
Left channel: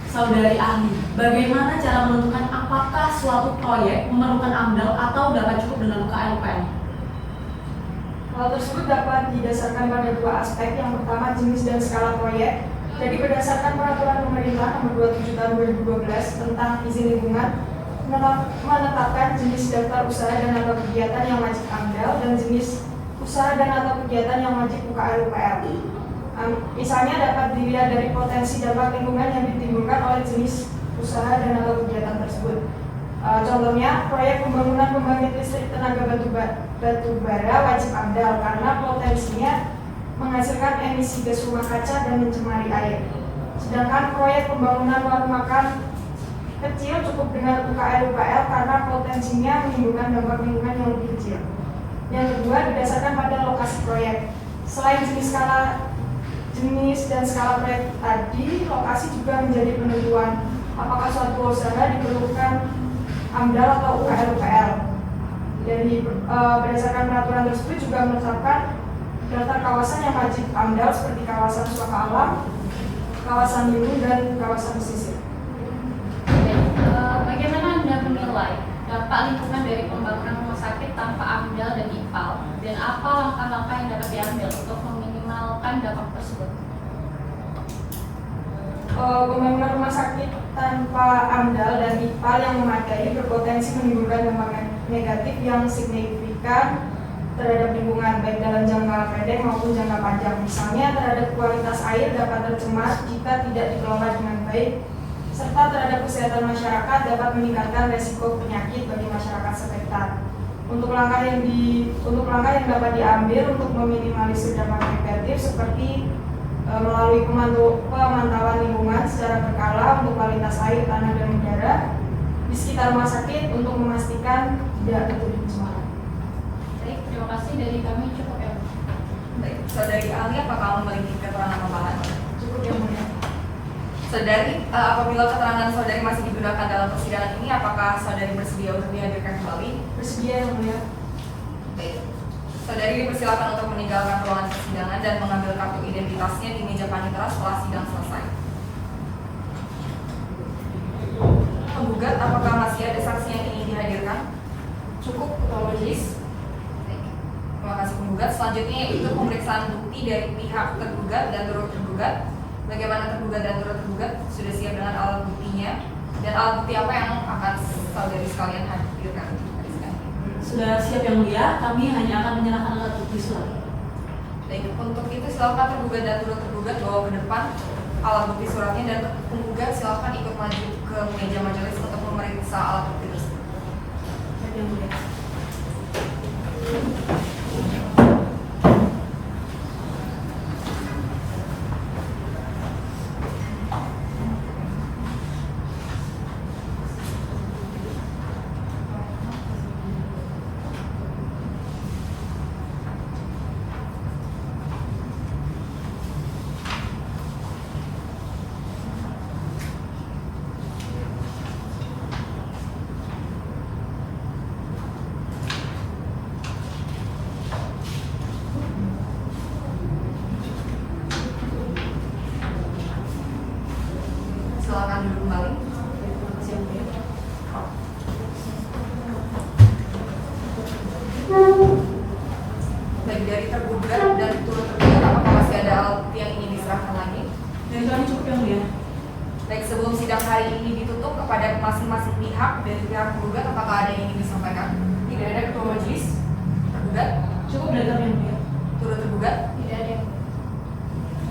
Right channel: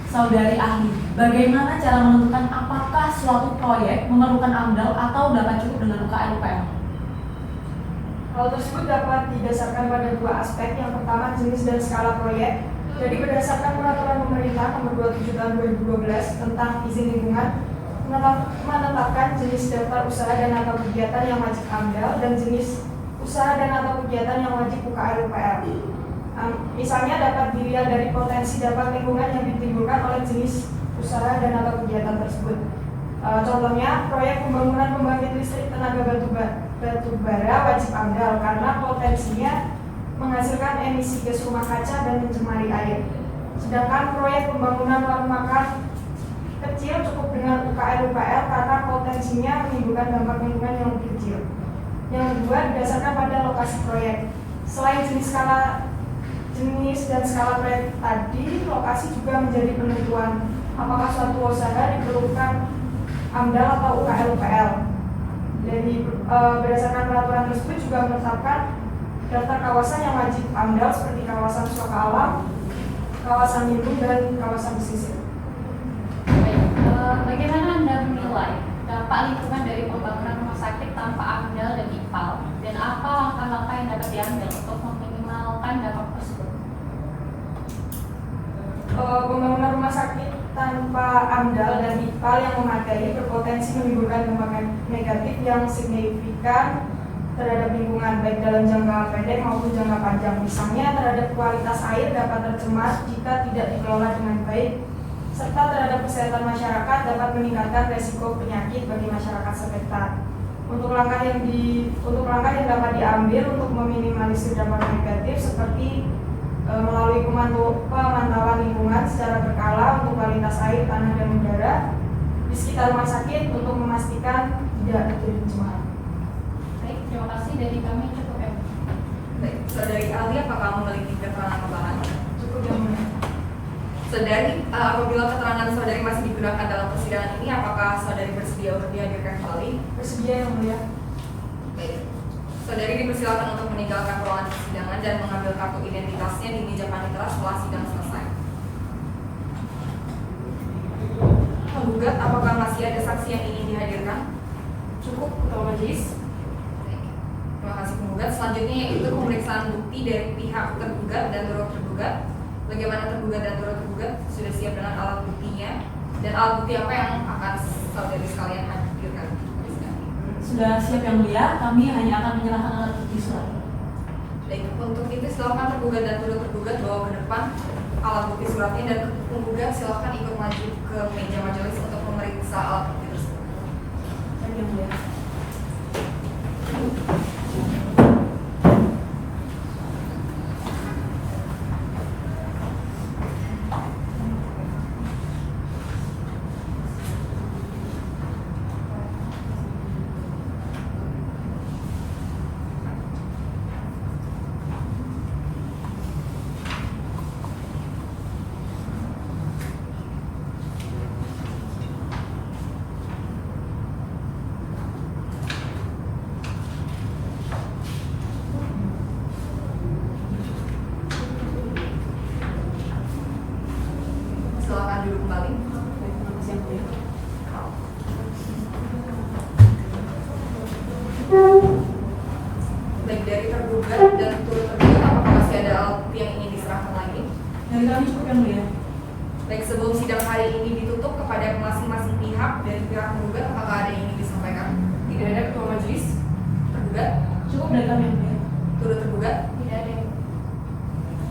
Saudari ahli, bagaimana cara menentukan apakah suatu proyek memerlukan AMDAL atau dapat cukup dengan UKL-UKL? Hal tersebut dapat didasarkan pada 2 aspek. Yang pertama, jenis dan skala proyek. Jadi berdasarkan peraturan pemerintah nomor 27 tahun 2012 tentang izin lingkungan, menetapkan jenis daftar usaha dan atau kegiatan yang wajib AMDAL dan jenis usaha dan atau kegiatan yang wajib UKL-UKL. Misalnya dapat dilihat dari potensi dampak lingkungan yang ditimbulkan oleh jenis usaha dan atau kegiatan tersebut. Contohnya, proyek pembangunan pembangkit listrik tenaga batu bara wajib AMDAL karena potensinya menghasilkan emisi gas rumah kaca dan mencemari air. Sedangkan proyek pembangunan warung makan kecil cukup dengan UKL-UKL karena potensinya menimbulkan dampak lingkungan yang lebih kecil. Yang kedua, berdasarkan pada lokasi proyek. Selain jenis dan skala proyek tadi, lokasi juga menjadi penentuan apakah suatu usaha diperlukan AMDAL atau UKL-UKL. Jadi berdasarkan peraturan tersebut juga menetapkan daftar kawasan yang wajib AMDAL seperti kawasan suaka alam, kawasan lindung, dan kawasan pesisir. Bagaimana Anda menilai dampak lingkungan dari pembangunan rumah sakit tanpa AMDAL dan IPAL? Dan apa langkah-langkah yang dapat diambil untuk meminimalkan dampak tersebut? Pembangunan rumah sakit tanpa AMDAL dan IPAL yang memadai berpotensi menimbulkan dampak negatif yang signifikan terhadap lingkungan, baik dalam jangka pendek maupun jangka panjang. Misalnya terhadap kualitas air dapat tercemar jika tidak dikelola dengan baik, serta terhadap kesehatan masyarakat dapat meningkatkan resiko penyakit bagi masyarakat sekitar. Untuk langkah yang dapat diambil untuk meminimalisir dampak negatif seperti melalui pemantauan lingkungan secara berkala untuk kualitas air, tanah, dan udara di sekitar rumah sakit untuk memastikan tidak terjadi pencemaran. Baik, terima kasih dari kami cukup ya. Baik, saudari ahli, apakah memiliki keterangan tambahan? Cukup yang mulia. Saudari, apabila keterangan saudari masih digunakan dalam persidangan ini, apakah saudari bersedia untuk dihadirkan kembali? Bersedia yang mulia. Baik. Saudari dipersilakan untuk meninggalkan ruangan persidangan dan mengambil kartu identitasnya di meja panitera setelah sidang selesai. Penggugat, apakah masih ada saksi yang ingin dihadirkan? Cukup, ketua majelis. Baik. Terima kasih penggugat. Selanjutnya yaitu pemeriksaan bukti dari pihak tergugat dan turut tergugat. Bagaimana tergugat dan turut tergugat sudah siap dengan alat buktinya, dan alat bukti apa yang akan saudari sekalian hadirkan? Sudah siap yang mulia, kami hanya akan menyerahkan alat bukti surat. Baik, untuk itu silakan tergugat dan turut tergugat bawa ke depan alat bukti suratnya, dan penggugat silakan ikut maju ke meja majelis untuk memeriksa alat bukti tersebut. Yang mulia. Silakan duduk kembali. Terima kasih yang mulia. Baik, dari tergugat dan turut tergugat, apakah masih ada alat bukti yang ingin diserahkan lagi? Dari kami cukup yang mulia. Baik, sebelum sidang hari ini ditutup kepada masing-masing pihak dari pihak tergugat, apakah ada yang ingin disampaikan? Tidak ada, ketua majelis. Tergugat, Cukup dari kami yang mulia. turut tergugat. Tidak ada.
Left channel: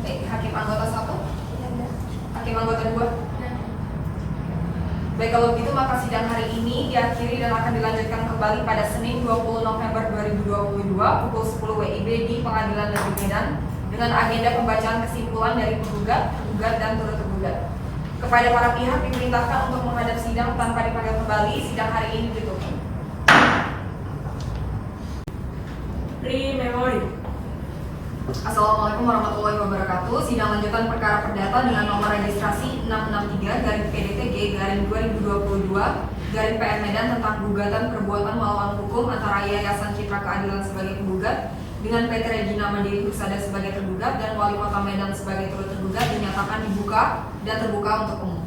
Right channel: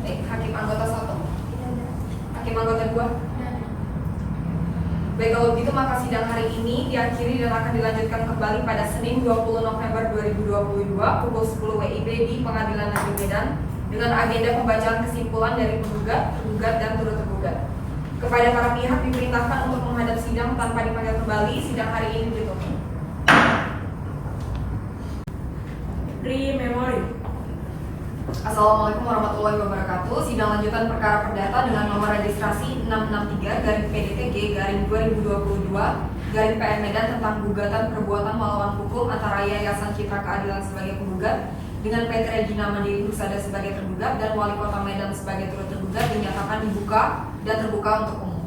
Baik, hakim anggota 1, Tidak ada. hakim anggota 2. Baik, kalau begitu maka sidang hari ini diakhiri dan akan dilanjutkan kembali pada Senin 20 November 2022 pukul 10 WIB di Pengadilan Negeri Medan dengan agenda pembacaan kesimpulan dari penggugat, tergugat, dan turut tergugat. Kepada para pihak diperintahkan untuk menghadap sidang tanpa dipanggil kembali. Sidang hari ini ditutup. Pre-memori. Assalamualaikum warahmatullahi wabarakatuh. Sidang lanjutan perkara perdata dengan nomor registrasi 663-PDT-G-2022-PN Medan tentang gugatan perbuatan melawan hukum antara Yayasan Citra Keadilan sebagai penggugat dengan PT Regina Mandiri Husada sebagai tergugat dan Wali Kota Medan sebagai turut tergugat dinyatakan dibuka dan terbuka untuk umum.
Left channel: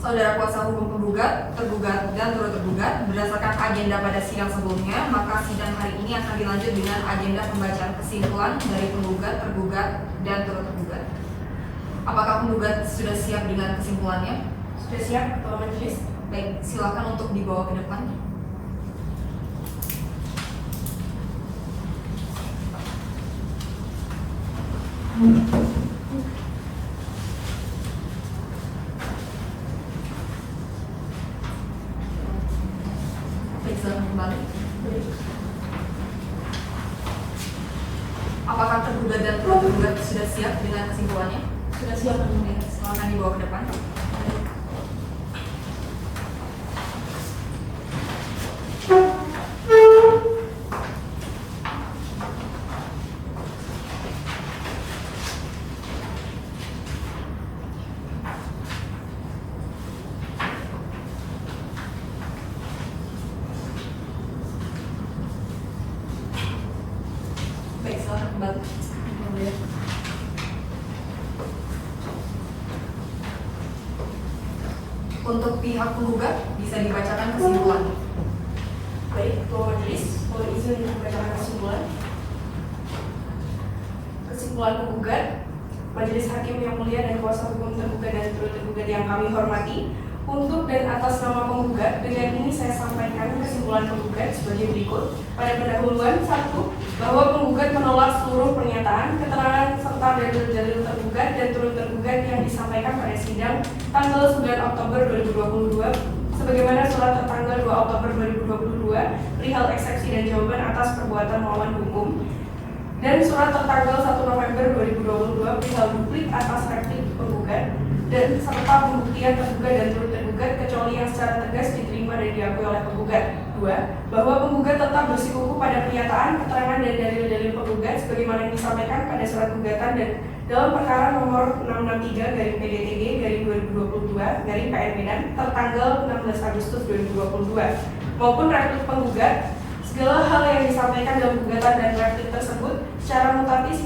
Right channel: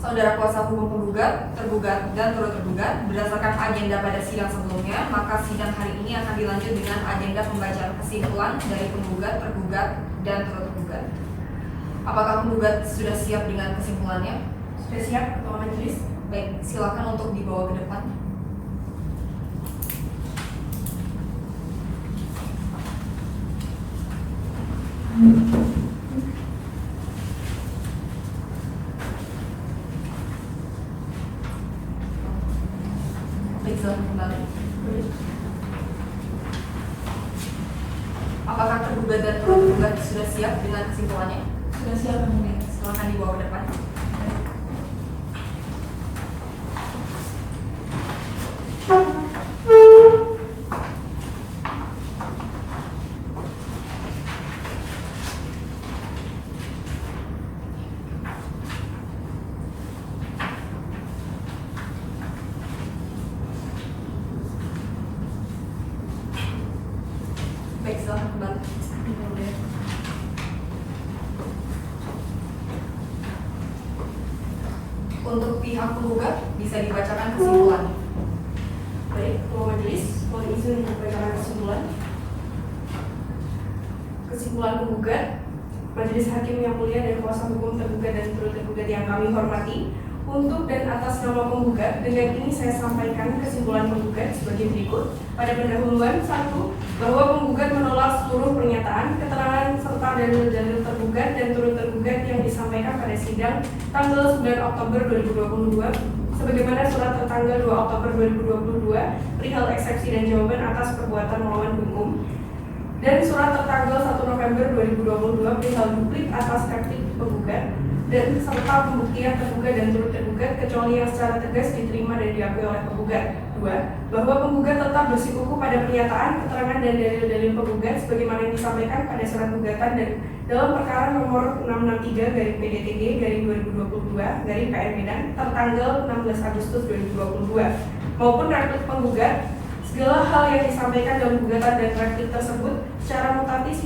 Saudara kuasa hukum penggugat, tergugat, dan turut tergugat, berdasarkan agenda pada sidang sebelumnya, maka sidang hari ini akan dilanjut dengan agenda pembacaan kesimpulan dari penggugat, tergugat, dan turut tergugat. Apakah penggugat sudah siap dengan kesimpulannya? Sudah siap, Ketua Majelis? Baik, silakan untuk dibawa ke depan. Baik, silakan kembali. Apakah tergugat dan turut tergugat sudah siap dengan kesimpulannya? Sudah siap, Yang Mulia. Silakan dibawa ke depan. Baik, silakan kembali. Untuk pihak penggugat bisa dibacakan kesimpulannya. Baik, Ketua Majelis, mohon izin untuk memberikan kesimpulan. Kesimpulan penggugat, Majelis Hakim yang mulia dan kuasa hukum tergugat dan turut tergugat yang kami hormati, untuk dan atas nama penggugat, dengan ini saya sampaikan kesimpulan penggugat sebagai berikut. Pada pendahuluan 1, bahwa penggugat menolak seluruh pernyataan, keterangan, serta dalil-dalil tergugat dan turut tergugat yang disampaikan pada sidang tanggal 9 Oktober 2022, sebagaimana surat tertanggal 2 Oktober 2022 perihal eksepsi dan jawaban atas perbuatan melawan hukum, dan surat tertanggal 1 November 2022 perihal duplik atas replik penggugat, dan serta pembuktian tergugat dan turut tergugat kecuali yang secara tegas diterima dan diakui oleh penggugat. 2. Bahwa penggugat tetap bersikukuh pada pernyataan, keterangan, dan dalil-dalil penggugat sebagaimana yang disampaikan pada surat gugatan dan dalam perkara nomor 663-PDTG-2022-PN Medan tertanggal 16 Agustus 2022 maupun replik penggugat. Segala hal yang disampaikan dalam gugatan dan replik tersebut secara mutadis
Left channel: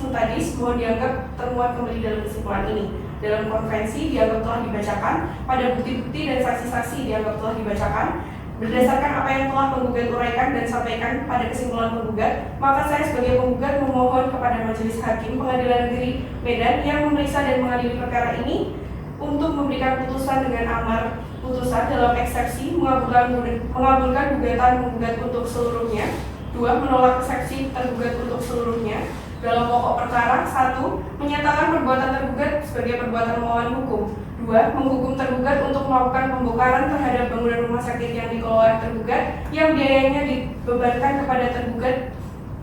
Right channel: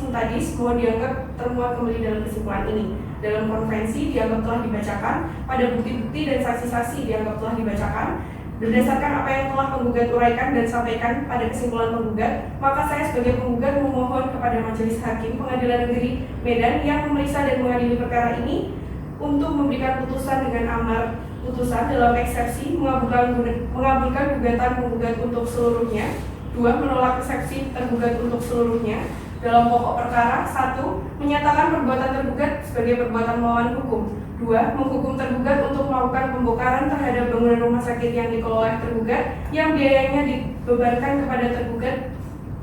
mohon dianggap termuat kembali dalam kesimpulan ini. Dalam konvensi dianggap telah dibacakan, pada bukti-bukti dan saksi-saksi dianggap telah dibacakan. Berdasarkan apa yang telah penggugat uraikan dan sampaikan pada kesimpulan penggugat, maka saya sebagai penggugat memohon kepada Majelis Hakim Pengadilan Negeri Medan yang memeriksa dan mengadili perkara ini untuk memberikan putusan dengan amar putusan dalam eksepsi mengabulkan gugatan penggugat untuk seluruhnya. 2. Menolak eksepsi tergugat untuk seluruhnya. Dalam pokok perkara, 1. Menyatakan perbuatan tergugat sebagai perbuatan melawan hukum. 2. Menghukum tergugat untuk melakukan pembongkaran terhadap bangunan rumah sakit yang dikelola tergugat yang biayanya dibebankan kepada tergugat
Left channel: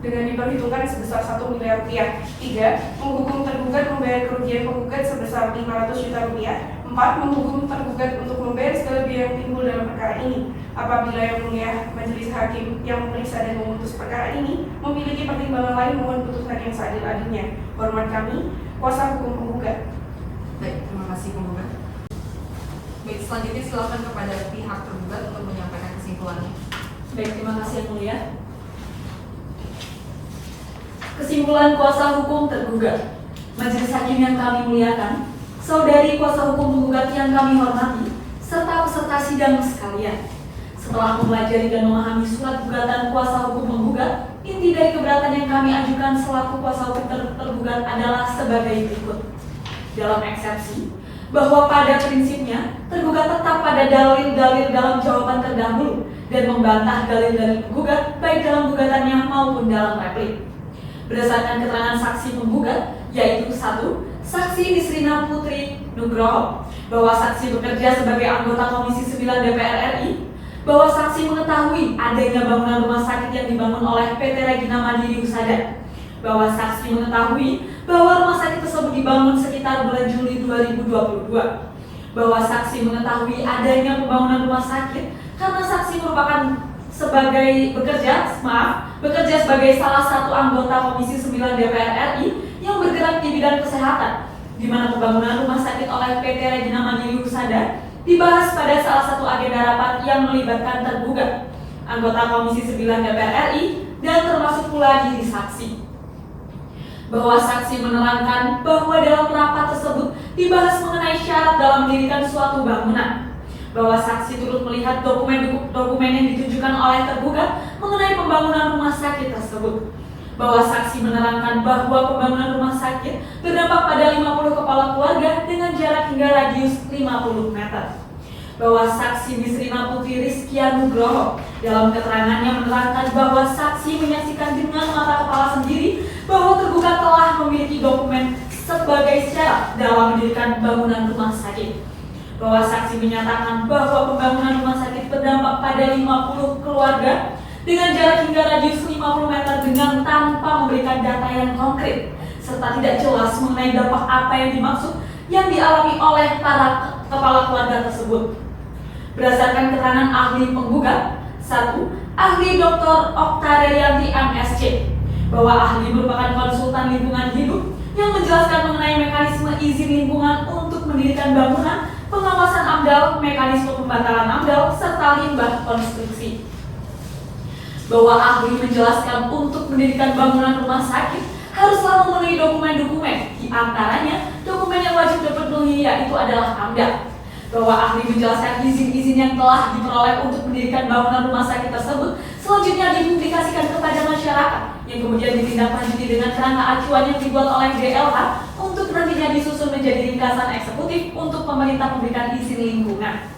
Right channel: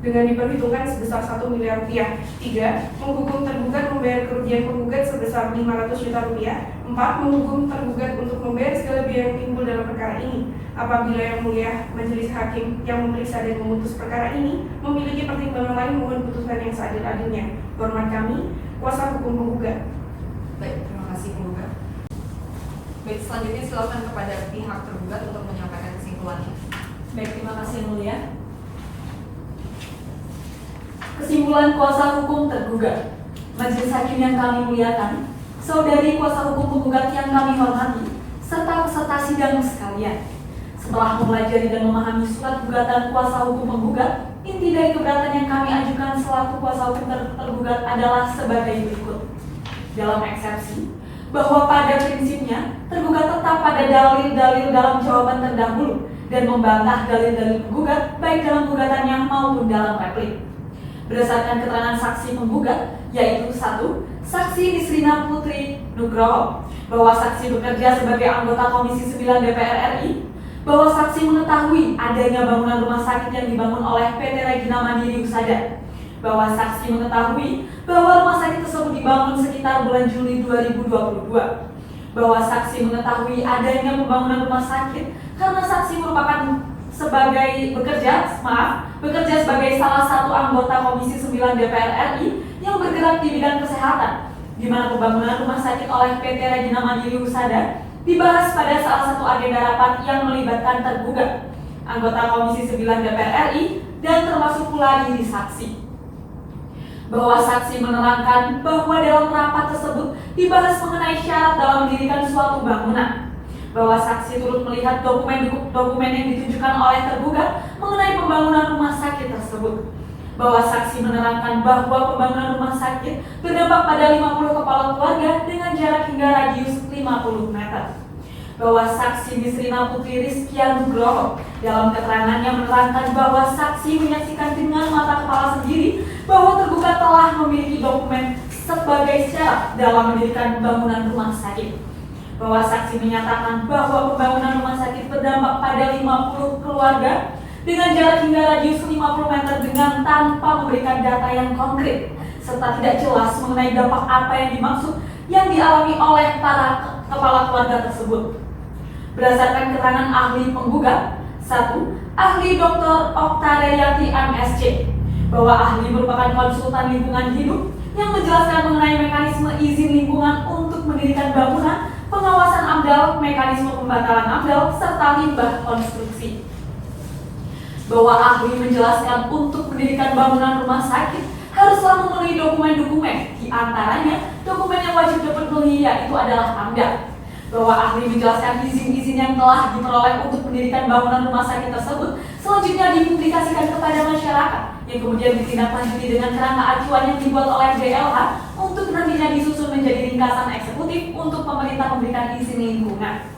dengan diperhitungkan sebesar 1 miliar rupiah. 3. Menghukum tergugat membayar kerugian penggugat sebesar 500 juta rupiah. 4. Menghukum tergugat untuk membayar segala biaya yang timbul dalam perkara ini. Apabila yang mulia Majelis Hakim yang memeriksa dan memutus perkara ini memiliki pertimbangan lain, mohon putusan yang seadil-adilnya. Hormat kami, kuasa hukum penggugat. Baik, terima kasih penggugat. Baik, selanjutnya silakan kepada pihak tergugat untuk menyampaikan kesimpulannya. Baik, terima kasih Yang Mulia. Kesimpulan kuasa hukum tergugat. Majelis Hakim yang kami muliakan, saudari kuasa hukum penggugat yang kami hormati, serta peserta sidang sekalian. Setelah mempelajari dan memahami surat gugatan kuasa hukum penggugat, inti dari keberatan yang kami ajukan selaku kuasa hukum tergugat adalah sebagai berikut. Dalam eksepsi, bahwa pada prinsipnya tergugat tetap pada dalil-dalil dalam jawaban terdahulu dan membantah dalil-dalil penggugat baik dalam gugatannya maupun dalam replik. Berdasarkan keterangan saksi penggugat, yaitu 1. Saksi Nisrina Putri Nugroho, bahwa saksi bekerja sebagai anggota Komisi 9 DPR RI, bahwa saksi mengetahui adanya bangunan rumah sakit yang dibangun oleh PT Regina Mandiri Husada bahwa saksi mengetahui bahwa rumah sakit tersebut dibangun sekitar bulan Juli 2022. Bahwa saksi mengetahui adanya pembangunan rumah sakit karena saksi bekerja sebagai salah satu anggota Komisi 9 DPR RI yang bergerak di bidang kesehatan, di mana pembangunan rumah sakit oleh PT Regina Mandiri Husada dibahas pada salah satu agenda rapat yang melibatkan tergugat, anggota Komisi 9 DPR RI, dan termasuk pula diri saksi. Bahwa saksi menerangkan bahwa dalam rapat tersebut dibahas mengenai syarat dalam mendirikan suatu bangunan. Bahwa saksi turut melihat dokumen yang ditunjukkan oleh tergugat mengenai pembangunan rumah sakit tersebut. Bahwa saksi menerangkan bahwa pembangunan rumah sakit berdampak pada 50 kepala keluarga dengan jarak hingga radius 50 meter. Bahwa saksi Bisrina Putri Rizkia Nugroho dalam keterangannya menerangkan bahwa saksi menyaksikan dengan mata kepala sendiri bahwa tergugat telah memiliki dokumen sebagai syarat dalam mendirikan bangunan rumah sakit. Bahwa saksi menyatakan bahwa pembangunan rumah sakit berdampak pada 50 keluarga dengan jarak hingga radius 50 meter dengan tanpa memberikan data yang konkret serta tidak jelas mengenai dampak apa yang dimaksud yang dialami oleh para kepala keluarga tersebut. Berdasarkan keterangan ahli penggugat, 1. Ahli Dr. Oktadaryanti MSc, bahwa ahli merupakan konsultan lingkungan hidup yang menjelaskan mengenai mekanisme izin lingkungan untuk mendirikan bangunan, pengawasan AMDAL, mekanisme pembatalan AMDAL, serta limbah konstruksi. Bahwa ahli menjelaskan untuk mendirikan bangunan rumah sakit haruslah memenuhi dokumen-dokumen, di antaranya dokumen yang wajib dipenuhi yaitu adalah AMDAL. Bahwa ahli menjelaskan izin-izin yang telah diperoleh untuk mendirikan bangunan rumah sakit tersebut selanjutnya dipublikasikan kepada masyarakat yang kemudian ditindaklanjuti dengan kerangka acuan yang dibuat oleh DLH untuk nantinya disusun menjadi ringkasan eksekutif untuk pemerintah memberikan izin lingkungan.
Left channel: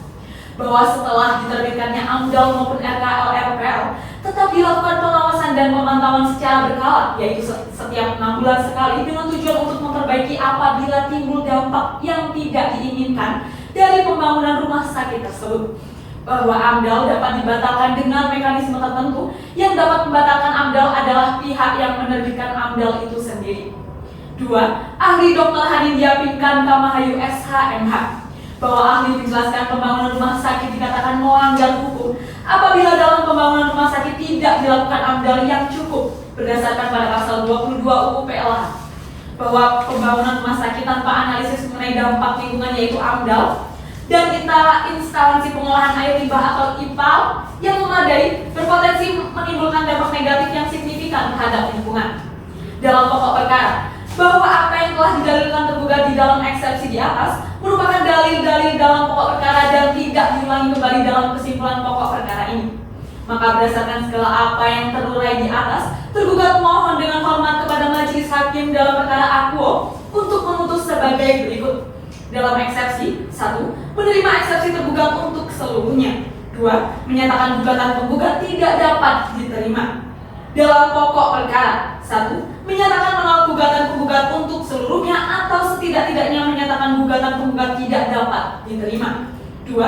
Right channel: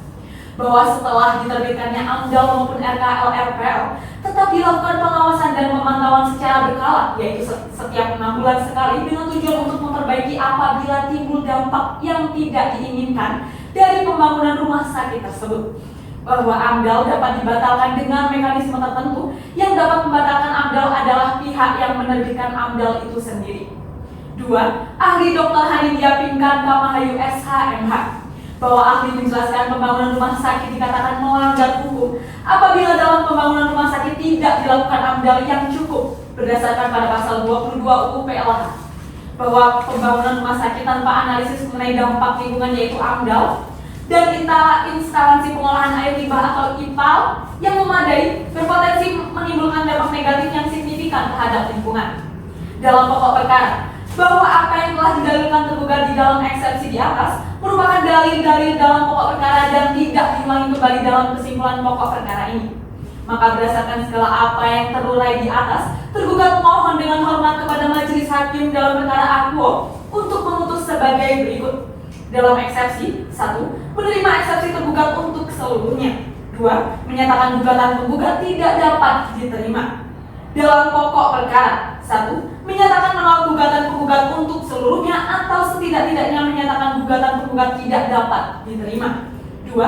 Bahwa setelah diterbitkannya AMDAL maupun RKL-RPL tetap dilakukan pengawasan dan pemantauan secara berkala, yaitu setiap 6 bulan sekali dengan tujuan untuk memperbaiki apabila timbul dampak yang tidak diinginkan dari pembangunan rumah sakit tersebut. Bahwa AMDAL dapat dibatalkan dengan mekanisme tertentu. Yang dapat membatalkan AMDAL adalah pihak yang menerbitkan AMDAL itu sendiri. 2. Ahli Dr. Hanindya Pinkan Kamahayu SHMH, bahwa ahli menjelaskan pembangunan rumah sakit dikatakan melanggar hukum apabila dalam pembangunan rumah sakit tidak dilakukan AMDAL yang cukup berdasarkan pada pasal 22 UU PLH. Bahwa pembangunan rumah sakit tanpa analisis mengenai dampak lingkungan yaitu AMDAL dan instalasi pengolahan air limbah atau IPAL yang memadai berpotensi menimbulkan dampak negatif yang signifikan terhadap lingkungan. Dalam pokok perkara, bahwa apa yang telah didalilkan tergugat di dalam eksepsi di atas merupakan dalil-dalil dalam pokok perkara dan tidak diulangi kembali dalam kesimpulan pokok perkara ini. Maka berdasarkan segala apa yang terurai di atas, tergugat mohon dengan hormat kepada majelis hakim dalam perkara akuo untuk memutus sebagai berikut. Dalam eksepsi, 1. Menerima eksepsi tergugat untuk seluruhnya. 2. Menyatakan gugatan penggugat tidak dapat diterima. Dalam pokok perkara, 1. Menyatakan menolak gugatan penggugat untuk seluruhnya atau setidak-tidaknya menyatakan gugatan penggugat tidak dapat diterima. 2.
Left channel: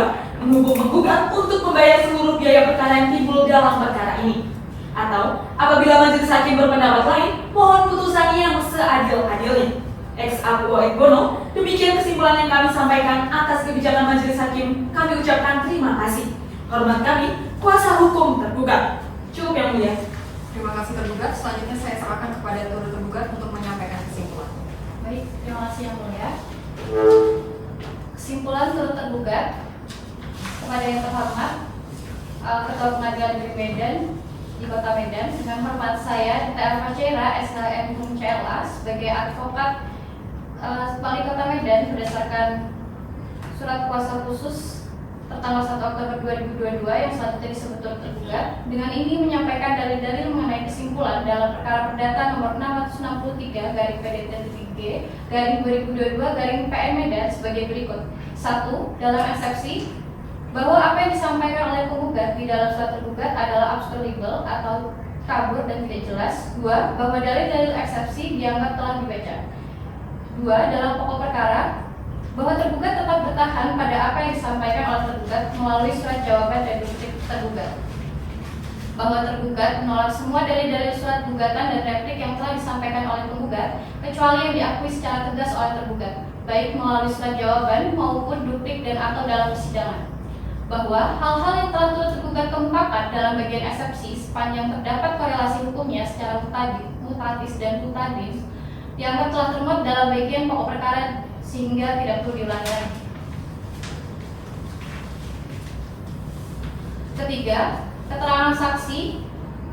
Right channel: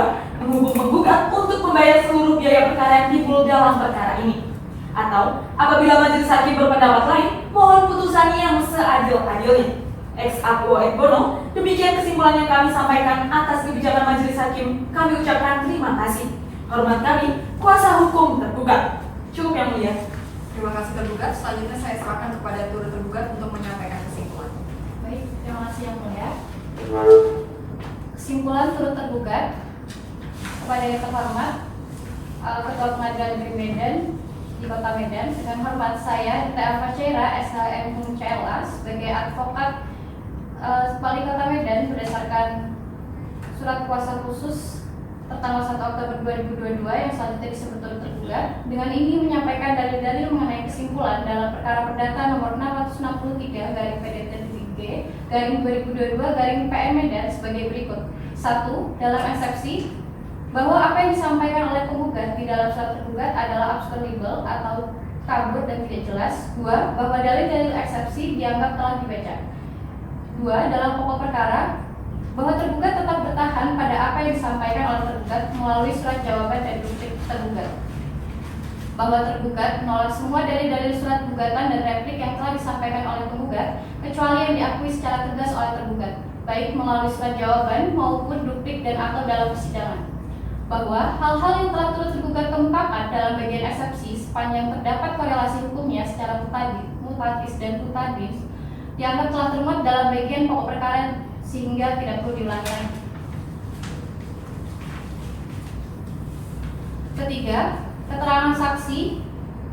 Menghukum penggugat untuk membayar seluruh biaya perkara yang timbul dalam perkara ini. Atau apabila majelis hakim berpendapat lain, mohon putusannya yang seadil-adilnya. Ex aquo et bono, demikian kesimpulan yang kami sampaikan atas kebijakan majelis hakim. Kami ucapkan terima kasih. Hormat kami, kuasa hukum tergugat. Cukup yang mulia. Terima kasih tergugat. Selanjutnya saya serahkan kepada turut tergugat untuk menyampaikan kesimpulan. Baik, terima kasih yang mulia. Kesimpulan turut tergugat kepada yang terhormat Ketua Pengadilan Negeri Medan di Kota Medan, dengan hormat saya Dita Alfachaira SHM CLA sebagai advokat Wali Kota Medan berdasarkan surat kuasa khusus tertanggal 1 Oktober 2022 yang selanjutnya disebut turut tergugat. Dengan ini menyampaikan dalil-dalil mengenai kesimpulan dalam perkara perdata nomor 663 garing PDT-G garing 2022 garing PN Medan sebagai berikut. 1. Dalam eksepsi bahwa apa yang disampaikan oleh penggugat di dalam surat tergugat adalah absurdibel atau kabur dan tidak jelas. 2. Bahwa dalil-dalil eksepsi dianggap telah dibaca. 2. Dalam pokok perkara, bahwa tergugat tetap bertahan pada apa yang disampaikan oleh tergugat melalui surat jawaban dan replik tergugat. Bahwa tergugat menolak semua dalil-dalil surat gugatan dan replik yang yang telah disampaikan oleh penggugat, kecuali yang diakui secara tegas oleh tergugat, baik melalui surat jawaban maupun duplik dan atau dalam persidangan. Bahwa hal-hal yang telah turut tergugat kemukakan dalam bagian eksepsi sepanjang terdapat korelasi hukumnya secara mutatis dan mutadis dianggap telah termuat dalam bagian pokok perkara sehingga tidak perlu diulangi lagi. Ketiga, keterangan saksi.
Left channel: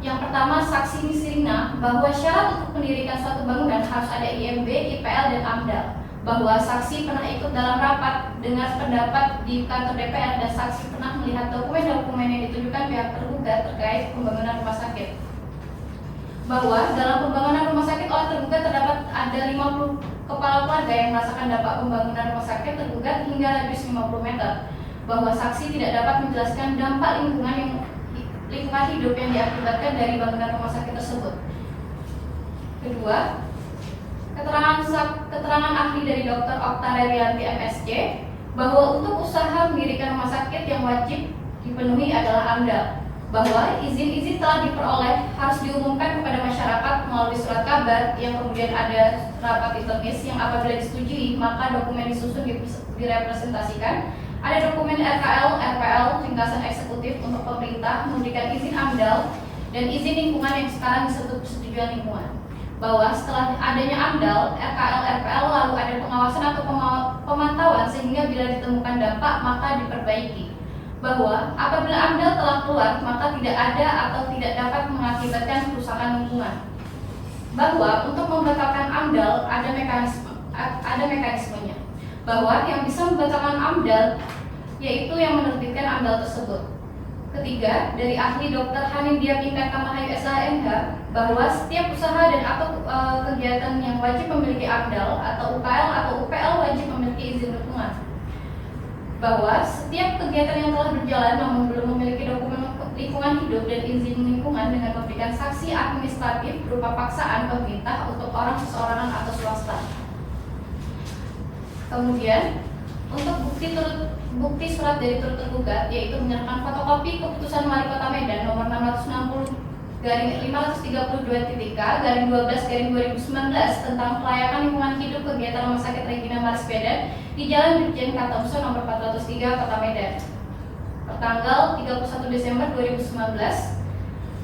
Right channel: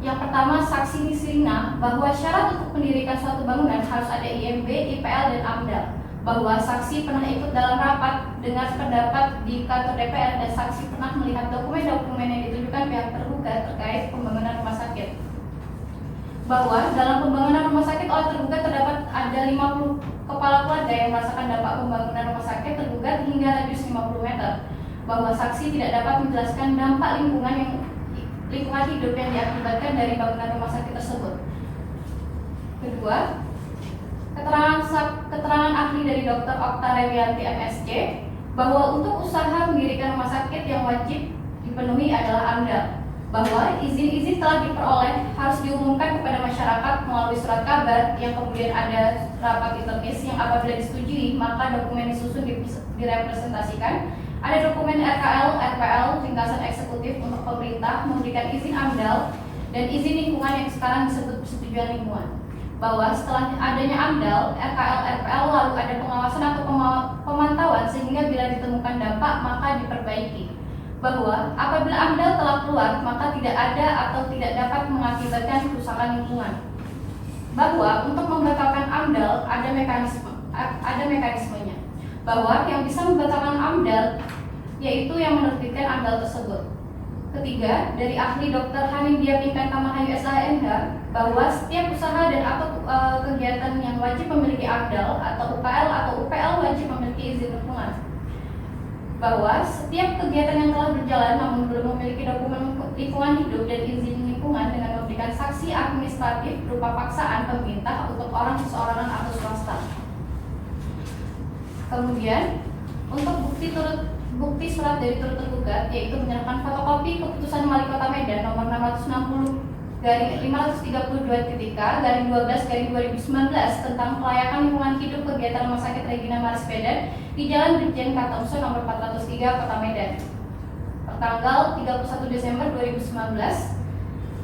Yang pertama, saksi Nisrina bahwa syarat untuk mendirikan suatu bangunan harus ada IMB, IPL, dan AMDAL. Bahwa saksi pernah ikut dalam rapat dengar pendapat di kantor DPR dan saksi pernah melihat dokumen-dokumen yang ditunjukkan pihak tergugat terkait pembangunan rumah sakit. Bahwa dalam pembangunan rumah sakit oleh tergugat terdapat ada 50 kepala keluarga yang merasakan dampak pembangunan rumah sakit tergugat hingga radius 50 meter. Bahwa saksi tidak dapat menjelaskan dampak lingkungan hidup yang diakibatkan dari bangunan rumah sakit tersebut. Kedua, keterangan ahli dari Dr. Okta Revianti MSc bahwa untuk usaha mendirikan rumah sakit yang wajib dipenuhi adalah AMDAL. Bahwa izin-izin telah diperoleh harus diumumkan kepada masyarakat melalui surat kabar yang kemudian ada rapat ditulis yang apabila disetujui maka dokumen disusun direpresentasikan. Ada dokumen RKL, RPL, ringkasan eksekutif untuk pemerintah memberikan izin AMDAL dan izin lingkungan yang sekarang disebut persetujuan lingkungan. Bahwa setelah adanya AMDAL, RKL, RPL lalu ada pengawasan atau pemantauan sehingga bila ditemukan dampak maka diperbaiki. Bahwa apabila AMDAL telah keluar maka tidak ada atau tidak dapat mengakibatkan kerusakan lingkungan. Bahwa untuk membatalkan AMDAL ada mekanismenya. Bahwa yang bisa membatalkan AMDAL yaitu yang menerbitkan AMDAL tersebut. Ketiga, dari ahli Dr. Hanindya Pinkan Kamahayu SHMH bahwa setiap usaha dan atau kegiatan yang wajib memiliki AMDAL atau UPL wajib memiliki izin lingkungan. Bahwa setiap kegiatan yang telah berjalan namun belum memiliki dokumen lingkungan hidup dan izin lingkungan dengan memberikan sanksi administratif berupa paksaan pemerintah untuk orang seseorangan atau swasta. Kemudian, untuk bukti surat dari turut tergugat yaitu menyerahkan fotokopi keputusan Wali Kota Medan nomor 660/532-K/12/2019 tentang kelayakan lingkungan hidup kegiatan Rumah Sakit Regina Maris Medan di Jalan Brigjen Kartonusa nomor 403 Kota Medan pertanggal 31 Desember 2019.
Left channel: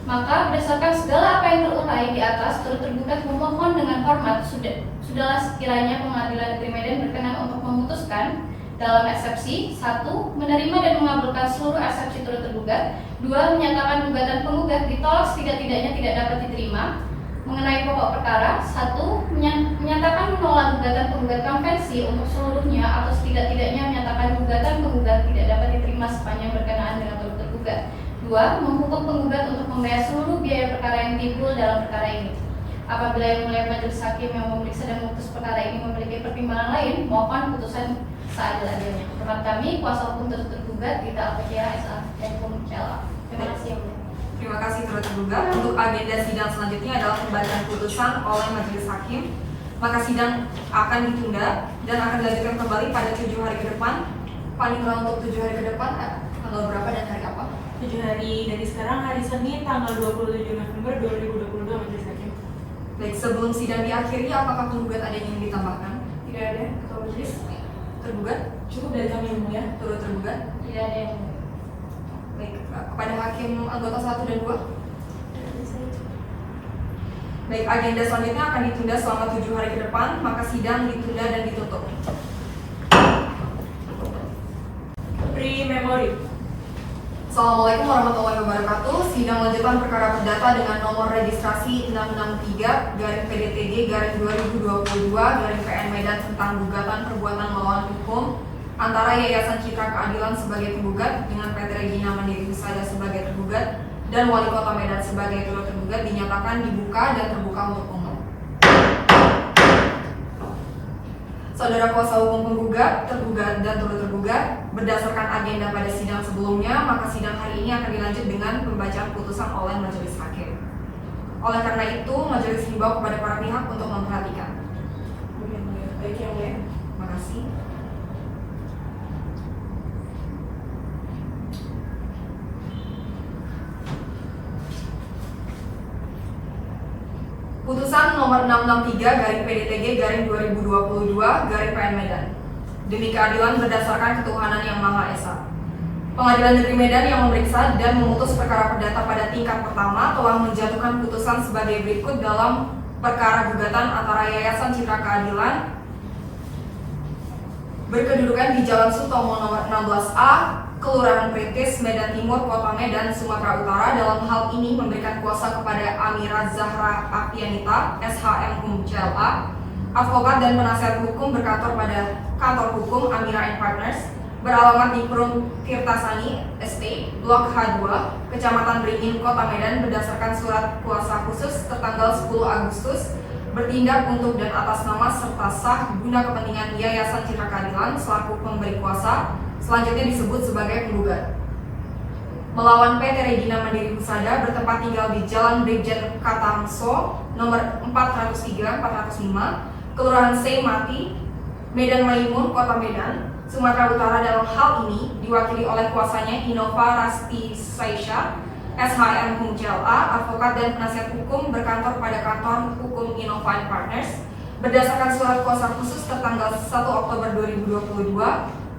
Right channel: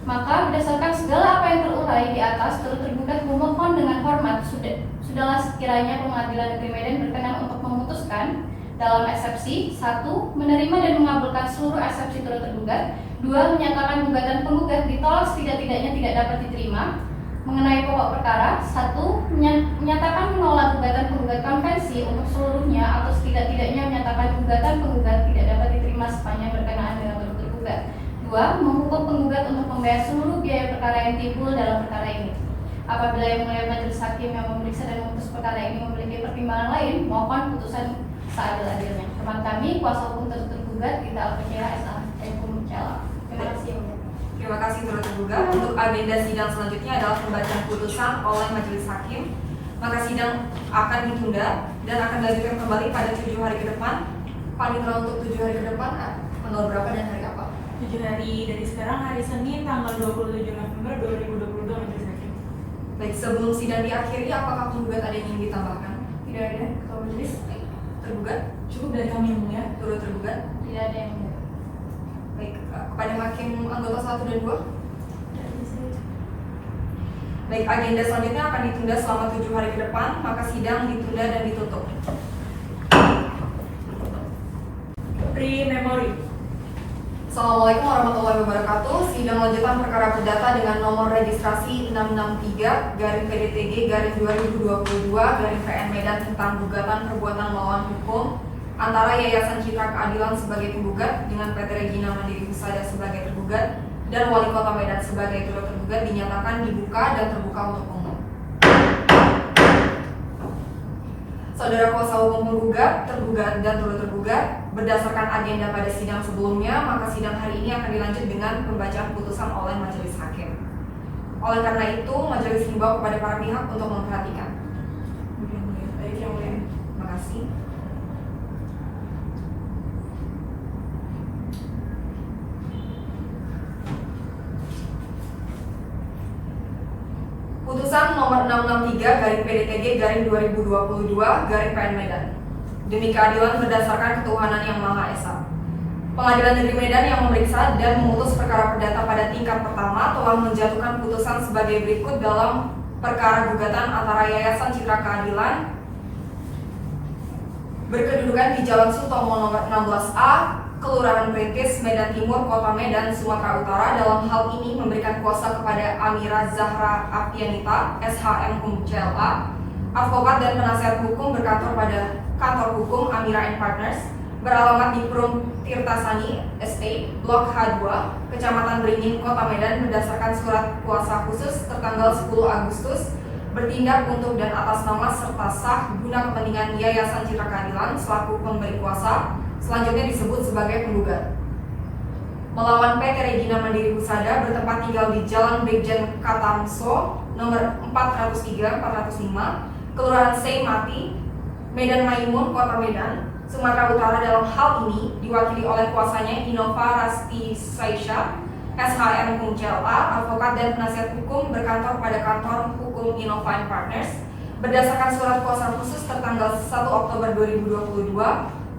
Maka berdasarkan segala apa yang terurai di atas, turut tergugat memohon dengan hormat sudahlah sekiranya Pengadilan Negeri Medan berkenan untuk memutuskan dalam eksepsi 1. Menerima dan mengabulkan seluruh eksepsi turut tergugat. 2. Menyatakan gugatan penggugat ditolak setidak-tidaknya tidak dapat diterima. Mengenai pokok perkara 1. Menyatakan menolak gugatan penggugat konvensi untuk seluruhnya atau setidak-tidaknya menyatakan gugatan penggugat tidak dapat diterima sepanjang berkenaan dengan turut tergugat. 2. Menghukum penggugat untuk membayar seluruh biaya perkara yang timbul dalam perkara ini. Apabila yang mulia majelis hakim yang memeriksa dan memutus perkara ini memiliki pertimbangan lain, mohon putusan seadil-adilnya. Hormat kami, kuasa hukum turut tergugat Gita Alfajira SHM CLA. Terima kasih yang mulia. Terima kasih turut tergugat. Untuk agenda sidang selanjutnya adalah pembacaan putusan oleh majelis hakim. Maka sidang akan ditunda dan akan dilanjutkan kembali pada 7 hari ke depan. Paling kurang untuk 7 hari ke depan, tanggal berapa dan hari apa? 7 hari dari sekarang, hari Senin tanggal 27 November 2022 majelis hakim. Baik, sebelum sidang diakhiri, apakah penggugat ada yang ingin ditambahkan? Tidak ada. Kalau majelis Tergugat? Cukup dari kami yang mulia. Turut tergugat? Tidak ada yang mulia. Baik, kepada hakim anggota 1 dan 2. Baik, agenda selanjutnya akan ditunda selama 7 hari ke depan, maka sidang ditunda dan ditutup. Pre-memori. Assalamualaikum warahmatullahi wabarakatuh. Sidang lanjutan perkara perdata dengan nomor registrasi 663-PDTG-2022-PN Medan tentang gugatan perbuatan melawan hukum antara Yayasan Citra Keadilan sebagai penggugat dengan PT Regina Mandiri Husada sebagai tergugat dan Wali Kota Medan sebagai turut tergugat dinyatakan dibuka dan terbuka untuk umum. Saudara kuasa hukum penggugat, tergugat, dan turut tergugat, berdasarkan agenda pada sidang sebelumnya, maka sidang hari ini akan dilanjut dengan pembacaan putusan oleh majelis hakim. Oleh karena itu, majelis himbau kepada para pihak untuk memperhatikan. baik yang mulia. Terima kasih. Putusan nomor 663/PDTG/2022/PN Medan. Demi keadilan berdasarkan ketuhanan yang Maha Esa. Pengadilan Negeri Medan yang memeriksa dan memutus perkara perdata pada tingkat pertama telah menjatuhkan putusan sebagai berikut dalam perkara gugatan antara Yayasan Citra Keadilan berkedudukan di Jalan Sutomo nomor 16A, Kelurahan Perintis, Medan Timur, Kota Medan, Sumatera Utara dalam hal ini memberikan kuasa kepada Amira Zahra Afianita, SHM CLA, advokat dan penasihat hukum berkantor pada kantor hukum Amira & Partners, beralamat di Perum Tirtasani Estate, Blok H2, Kecamatan Beringin, Kota Medan berdasarkan surat kuasa khusus tertanggal 10 Agustus, bertindak untuk dan atas nama serta sah guna kepentingan Yayasan Citra Keadilan selaku pemberi kuasa, selanjutnya disebut sebagai penggugat. Melawan PT Regina Mandiri Husada bertempat tinggal di Jalan Brigjen Katamso nomor 403-405, Kelurahan Seimati, Medan Maimun, Kota Medan, Sumatera Utara dalam hal ini diwakili oleh kuasanya Innova Rasti Saisha, SHM CLA, advokat dan penasihat hukum berkantor pada kantor hukum Innova & Partners, berdasarkan surat kuasa khusus tertanggal 1 Oktober 2022,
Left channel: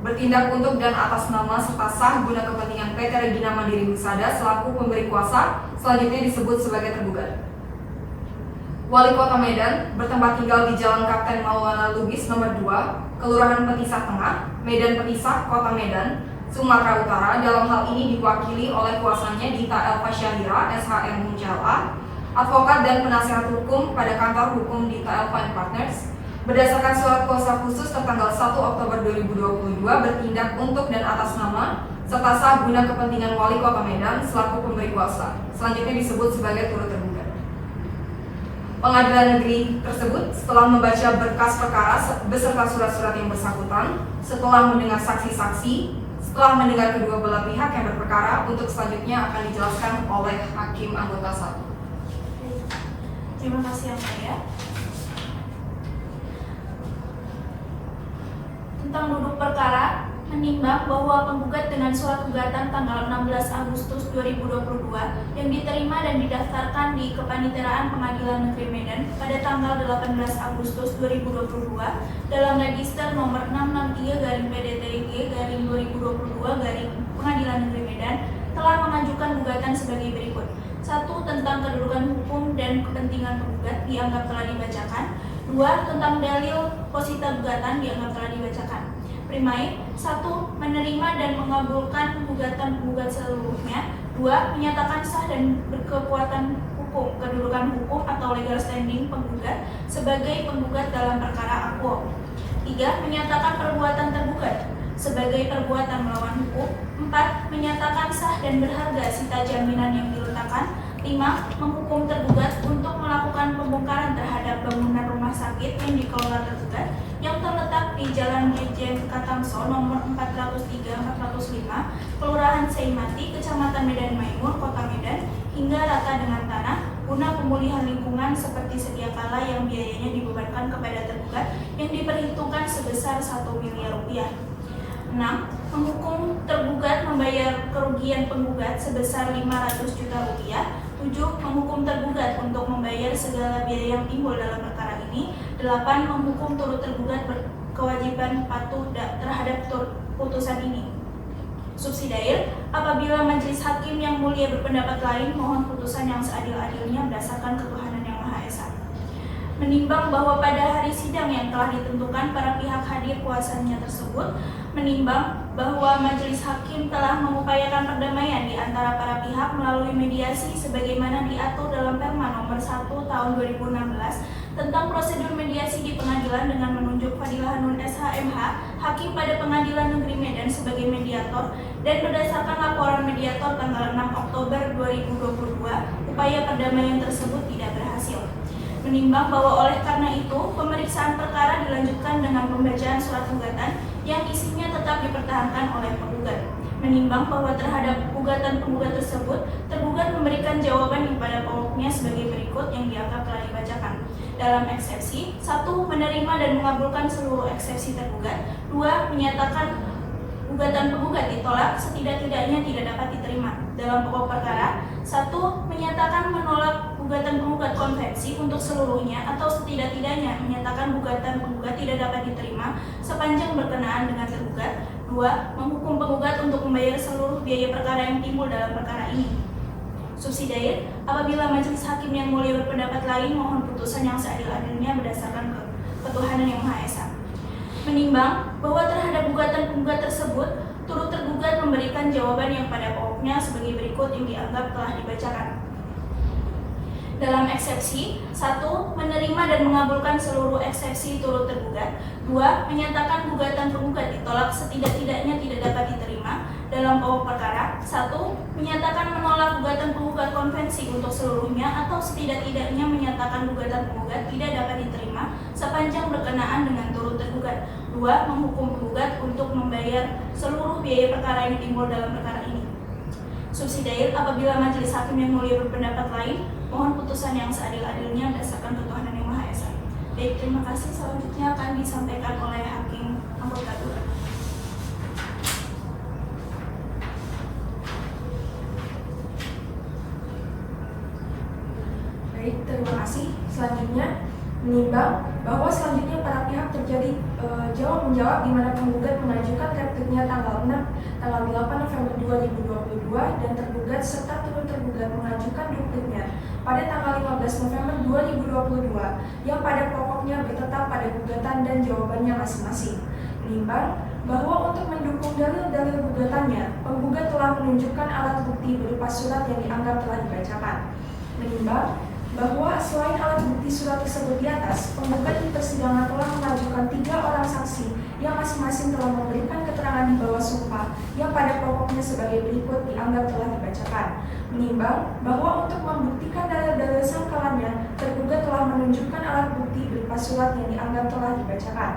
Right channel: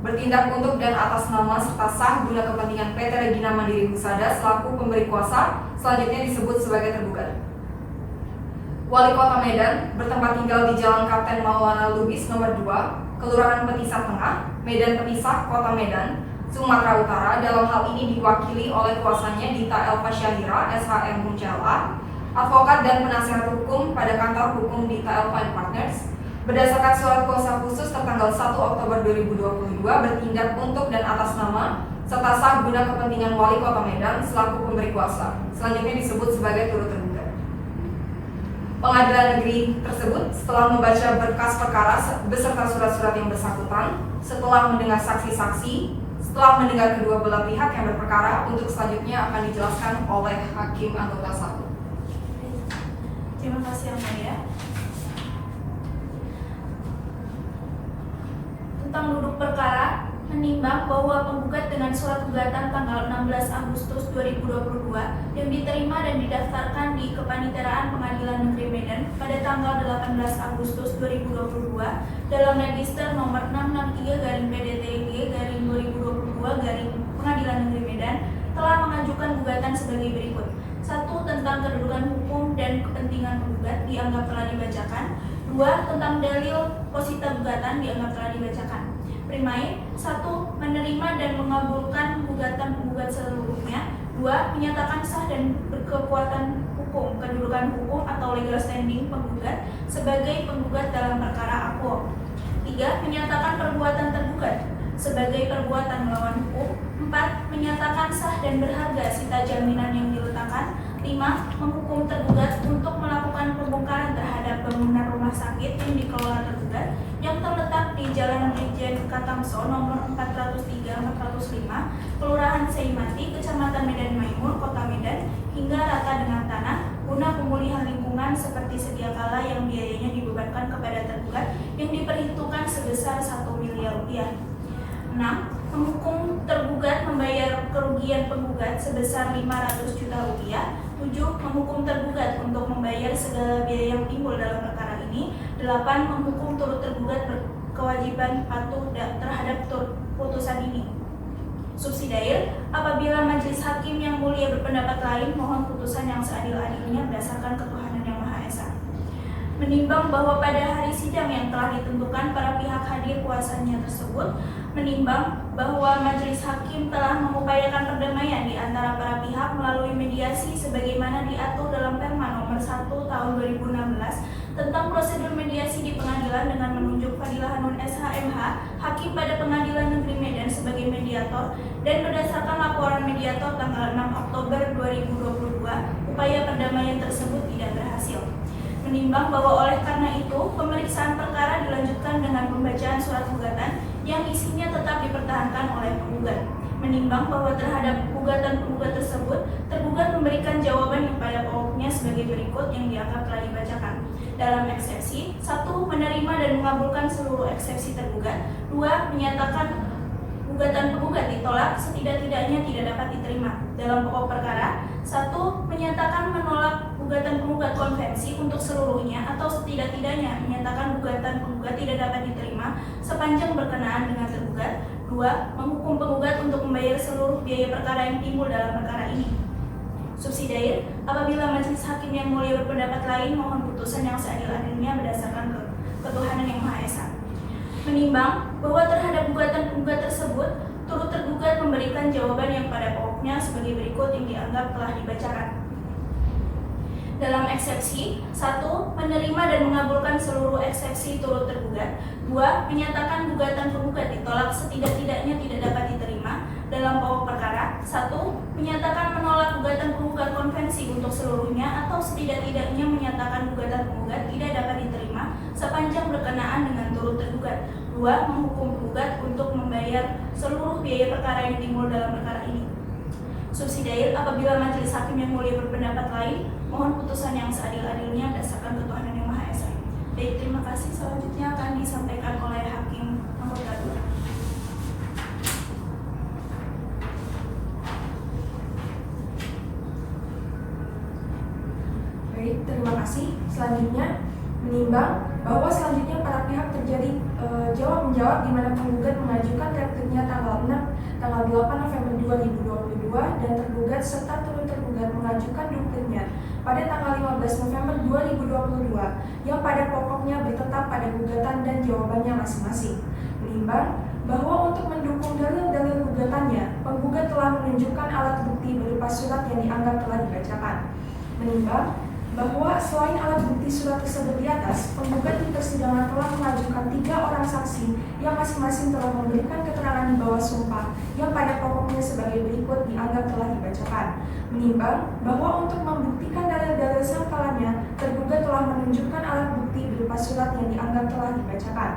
bertindak untuk dan atas nama serta sah guna kepentingan PT Regina Mandiri Husada selaku pemberi kuasa, selanjutnya disebut sebagai tergugat. Wali Kota Medan bertempat tinggal di Jalan Kapten Maulana Lubis nomor 2, Kelurahan Petisah Tengah, Medan Petisah, Kota Medan, Sumatera Utara dalam hal ini diwakili oleh kuasanya Dita Elva Syahira, SHM CLA, advokat dan penasihat hukum pada kantor hukum Dita Elva & Partners, berdasarkan surat kuasa khusus tertanggal 1 Oktober 2022 bertindak untuk dan atas nama serta sah guna kepentingan Wali Kota Medan selaku pemberi kuasa, selanjutnya disebut sebagai turut tergugat. Pengadilan negeri tersebut setelah membaca berkas perkara beserta surat-surat yang bersangkutan, setelah mendengar saksi-saksi, setelah mendengar kedua belah pihak yang berperkara, untuk selanjutnya akan dijelaskan oleh Hakim Anggota 1. Terima kasih Yang Mulia. Tentang duduk perkara, menimbang bahwa penggugat dengan surat gugatan tanggal 16 Agustus 2022 yang diterima dan didaftarkan di Kepaniteraan Pengadilan Negeri Medan pada tanggal 18 Agustus 2022 dalam register nomor 663/PDTG/2022 Pengadilan Negeri Medan telah mengajukan gugatan sebagai berikut. 1. Tentang kedudukan hukum dan kepentingan penggugat dianggap telah dibacakan. 2. Tentang dalil posita gugatan dianggap telah dibacakan. Primain, 1. Menerima dan mengabulkan gugatan penggugat seluruhnya. 2. Menyatakan sah dan berkekuatan hukum kedudukan hukum atau legal standing penggugat sebagai penggugat dalam perkara akuo. 3. Menyatakan perbuatan tergugat sebagai perbuatan melawan hukum. 4. Menyatakan sah dan berharga sita jaminan yang diletakkan. 5. Menghukum tergugat untuk melakukan pembongkaran terhadap bangunan rumah sakit yang dikelola tergugat yang terletak di Jalan Brigjen Katamso nomor 403-405, Kelurahan Seimati, Kecamatan Medan Maimun, Kota Medan, hingga rata dengan tanah guna pemulihan lingkungan seperti sedia kala yang biayanya dibebankan kepada tergugat yang diperhitungkan sebesar 1 miliar rupiah. 6. Menghukum tergugat membayar kerugian penggugat sebesar 500 juta rupiah. 7. Menghukum tergugat untuk membayar segala biaya yang timbul dalam perkara ini. 8. Menghukum turut tergugat berkewajiban patuh terhadap putusan ini. Subsidiar, apabila majelis hakim yang mulia berpendapat lain, mohon putusan yang seadil-adilnya berdasarkan ketuhanan yang Maha Esa. Menimbang bahwa pada hari sidang yang telah ditentukan para pihak hadir kuasanya tersebut, menimbang bahwa majelis hakim telah mengupayakan perdamaian di antara para pihak melalui mediasi sebagaimana diatur dalam Perma nomor 1 tahun 2016 tentang prosedur mediasi di pengadilan dengan menunjuk Fadilah Hanun SHMH, Hakim pada Pengadilan Negeri Medan sebagai mediator, dan berdasarkan laporan mediator tanggal 6 Oktober 2022, upaya perdamaian tersebut tidak berhasil. Menimbang bahwa oleh karena itu, pemeriksaan perkara dilanjutkan dengan pembacaan surat gugatan yang isinya tetap dipertahankan oleh penggugat. Menimbang bahwa terhadap gugatan penggugat tersebut, tergugat memberikan jawaban yang pada pokoknya sebagai berikut yang dianggap telah dibacakan. Dalam eksepsi, 1. Menerima dan mengabulkan seluruh eksepsi tergugat. 2. Menyatakan gugatan penggugat ditolak setidak-tidaknya tidak dapat diterima. Dalam pokok perkara, 1. Menyatakan menolak gugatan penggugat konvensi untuk seluruhnya atau setidak-tidaknya menyatakan gugatan penggugat tidak dapat diterima sepanjang berkenaan dengan tergugat. 2. Menghukum penggugat untuk membayar seluruh biaya perkara yang timbul dalam perkara ini. Subsidiar, apabila majelis hakim yang mulia berpendapat lain, mohon putusan yang seadil-adilnya berdasarkan ketuhanan yang Maha Esa. Menimbang bahwa terhadap gugatan penggugat tersebut, turut tergugat memberikan jawaban yang pada pokoknya sebagai berikut yang dianggap telah dibacakan. Dalam eksepsi, 1. Menerima dan mengabulkan seluruh eksepsi turut tergugat. 2. Menyatakan gugatan penggugat ditolak setidak-tidaknya tidak dapat diterima. Dalam pokok perkara, 1. Menyatakan menolak gugatan penggugat konvensi untuk seluruhnya atau setidak-tidaknya menyatakan gugatan penggugat tidak dapat diterima sepanjang berkenaan dengan turut tergugat. 2. Menghukum penggugat untuk membayar seluruh biaya perkara yang timbul dalam perkara ini. Subsidiar, apabila majelis hakim yang mulia berpendapat lain, mohon putusan yang seadil-adilnya berdasarkan ketuhanan yang Maha Esa. Baik, terima kasih. Selanjutnya akan disampaikan oleh Hakim Anggota 2. Baik, terima kasih. Selanjutnya, menimbang bahwa selanjutnya para pihak terjadi jawab-menjawab di mana penggugat mengajukan repliknya tanggal 8 November 2022 dan tergugat serta turut tergugat mengajukan dupliknya pada tanggal 15 November 2022 yang pada pokoknya bertetap pada gugatan dan jawabannya masing-masing. Menimbang bahwa untuk mendukung dalil-dalil gugatannya, penggugat telah menunjukkan alat bukti berupa surat yang dianggap telah dibacakan. Menimbang bahwa selain alat bukti surat tersebut di atas, penggugat di persidangan telah mengajukan 3 orang saksi yang masing-masing telah memberikan keterangan di bawah sumpah yang pada pokoknya sebagai berikut dianggap telah dibacakan. Menimbang bahwa untuk membuktikan dalil-dalil sangkalannya, tergugat telah menunjukkan alat bukti berupa surat yang dianggap telah dibacakan.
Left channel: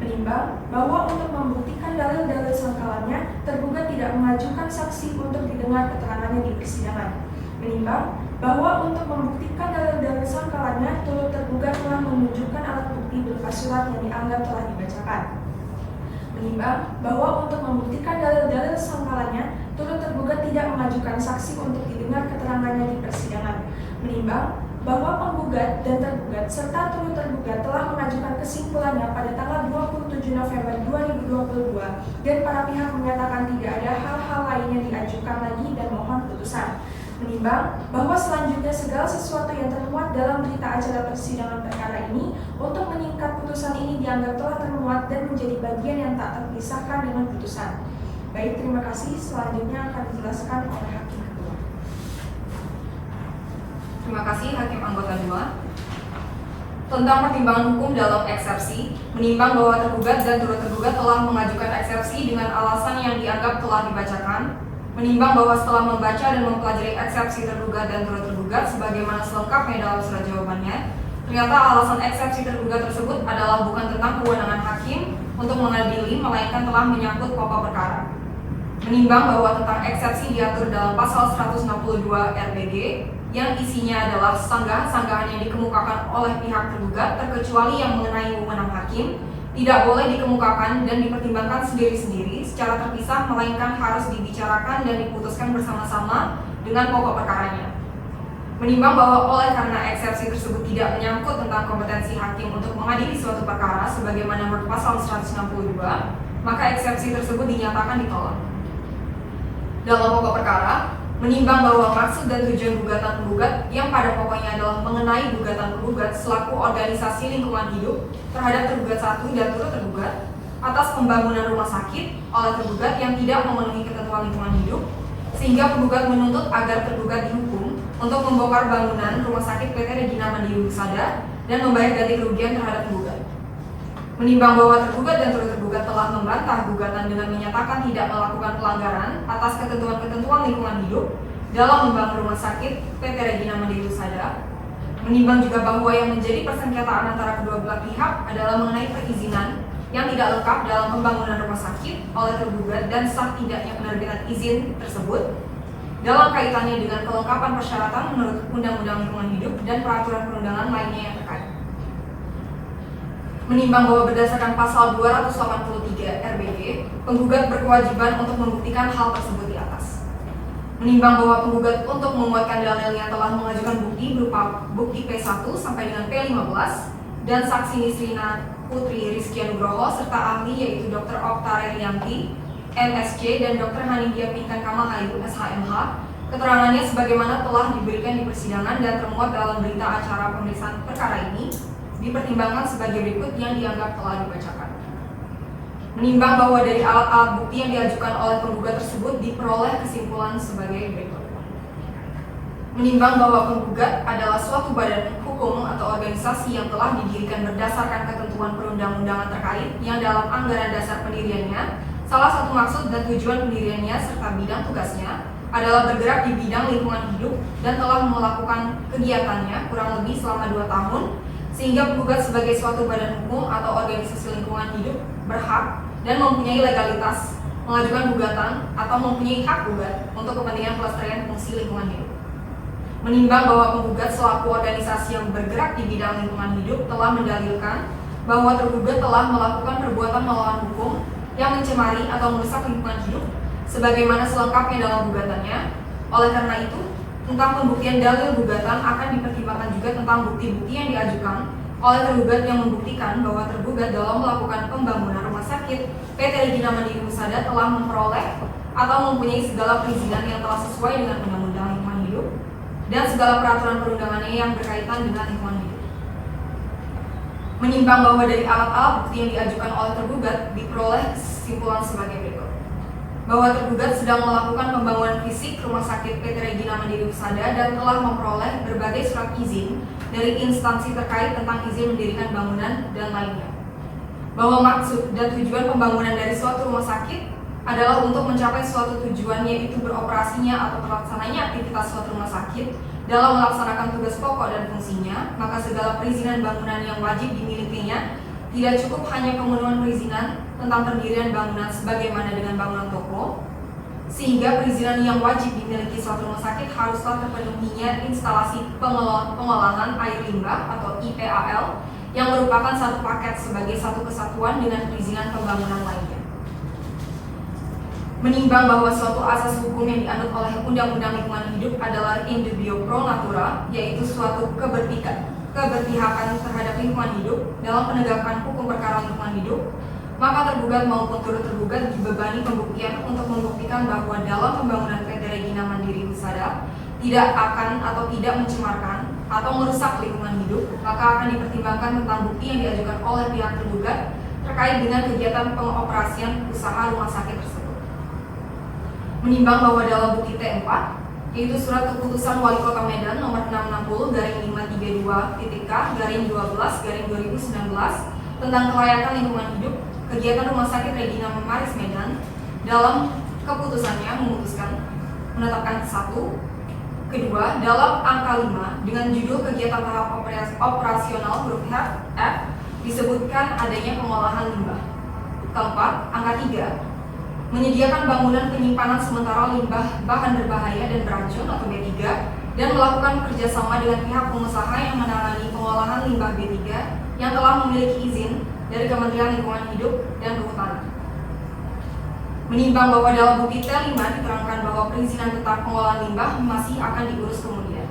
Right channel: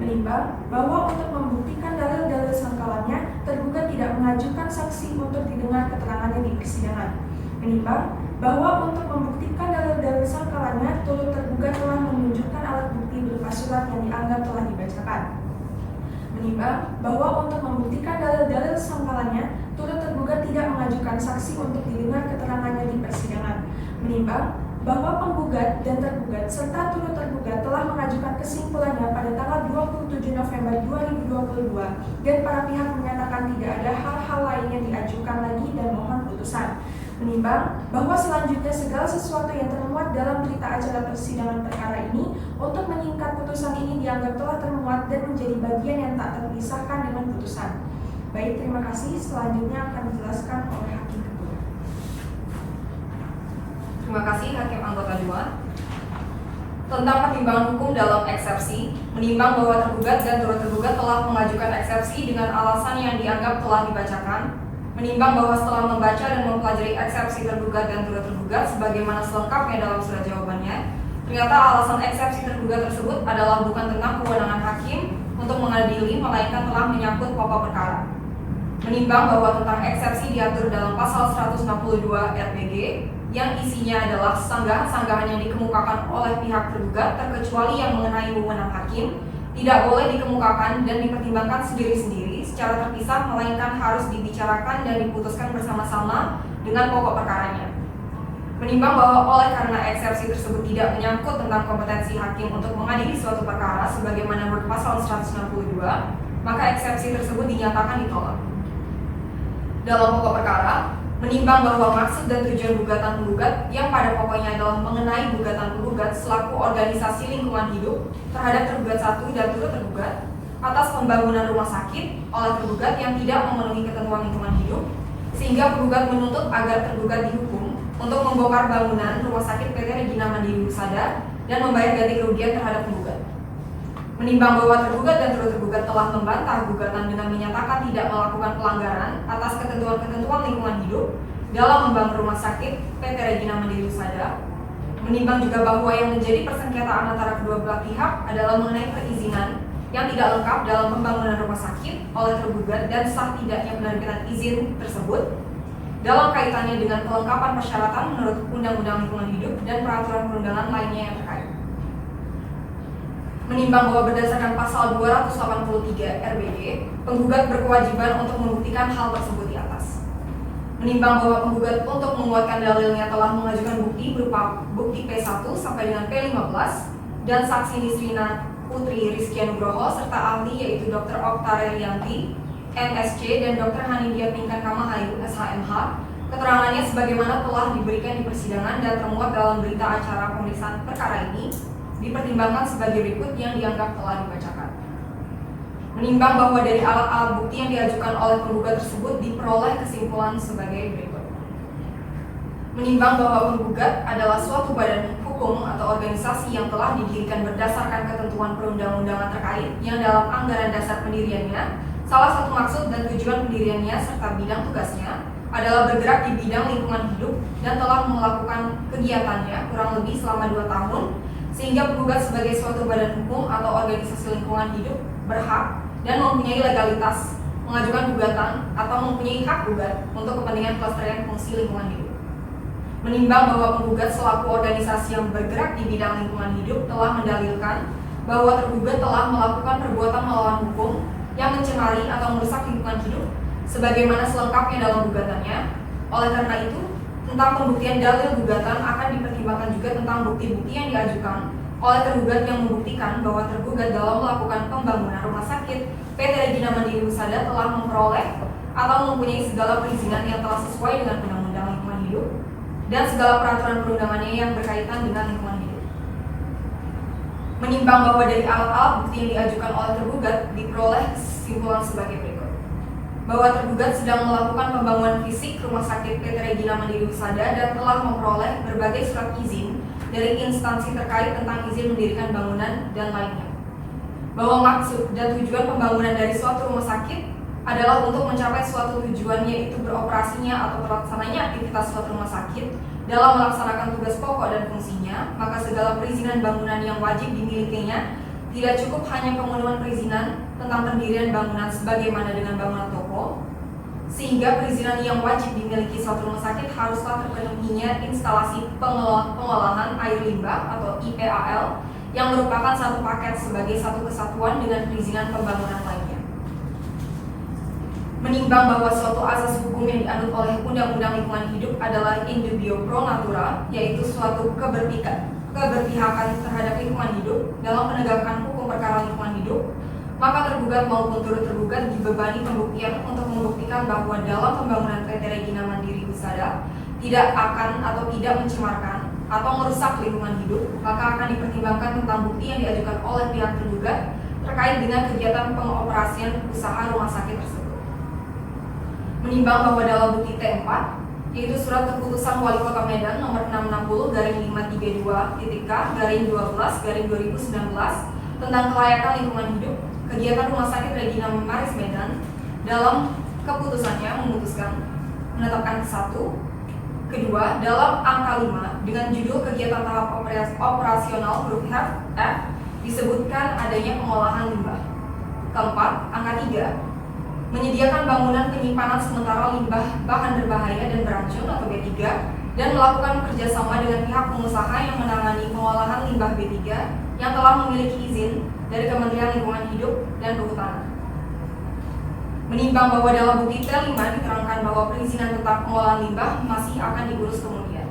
Menimbang bahwa untuk membuktikan dalil-dalil sangkalannya, tergugat tidak mengajukan saksi untuk didengar keterangannya di persidangan. Menimbang bahwa untuk membuktikan dalil-dalil sangkalannya, turut tergugat telah menunjukkan alat bukti berupa surat yang dianggap telah dibacakan. Menimbang bahwa untuk membuktikan dalil-dalil sangkalannya, turut tergugat tidak mengajukan saksi untuk didengar keterangannya di persidangan. Menimbang bahwa penggugat dan tergugat serta turut tergugat telah mengajukan kesimpulannya pada tanggal 27 November 2022 dan para pihak menyatakan tidak ada hal-hal lain yang diajukan lagi dan mohon putusan. Menimbang bahwa selanjutnya segala sesuatu yang termuat dalam berita acara persidangan perkara ini untuk menyingkat putusan ini dianggap telah termuat dan menjadi bagian yang tak terpisahkan dengan putusan. Baik, terima kasih. Selanjutnya akan dijelaskan oleh Hakim Ketua. Terima kasih Hakim Anggota 2. Tentang pertimbangan hukum dalam eksepsi, menimbang bahwa tergugat dan turut tergugat telah mengajukan eksepsi dengan alasan yang dianggap telah dibacakan. Menimbang bahwa setelah membaca dan mempelajari eksepsi tergugat dan turut tergugat sebagaimana selengkapnya dalam surat jawabannya, ternyata alasan eksepsi tergugat tersebut adalah bukan tentang kewenangan hakim untuk mengadili, melainkan telah menyangkut pokok perkara. Menimbang bahwa tentang eksepsi diatur dalam pasal 162 RPG yang isinya adalah sanggahan-sanggahan yang dikemukakan oleh pihak tergugat terkecuali yang mengenai wewenang hakim, tidak boleh dikemukakan dan dipertimbangkan sendiri-sendiri secara terpisah, melainkan harus dibicarakan dan diputuskan bersama-sama dengan pokok perkaranya. Menimbang bahwa oleh karena eksepsi tersebut tidak menyangkut tentang kompetensi hakim untuk mengadili suatu perkara sebagaimana berpasal 162, maka eksepsi tersebut dinyatakan ditolak. Dalam pokok perkara, menimbang bahwa maksud dan tujuan gugatan penggugat yang pada pokoknya adalah mengenai gugatan penggugat selaku organisasi lingkungan hidup terhadap tergugat 1 dan turut tergugat atas pembangunan rumah sakit oleh tergugat yang tidak memenuhi ketentuan lingkungan hidup, sehingga penggugat menuntut agar tergugat dihukum untuk membongkar bangunan rumah sakit PT Regina Mandiri Husada dan membayar ganti kerugian terhadap penggugat. Menimbang bahwa tergugat dan turut tergugat telah membantah gugatan dengan menyatakan tidak melakukan pelanggaran atas ketentuan-ketentuan lingkungan hidup dalam membangun rumah sakit PT Regina Mandiri Husada. Menimbang juga bahwa yang menjadi persengketaan antara kedua belah pihak adalah mengenai perizinan yang tidak lengkap dalam pembangunan rumah sakit oleh tergugat dan sah tidaknya penerbitan izin tersebut dalam kaitannya dengan kelengkapan persyaratan menurut Undang-Undang Lingkungan Hidup dan peraturan perundangan lainnya yang terkait. Menimbang bahwa berdasarkan pasal 283 RBD, penggugat berkewajiban untuk membuktikan hal tersebut di atas. Menimbang bahwa penggugat untuk menguatkan dalilnya telah mengajukan bukti berupa bukti P1 sampai dengan P15 dan saksi Nisrina Putri Rizky Nugroho serta ahli yaitu Dr. Okta Relianti, MSc dan Dr. Hanidia Pinkan Kamahayu, SHMH, keterangannya sebagaimana telah diberikan di persidangan dan termuat dalam berita acara pemeriksaan perkara ini dipertimbangkan sebagai berikut yang dianggap telah dibacakan. Menimbang bahwa dari alat-alat bukti yang diajukan oleh penggugat tersebut diperoleh kesimpulan sebagai berikut. Menimbang bahwa penggugat adalah suatu badan hukum atau organisasi yang telah didirikan berdasarkan ketentuan perundang-undangan terkait yang dalam anggaran dasar pendiriannya, salah satu maksud dan tujuan pendiriannya serta bidang tugasnya adalah bergerak di bidang lingkungan hidup dan telah melakukan kegiatannya kurang lebih selama 2 tahun, sehingga penggugat sebagai suatu badan hukum atau organisasi lingkungan hidup berhak dan mempunyai legalitas mengajukan gugatan atau mempunyai hak gugat untuk kepentingan pelestarian fungsi lingkungan hidup. Menimbang bahwa penggugat selaku organisasi yang bergerak di bidang lingkungan hidup telah mendalilkan bahwa tergugat telah melakukan perbuatan melawan hukum yang mencemari atau merusak lingkungan hidup sebagaimana selengkapnya dalam gugatannya. Oleh karena itu, tentang pembuktian dalil gugatan akan dipertimbangkan juga tentang bukti-bukti yang diajukan oleh tergugat yang membuktikan bahwa tergugat dalam melakukan pembangunan rumah sakit PT Regina Mandiri Husada telah memperoleh atau mempunyai segala perizinan yang telah sesuai dengan Undang-Undang Lingkungan Hidup dan segala peraturan perundangannya yang berkaitan dengan lingkungan hidup. Menimbang bahwa dari alat-alat bukti yang diajukan oleh tergugat diperoleh kesimpulan sebagai berikut. Bahwa tergugat sedang melakukan pembangunan fisik rumah sakit PT Regina Mandiri Husada dan telah memperoleh berbagai surat izin dari instansi terkait tentang izin mendirikan bangunan dan lainnya. Bahwa maksud dan tujuan pembangunan dari suatu rumah sakit adalah untuk mencapai suatu tujuan, yaitu beroperasinya atau terlaksananya aktivitas suatu rumah sakit dalam melaksanakan tugas pokok dan fungsinya, maka segala perizinan bangunan yang wajib dimilikinya tidak cukup hanya pemenuhan perizinan tentang pendirian bangunan sebagaimana dengan bangunan toko, sehingga perizinan yang wajib dimiliki suatu rumah sakit haruslah terpenuhinya instalasi pengolahan air limbah atau IPAL yang merupakan satu paket sebagai satu kesatuan dengan perizinan pembangunan lainnya. Menimbang bahwa suatu asas hukum yang dianut oleh Undang-Undang Lingkungan Hidup adalah in dubio pro natura, yaitu suatu keberpihakan terhadap lingkungan hidup dalam penegakan hukum perkara lingkungan hidup, maka tergugat maupun turut tergugat dibebani pembuktian untuk membuktikan bahwa dalam pembangunan PT Regina Mandiri Husada tidak akan atau tidak mencemarkan atau merusak lingkungan hidup, maka akan dipertimbangkan tentang bukti yang diajukan oleh pihak tergugat terkait dengan kegiatan pengoperasian usaha rumah sakit tersebut. Menimbang bahwa dalam bukti T4, yaitu surat keputusan Wali Kota Medan nomor 660/532-K/12/2019 tentang kelayakan lingkungan hidup kegiatan Rumah Sakit Regina Maris Medan, dalam keputusannya memutuskan menetapkan satu, kedua, dalam angka 5 dengan judul kegiatan tahap operasional huruf F disebutkan adanya pengolahan limbah. Keempat, angka 3 menyediakan bangunan penyimpanan sementara limbah bahan berbahaya dan beracun atau B3 dan melakukan kerjasama dengan pihak pengusaha yang menangani pengolahan limbah B3 yang telah memiliki izin dari Kementerian Lingkungan Hidup dan Kehutanan. Menimbang bahwa dalam bukti T5 diterangkan bahwa perizinan tentang pengolahan limbah masih akan diurus kemudian.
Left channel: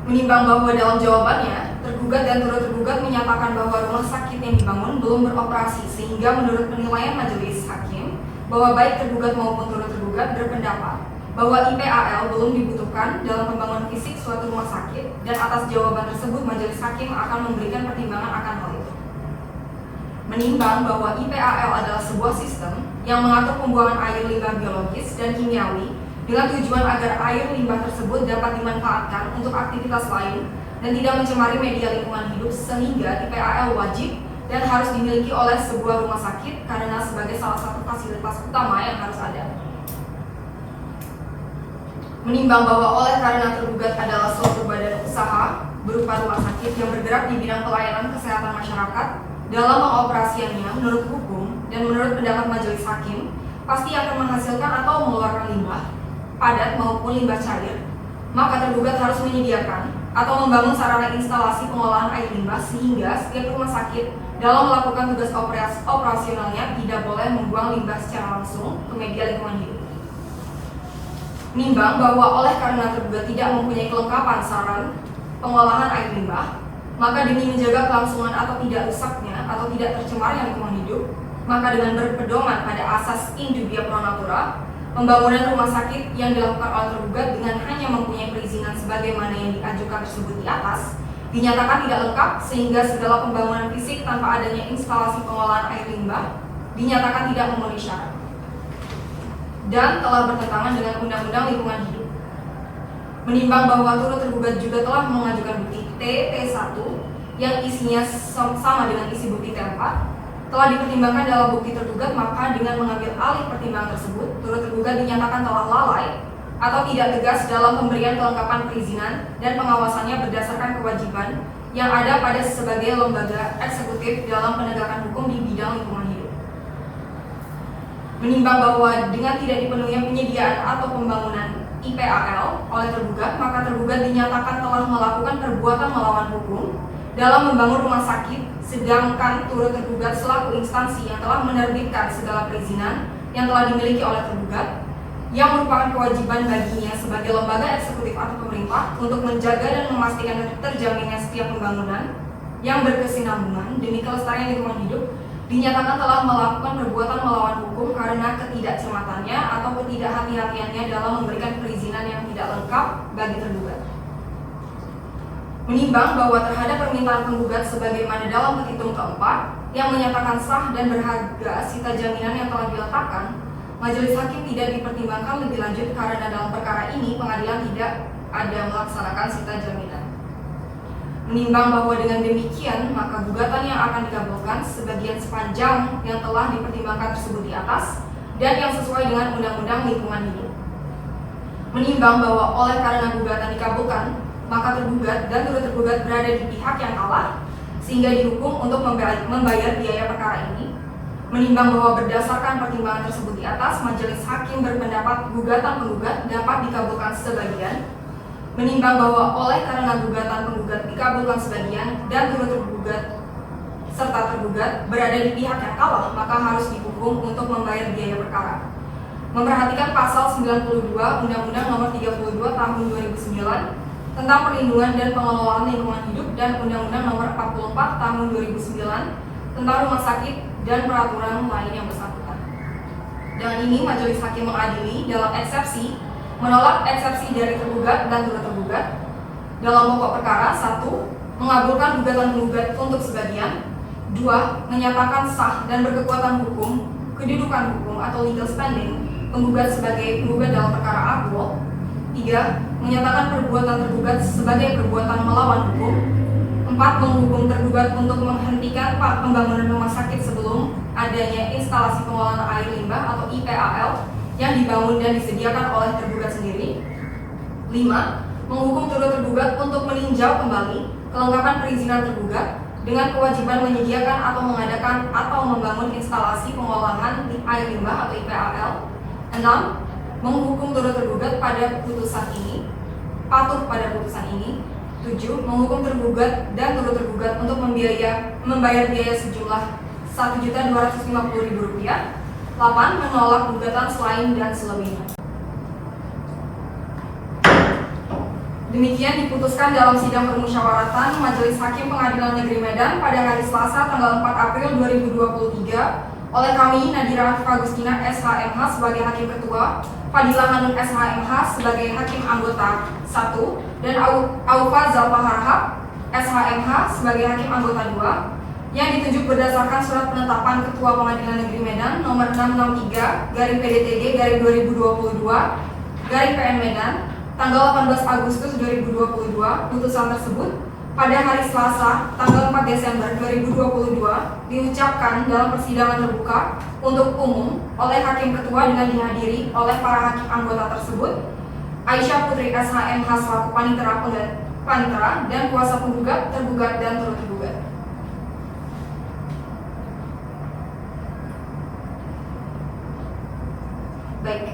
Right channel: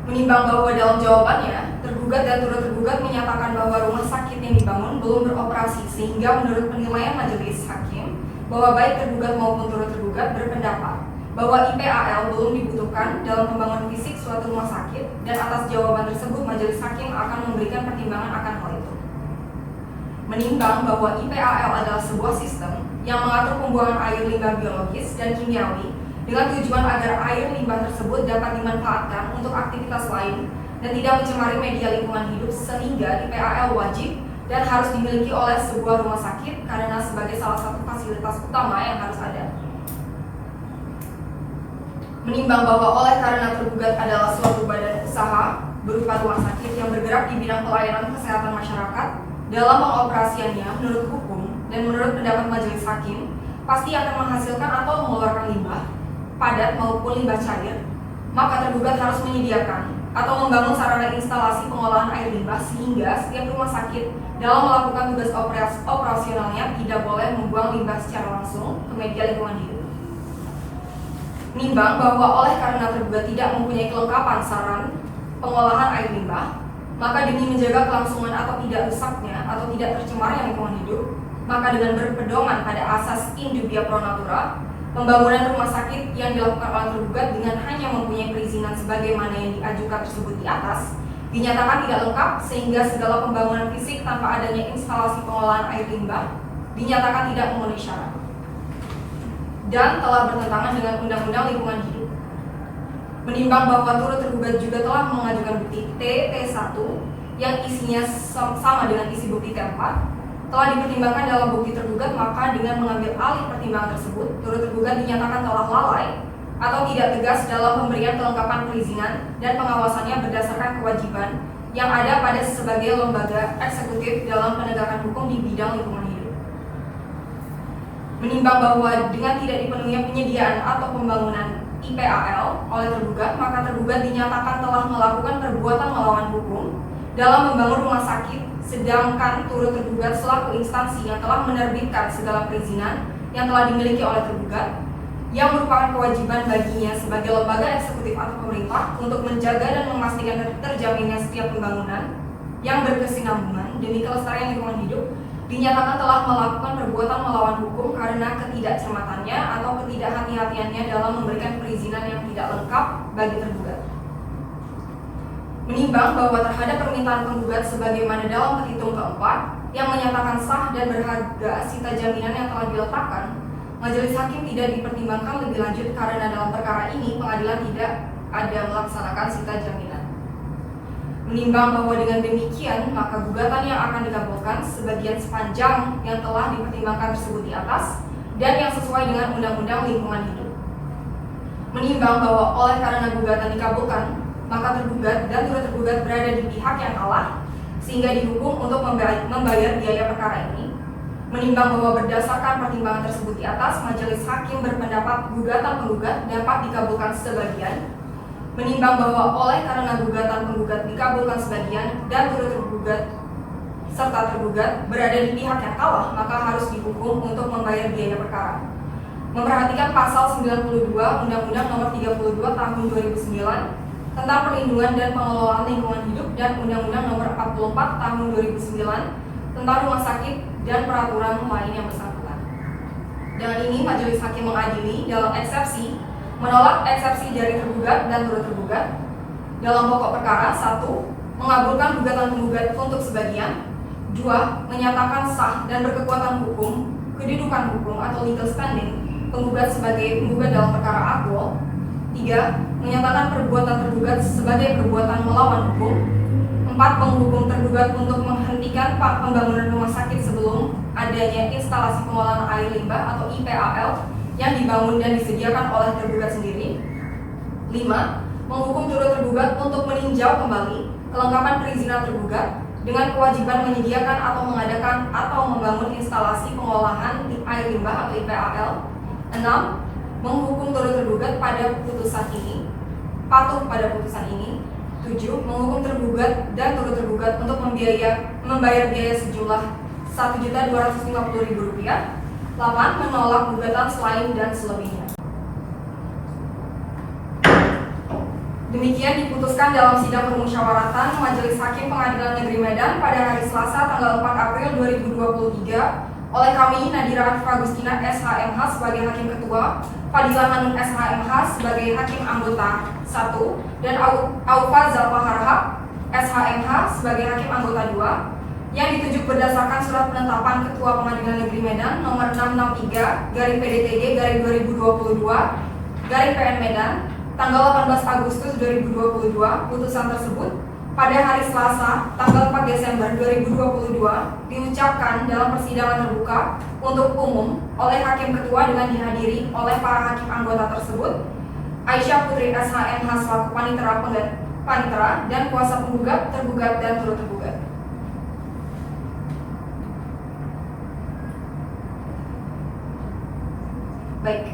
Menimbang bahwa dalam jawabannya, tergugat dan turut tergugat menyatakan bahwa rumah sakit yang dibangun belum beroperasi, sehingga menurut penilaian majelis hakim bahwa baik tergugat maupun turut tergugat berpendapat bahwa IPAL belum dibutuhkan dalam pembangunan fisik suatu rumah sakit, dan atas jawaban tersebut majelis hakim akan memberikan pertimbangan akan hal itu. Menimbang bahwa IPAL adalah sebuah sistem yang mengatur pembuangan air limbah biologis dan kimiawi dengan tujuan agar air limbah tersebut dapat dimanfaatkan untuk aktivitas lain dan tidak mencemari media lingkungan hidup, sehingga IPAL wajib dan harus dimiliki oleh sebuah rumah sakit karena sebagai salah satu fasilitas utama yang harus ada. Menimbang bahwa oleh karena tergugat adalah suatu badan usaha berupa rumah sakit yang bergerak di bidang pelayanan kesehatan masyarakat, dalam pengoperasiannya menurut hukum dan menurut pendapat majelis hakim pasti akan menghasilkan atau mengeluarkan limbah padat maupun limbah cair, maka tergugat harus menyediakan atau membangun sarana instalasi pengolahan air limbah sehingga setiap rumah sakit dalam melakukan tugas operasionalnya tidak boleh membuang limbah secara langsung ke media lingkungan hidup. Menimbang bahwa oleh karena tergugat tidak mempunyai kelengkapan saran pengolahan air limbah, maka demi menjaga kelangsungan atau tidak rusaknya atau tidak tercemarnya lingkungan hidup, maka dengan berpedoman pada asas in dubia pro natura, pembangunan rumah sakit yang dilakukan oleh tergugat dengan hanya mempunyai perizinan sebagaimana yang diajukan tersebut di atas, dinyatakan tidak lengkap sehingga segala pembangunan fisik tanpa adanya instalasi pengolahan air limbah dinyatakan tidak memenuhi syarat dan telah bertentangan dengan Undang-Undang Lingkungan Hidup. Menimbang bahwa turut tergugat juga telah mengajukan bukti T1 yang isinya sama dengan isi bukti T4, telah dipertimbangkan dalam bukti tergugat, maka dengan mengambil alih pertimbangan tersebut, turut tergugat dinyatakan telah lalai atau tidak tegas dalam pemberian kelengkapan perizinan dan pengawasannya berdasarkan kewajiban yang ada pada sebagai lembaga eksekutif dalam penegakan hukum di bidang lingkungan hidup. Menimbang bahwa dengan tidak dipenuhi penyediaan atau pembangunan IPAL oleh tergugat, maka tergugat dinyatakan telah melakukan perbuatan melawan hukum dalam membangun rumah sakit, sedangkan turut tergugat selaku instansi yang telah menerbitkan segala perizinan yang telah dimiliki oleh tergugat, yang merupakan kewajiban baginya sebagai lembaga eksekutif atau pemerintah untuk menjaga dan memastikan terjaminnya setiap pembangunan yang berkesinambungan demi kelestarian lingkungan hidup, dinyatakan telah melakukan perbuatan melawan hukum karena ketidakcermatannya atau ketidakhati-hatiannya dalam memberikan perizinan yang tidak lengkap bagi tergugat. Menimbang bahwa terhadap permintaan penggugat sebagaimana dalam petitum keempat yang menyatakan sah dan berharga sita jaminan yang telah diletakkan, majelis hakim tidak dipertimbangkan lebih lanjut karena dalam perkara ini pengadilan tidak ada melaksanakan sita jaminan. Menimbang bahwa dengan demikian maka gugatan yang akan dikabulkan sebagian sepanjang yang telah dipertimbangkan tersebut di atas dan yang sesuai dengan Undang-Undang Lingkungan Hidup. Menimbang bahwa oleh karena gugatan dikabulkan, maka tergugat dan turut tergugat berada di pihak yang kalah sehingga dihukum untuk membayar biaya perkara ini. Menimbang bahwa berdasarkan pertimbangan tersebut di atas, majelis hakim berpendapat gugatan penggugat dapat dikabulkan sebagian. Menimbang bahwa oleh karena gugatan penggugat dikabulkan sebagian dan turut tergugat serta tergugat berada di pihak yang kalah, maka harus dihukum untuk membayar biaya perkara. Memperhatikan pasal 92 Undang-Undang Nomor 32 Tahun 2009 tentang perlindungan dan pengelolaan lingkungan hidup dan Undang-Undang Nomor 44 Tahun 2009 tentang rumah sakit dan peraturan lain yang bersangkutan. Dengan ini majelis hakim mengadili dalam eksepsi, menolak eksepsi dari tergugat dan turut tergugat. Dalam pokok perkara, 1. Mengabulkan gugatan penggugat untuk sebagian. 2. Menyatakan sah dan berkekuatan hukum kedudukan hukum atau legal standing penggugat sebagai penggugat dalam perkara aktual. 3. Menyatakan perbuatan tergugat sebagai perbuatan melawan hukum. 4. Menghukum tergugat untuk menghentikan pembangunan rumah sakit sebelum adanya instalasi pengolahan air limbah atau IPAL yang dibangun dan disediakan oleh tergugat sendiri. 5. Menghukum turut tergugat untuk meninjau kembali kelengkapan perizinan tergugat dengan kewajiban menyediakan atau mengadakan atau membangun instalasi pengolahan air limbah atau IPAL. 6. Menghukum turut tergugat pada putusan ini, patuh pada putusan ini. 7. Menghukum tergugat dan turut tergugat untuk membayar biaya sejumlah Rp1.250.000. 8. Menolak gugatan selain dan selebihnya. Demikian diputuskan dalam sidang permusyawaratan Majelis Hakim Pengadilan Negeri Medan pada hari Selasa tanggal 4 April 2023 oleh kami Nadira Agustina SHMH sebagai Hakim Ketua, Fadilah Hanum SHMH sebagai Hakim Anggota 1, dan Aufa Zalfa Harhab SHMH sebagai Hakim Anggota 2 yang ditunjuk berdasarkan surat penetapan Ketua Pengadilan Negeri Medan nomor 663/PDTG/2022/PN Medan tanggal 18 Agustus 2022. Putusan tersebut pada hari Selasa tanggal 4 Desember 2022 diucapkan dalam persidangan terbuka untuk umum oleh Hakim Ketua dengan dihadiri oleh para hakim anggota tersebut, Aisyah Putri SHMH selaku panitera dan kuasa penggugat, tergugat dan turut tergugat. Baik,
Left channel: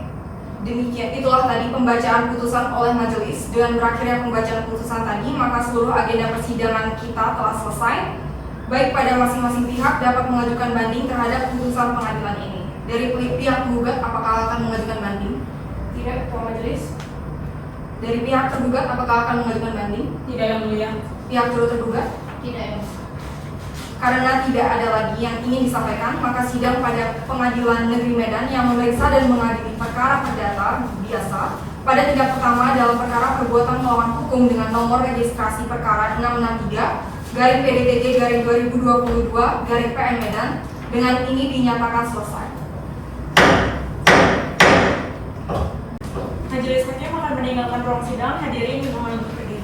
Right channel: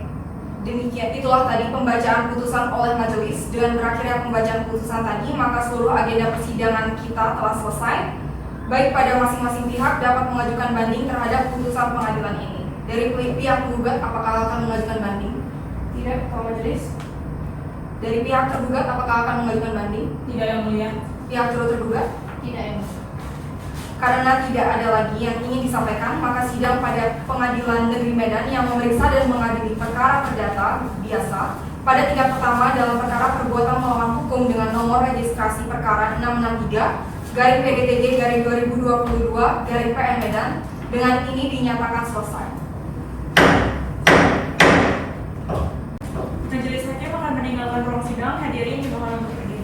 Demikian itulah tadi pembacaan putusan oleh majelis. Dengan berakhirnya pembacaan putusan tadi, maka seluruh agenda persidangan kita telah selesai. Baik pada masing-masing pihak dapat mengajukan banding terhadap putusan pengadilan ini. Dari pihak penggugat, apakah akan mengajukan banding? Tidak, Ketua Majelis. Dari pihak tergugat, apakah akan mengajukan banding? Tidak, Yang Mulia. Pihak turut tergugat? Tidak, Yang Mulia. Karena tidak ada lagi yang ingin disampaikan, maka sidang pada Pengadilan Negeri Medan yang memeriksa dan mengadili perkara perdata biasa pada tingkat pertama dalam perkara perbuatan melawan hukum dengan nomor registrasi perkara 663/PDTG/2022/PN Medan dengan ini dinyatakan selesai. Majelis Hakim akan meninggalkan ruang sidang. Hadirin dimohon untuk berdiri.